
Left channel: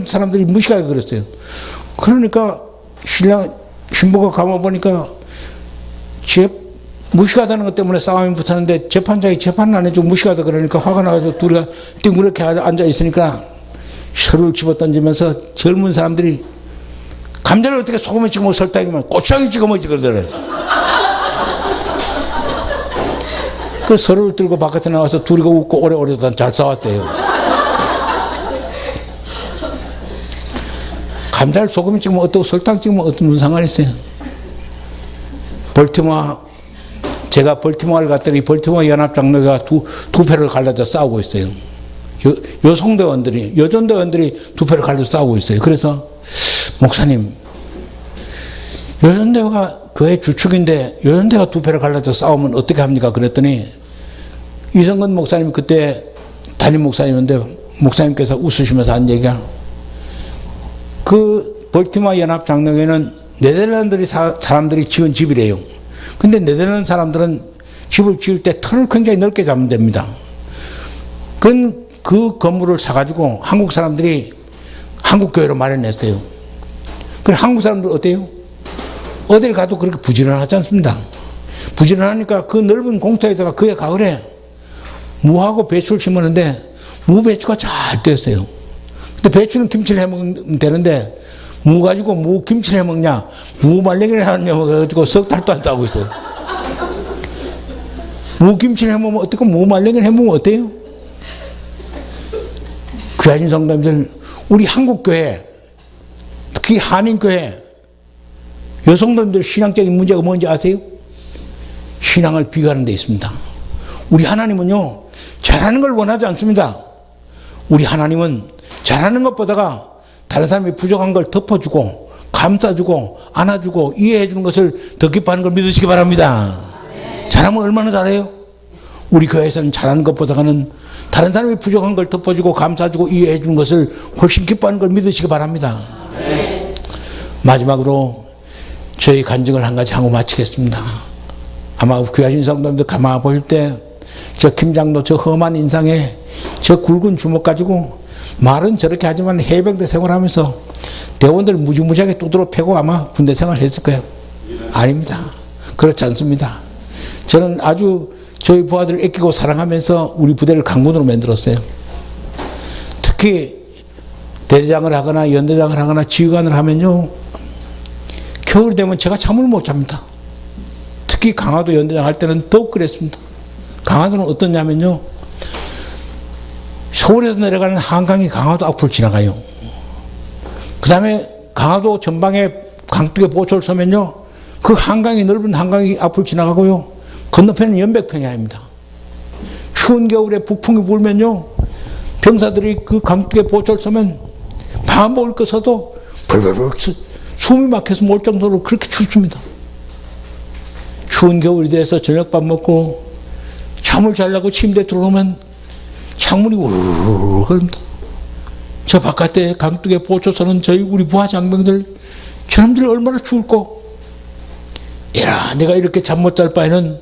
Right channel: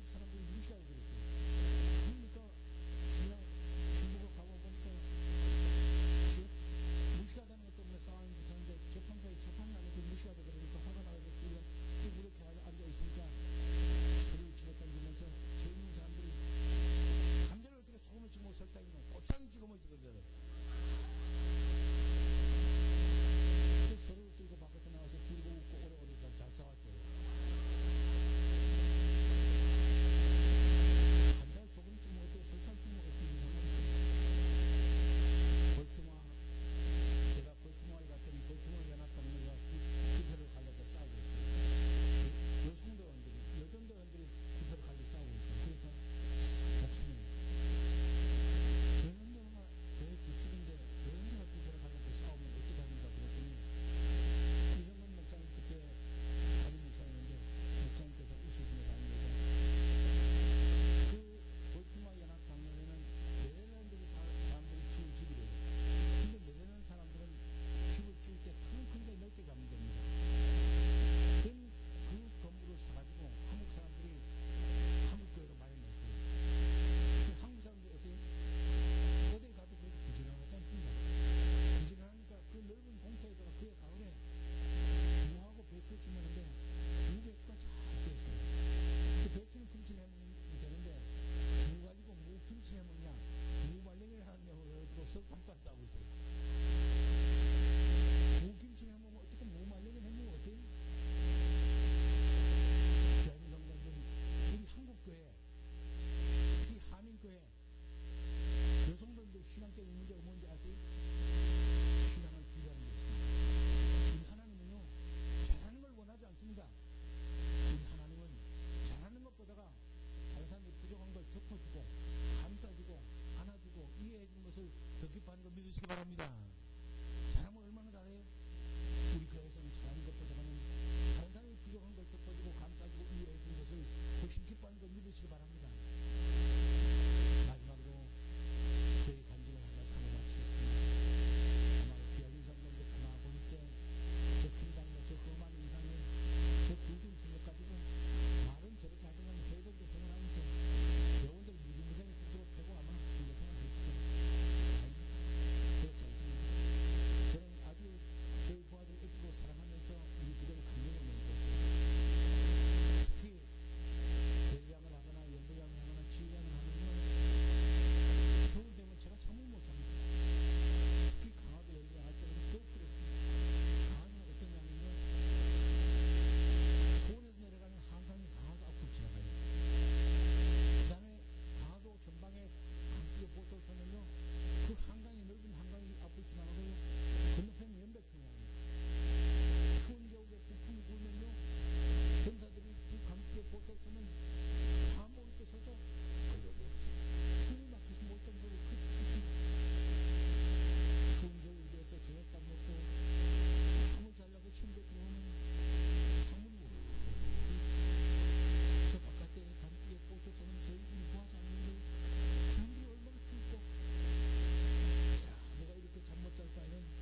사람들이 무식하게 그랬어요. 그러니까 신부가 가만 보니까 무식하다는 것 때문에 싸움이 붙었는데 재판장이 재판을 안 해주고 무식하다 그러니까 화가 나가지고 둘이가 띵그렇게 앉아 있으니까 서로를 집어던지면서 젊은 사람들이 감자를 어떻게 소금에 찍어 먹어 설탕이면 고추장에 찍어 먹지 그러더래. 그 서로를 들고 바깥에 나와서 둘이가 웃고 오래오래 잘 싸웠대요. 감자를 소금에 찍으면 어떻고 설탕 찍으면 어떤 상관이 있어요. 제가 벌티모어를 갔더니 벌티모어 연합장로가 두 패를 갈라져 싸우고 있어요. 여전대원들이 두 패를 갈라져 싸우고 있어요. 그래서 목사님, 여전대가 교회 주축인데 여전대가 두 패를 갈라져 싸우면 어떻게 합니까? 그랬더니 이성근 목사님 그때 담임 목사님인데 목사님께서 웃으시면서 한 얘기가 그 벌티모어 연합장로회는 네덜란드 사람들이 지은 집이래요. 근데 네덜란드 사람들은 집을 지을 때 털을 굉장히 넓게 잡으면 됩니다. 그 건물을 사가지고 한국 사람들이 한국교회로 마련했어요. 그래 한국 사람들 어때요? 어딜 가도 그렇게 부지런하지 않습니다. 부지런하니까 그 넓은 공터에다가 그해 가을에 무하고 배추를 심었는데 무배추가 잘 됐어요. 근데 배추는 김치를 해먹으면 되는데 무 가지고 무 김치를 해먹냐 무 말랭이를 하느냐 가지고 석 달도 안 싸우고 있어요. 무 김치를 해먹으면 어떻고 무 말랭이를 해먹으면 어때요? 귀하신 성도님들, 우리 한국교회 특히 한인교회 여성도님들 신앙적인 문제가 뭔지 아세요? 신앙을 비교하는 데 있습니다. 우리 하나님은요 잘하는 걸 원하지 않습니다. 우리 하나님은 잘하는 것보다가 다른 사람이 부족한 걸 덮어주고 감싸주고 안아주고 이해해주는 것을 더 기뻐하는 걸 믿으시기 바랍니다. 잘하면 얼마나 잘해요? 우리 교회에서는 잘하는 것보다는 다른 사람이 부족한 걸 덮어주고 감싸주고 이해해주는 것을 훨씬 기뻐하는 걸 믿으시기 바랍니다. 마지막으로 저희 간증을 한 가지 하고 마치겠습니다. 아마 귀하신 성도님들 가만 보실 때 저 김장로 저 험한 인상에 저 굵은 주먹 가지고 말은 저렇게 하지만 해병대 생활하면서 대원들 무지무지하게 두드러 패고 아마 군대 생활을 했을 거예요. 아닙니다. 그렇지 않습니다. 저는 아주 저희 부하들을 아끼고 사랑하면서 우리 부대를 강군으로 만들었어요. 특히 대대장을 하거나 연대장을 하거나 지휘관을 하면요 겨울 되면 제가 잠을 못 잡니다. 특히 강화도 연대장 할 때는 더욱 그랬습니다. 강화도는 어떠냐면요 서울에서 내려가는 한강이 강화도 앞을 지나가요. 그 다음에 강화도 전방에 강둑에 보초를 서면요 그 한강이 넓은 한강이 앞을 지나가고요 건너편은 연백평야입니다. 추운 겨울에 북풍이 불면요 병사들이 그 강둑에 보초를 서면 밥 먹을 거 서도 벌벌벌 숨이 막혀서 몰 정도로 그렇게 춥습니다. 추운 겨울이 돼서 저녁밥 먹고 잠을 자려고 침대에 들어오면 창문이 우르르 흐릅니다. 저 바깥에 강둑에 보초서는 우리 부하 장병들 저놈들이 얼마나 추울꼬. 야 내가 이렇게 잠 못 잘 바에는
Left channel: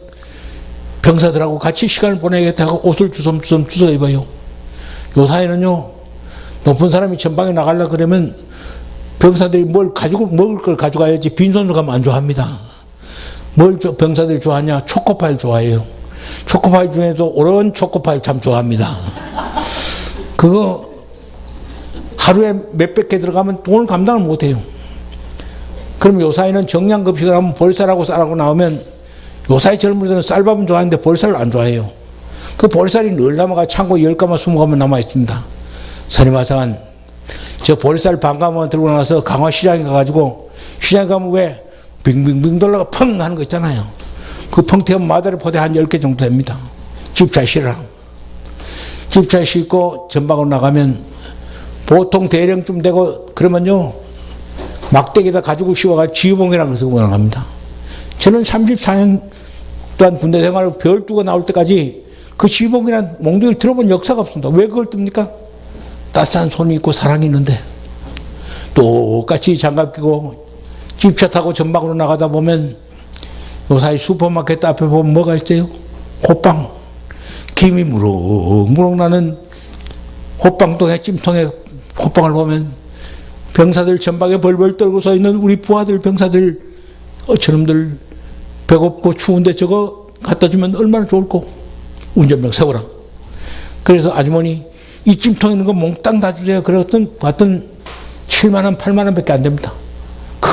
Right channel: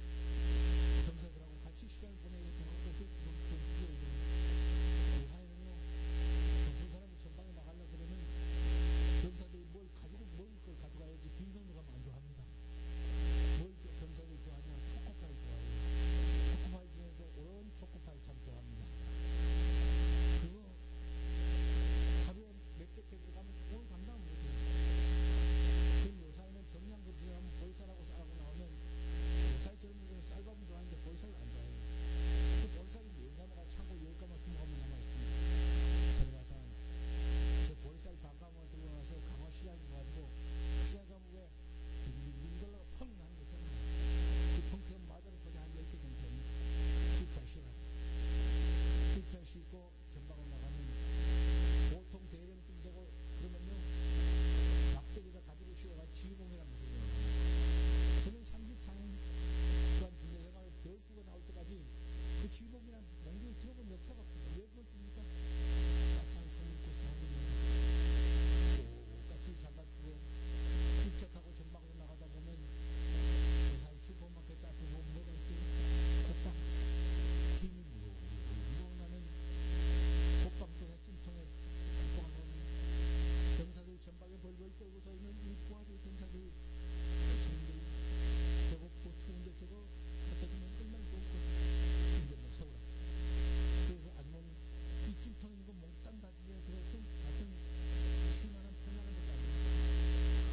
병사들하고 같이 시간을 보내겠다 하고 옷을 주섬주섬 주워 입어요. 요사이는요, 높은 사람이 전방에 나가려고 그러면 병사들이 뭘 가지고, 먹을 걸 가져가야지 빈손으로 가면 안 좋아합니다. 뭘 병사들이 좋아하냐? 초코파이를 좋아해요. 초코파이 중에도 오랜 초코파이 참 좋아합니다. 그거 하루에 몇백 개 들어가면 돈을 감당을 못해요. 그럼 요사이는 정량급식을 하면 보리쌀하고 쌀하고 나오면 요사이 젊은이들은 쌀밥은 좋아하는데 보리쌀을 안 좋아해요. 그 보리쌀이 늘 남아가 창고에 10가마 20가마 남아 있습니다. 선임하상은 저 보리쌀 반가마 들고 나서 강화시장에 가가지고 시장에 가면 왜 빙빙빙 돌다가 펑 하는 거 있잖아요. 그 펑 튀면 마다리 포대 한 10개 정도 됩니다. 집차에 실으라. 집차에 싣고 전방으로 나가면 보통 대령쯤 되고 그러면요 막대기에다 가지고 씌워가 지휘봉이라고 해서 나갑니다. 저는 34년 동안 군대 생활을 별 두고 나올 때까지 그 지휘봉이라는 몽둥이를 들어본 역사가 없습니다. 왜 그걸 뜹니까? 따스한 손이 있고 사랑이 있는데 똑같이 장갑 끼고 집차 타고 전방으로 나가다 보면 요사이 슈퍼마켓 앞에 보면 뭐가 있어요? 호빵. 김이 무럭무럭 나는 호빵통에 찜통에 호빵을 보면 병사들 전방에 벌벌 떨고 서 있는 우리 부하들 병사들 저놈들 배고프고 추운데 저거 갖다 주면 얼마나 좋을꼬. 운전병 세워라. 그래서 아주머니 이 찜통에 있는 거 몽땅 다 주세요. 그랬더니 봤더니 7만 원 8만 원밖에 안 됩니다. 큰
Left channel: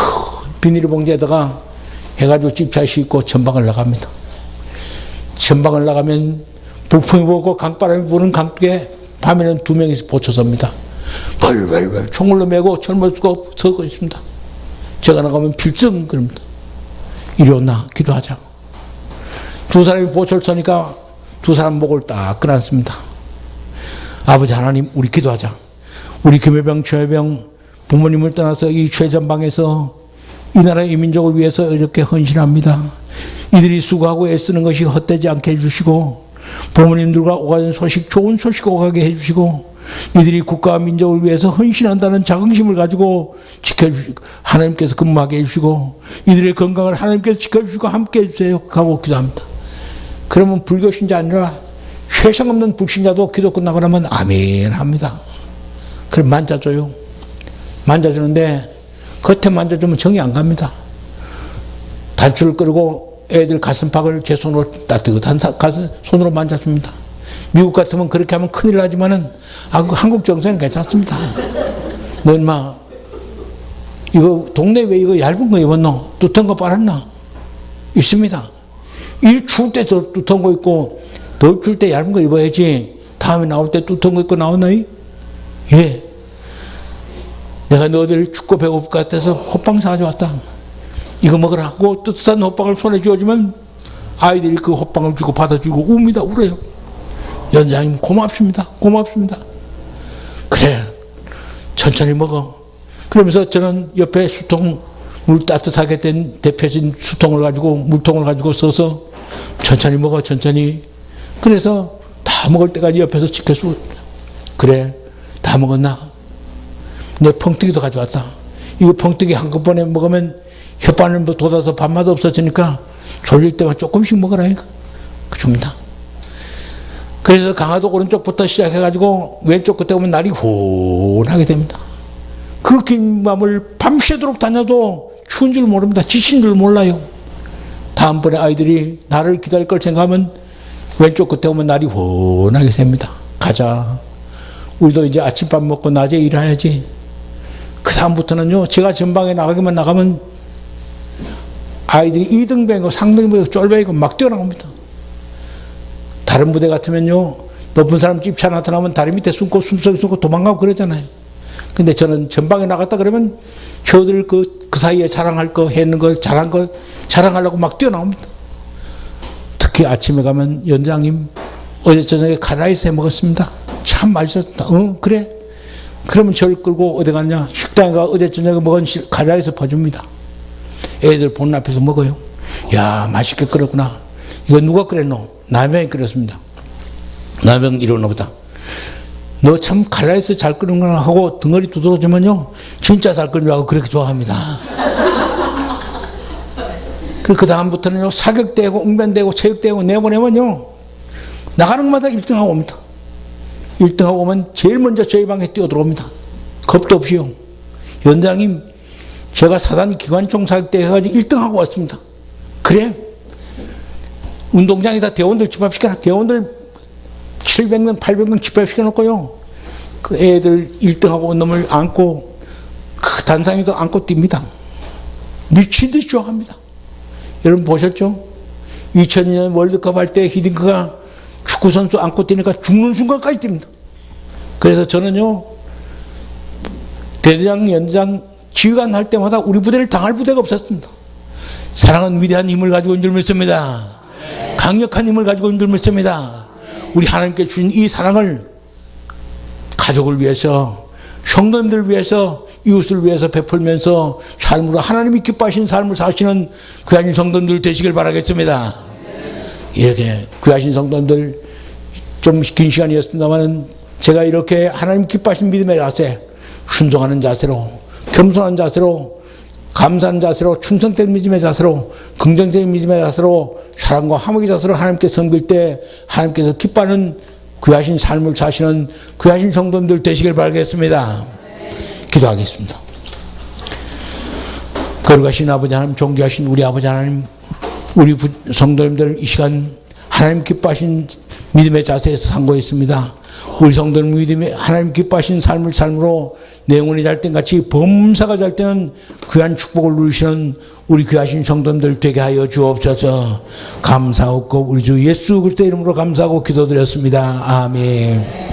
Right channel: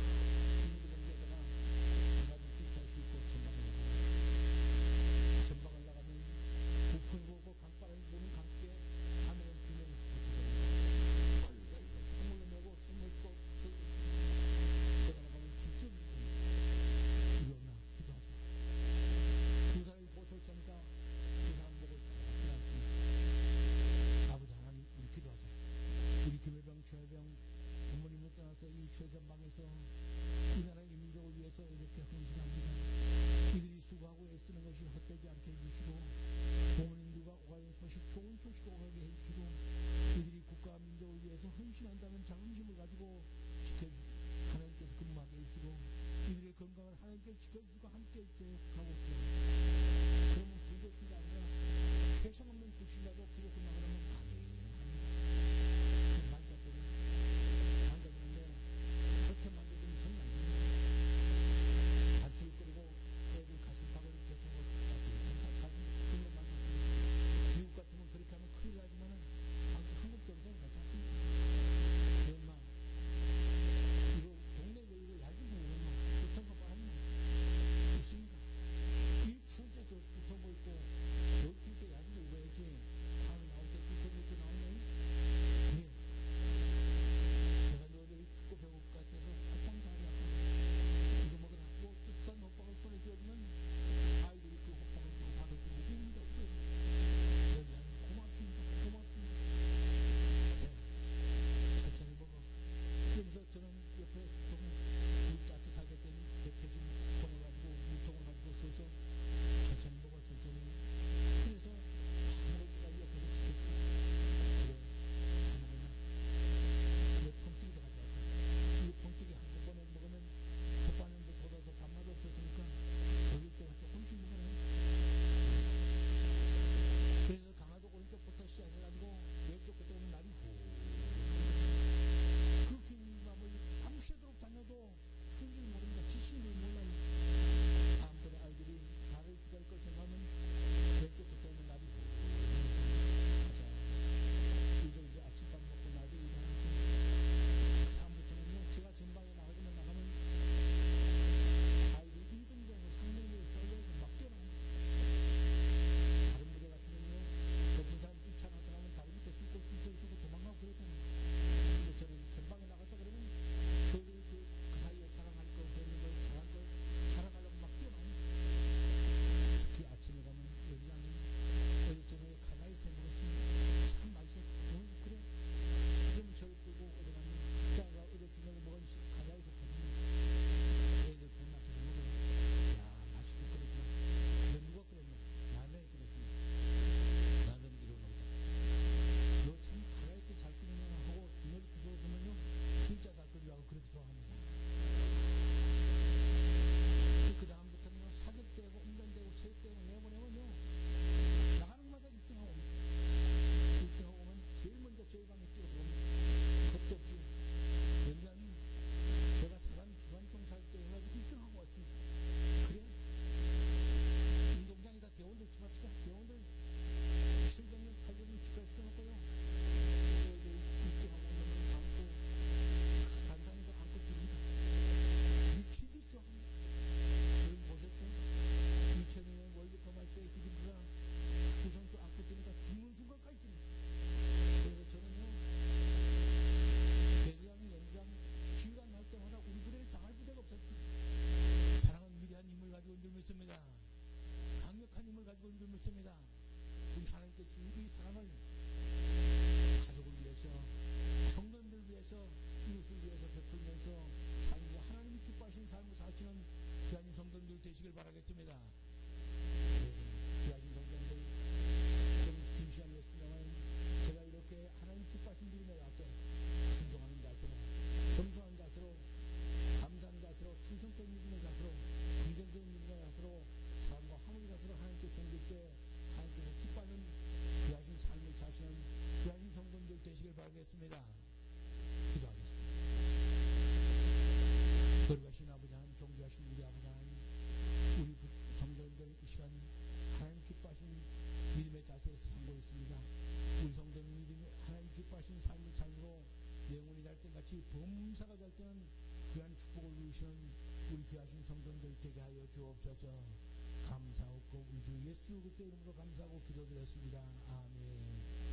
비닐봉지에다가 해가지고 집차에 싣고 전방을 나갑니다. 전방을 나가면 북풍이 불고 강바람이 부는 강둑에 밤에는 2명이서 보초섭니다. 벌벌벌 총을로 메고 젊을 수가 서고 있습니다. 제가 나가면 필승 그럽니다. 이리 온나 기도하자. 두 사람이 보초를 서니까 두 사람 목을 딱 끊었습니다. 아버지 하나님 우리 기도하자. 우리 김해병 최해병 부모님을 떠나서 이 최전방에서 이 나라 이 민족을 위해서 이렇게 헌신합니다. 이들이 수고하고 애쓰는 것이 헛되지 않게 해주시고 부모님들과 오가는 소식 좋은 소식 오가게 해주시고 이들이 국가와 민족을 위해서 헌신한다는 자긍심을 가지고 지켜주시고 하나님께서 근무하게 해주시고 이들의 건강을 하나님께서 지켜주시고 함께 해주세요 하고 기도합니다. 그러면 불교 신자 아니라 회상 없는 불신자도 기도 끝나고 나면 아멘 합니다. 그럼 만져줘요. 만져주는데 겉에 만져주면 정이 안 갑니다. 단추를 끌고 애들 가슴팍을 제 손으로 따뜻한 손으로 만져줍니다. 미국 같으면 그렇게 하면 큰일 나지만은 한국 정서는 괜찮습니다. 너 인마 이거 동네 왜 이거 얇은 거 입었노? 두터운 거 빨았나? 있습니다. 이 추울 때 두터운 거 입고 덜 추울 때 얇은 거 입어야지 다음에 나올 때 두터운 거 입고 나오나요? 예. 내가 너희들 춥고 배고플 것 같아서 호빵 사가져왔다. 이거 먹으라 하고 뜨뜻한 호빵을 손에 쥐어주면 아이들이 그 호빵을 주고 받아주고 웁니다. 울어요. 연장님 고맙습니다. 고맙습니다. 그래 천천히 먹어. 그러면서 저는 옆에 수통 물 따뜻하게 된 데펴진 수통을 가지고 물통을 가지고 써서 천천히 먹어 천천히. 그래서 다 먹을 때까지 옆에서 지켜주고 그래 다 먹었나? 내 펑뜨기도 가져왔다. 이거 펑뜨기 한꺼번에 먹으면 혓바늘 돋아서 밥맛 없어지니까 졸릴 때만 조금씩 먹어라. 이거 줍니다. 그래서 강화도 오른쪽부터 시작해가지고 왼쪽 끝에 오면 날이 훈하게 됩니다. 그 긴 밤을 밤새도록 다녀도 추운 줄 모릅니다. 지친 줄 몰라요. 다음번에 아이들이 나를 기다릴 걸 생각하면 왼쪽 끝에 오면 날이 훈하게 됩니다. 가자. 우리도 이제 아침밥 먹고 낮에 일해야지. 그 다음부터는요, 제가 전방에 나가면 아이들이 2등병이고 상등병이고 쫄병이고 막 뛰어나옵니다. 다른 부대 같으면요, 높은 사람 집차 나타나면 다리 밑에 숨고 숨속에 숨고 도망가고 그러잖아요. 근데 저는 전방에 나갔다 그러면 저들 그 사이에 자랑할 거 했는 걸 잘한 걸 자랑하려고 막 뛰어나옵니다. 특히 아침에 가면 연장님 어제 저녁에 카라이스 해 먹었습니다. 참 맛있었다. 그래? 그러면 저를 끌고 어디 갔냐? 식당에 가 어제 저녁에 먹은 카라이스 퍼줍니다. 애들 보는 앞에서 먹어요. 야 맛있게 끓였구나. 이거 누가 끓였노? 남편이 끓였습니다. 남편 이러나 보다. 너 참 카라이스 잘 끓는구나 하고 등어리 두드러주면요 진짜 잘 끓는 줄 알고 그렇게 좋아합니다. 그 다음부터는요 사격대고 웅변대고 체육대고 내보내면요 나가는 것마다 1등하고 옵니다. 1등하고 오면 제일 먼저 저희 방에 뛰어들어옵니다. 겁도 없이요. 연장님, 제가 사단 기관총 살 때 해가지고 1등하고 왔습니다. 그래? 운동장에다 대원들 집합시켜라. 대원들 700명, 800명 집합시켜놓고요. 그 애들 1등하고 온 놈을 안고 그 단상에서 안고 뜁니다. 미친 듯이 좋아합니다. 여러분 보셨죠? 2002년 월드컵 할 때 히딩크가 축구선수 안고 뛰니까 죽는 순간까지 뜁니다. 그래서 저는요, 대대장, 연장, 지휘관 할 때마다 우리 부대를 당할 부대가 없었습니다. 사랑은 위대한 힘을 가지고 있는 줄 믿습니다. 강력한 힘을 가지고 있는 줄 믿습니다. 우리 하나님께 주신 이 사랑을 가족을 위해서, 성도님들을 위해서, 이웃을 위해서 베풀면서 삶으로 하나님이 기뻐하신 삶을 사시는 귀하신 성도님들 되시길 바라겠습니다. 이렇게 귀하신 성도님들, 좀 긴 시간이었습니다만 제가 이렇게 하나님 기뻐하신 믿음의 자세, 순종하는 자세로, 겸손한 자세로, 감사한 자세로, 충성된 믿음의 자세로, 긍정적인 믿음의 자세로, 사랑과 화목의 자세로 하나님께 섬길 때 하나님께서 기뻐하는 귀하신 삶을 사시는 귀하신 성도님들 되시길 바라겠습니다. 기도하겠습니다. 거룩하신 아버지 하나님, 존귀하신 우리 아버지 하나님, 우리 성도님들 이 시간 하나님 기뻐하신 믿음의 자세에서 상고했습니다. 우리 성도님 믿음의 하나님 기뻐하신 삶을 삶으로 내 영혼이 잘 땐 같이 범사가 잘 때는 귀한 축복을 누리시는 우리 귀하신 성도님들 되게 하여 주옵소서. 감사하고 우리 주 예수 그리스도 이름으로 감사하고 기도드렸습니다. 아멘.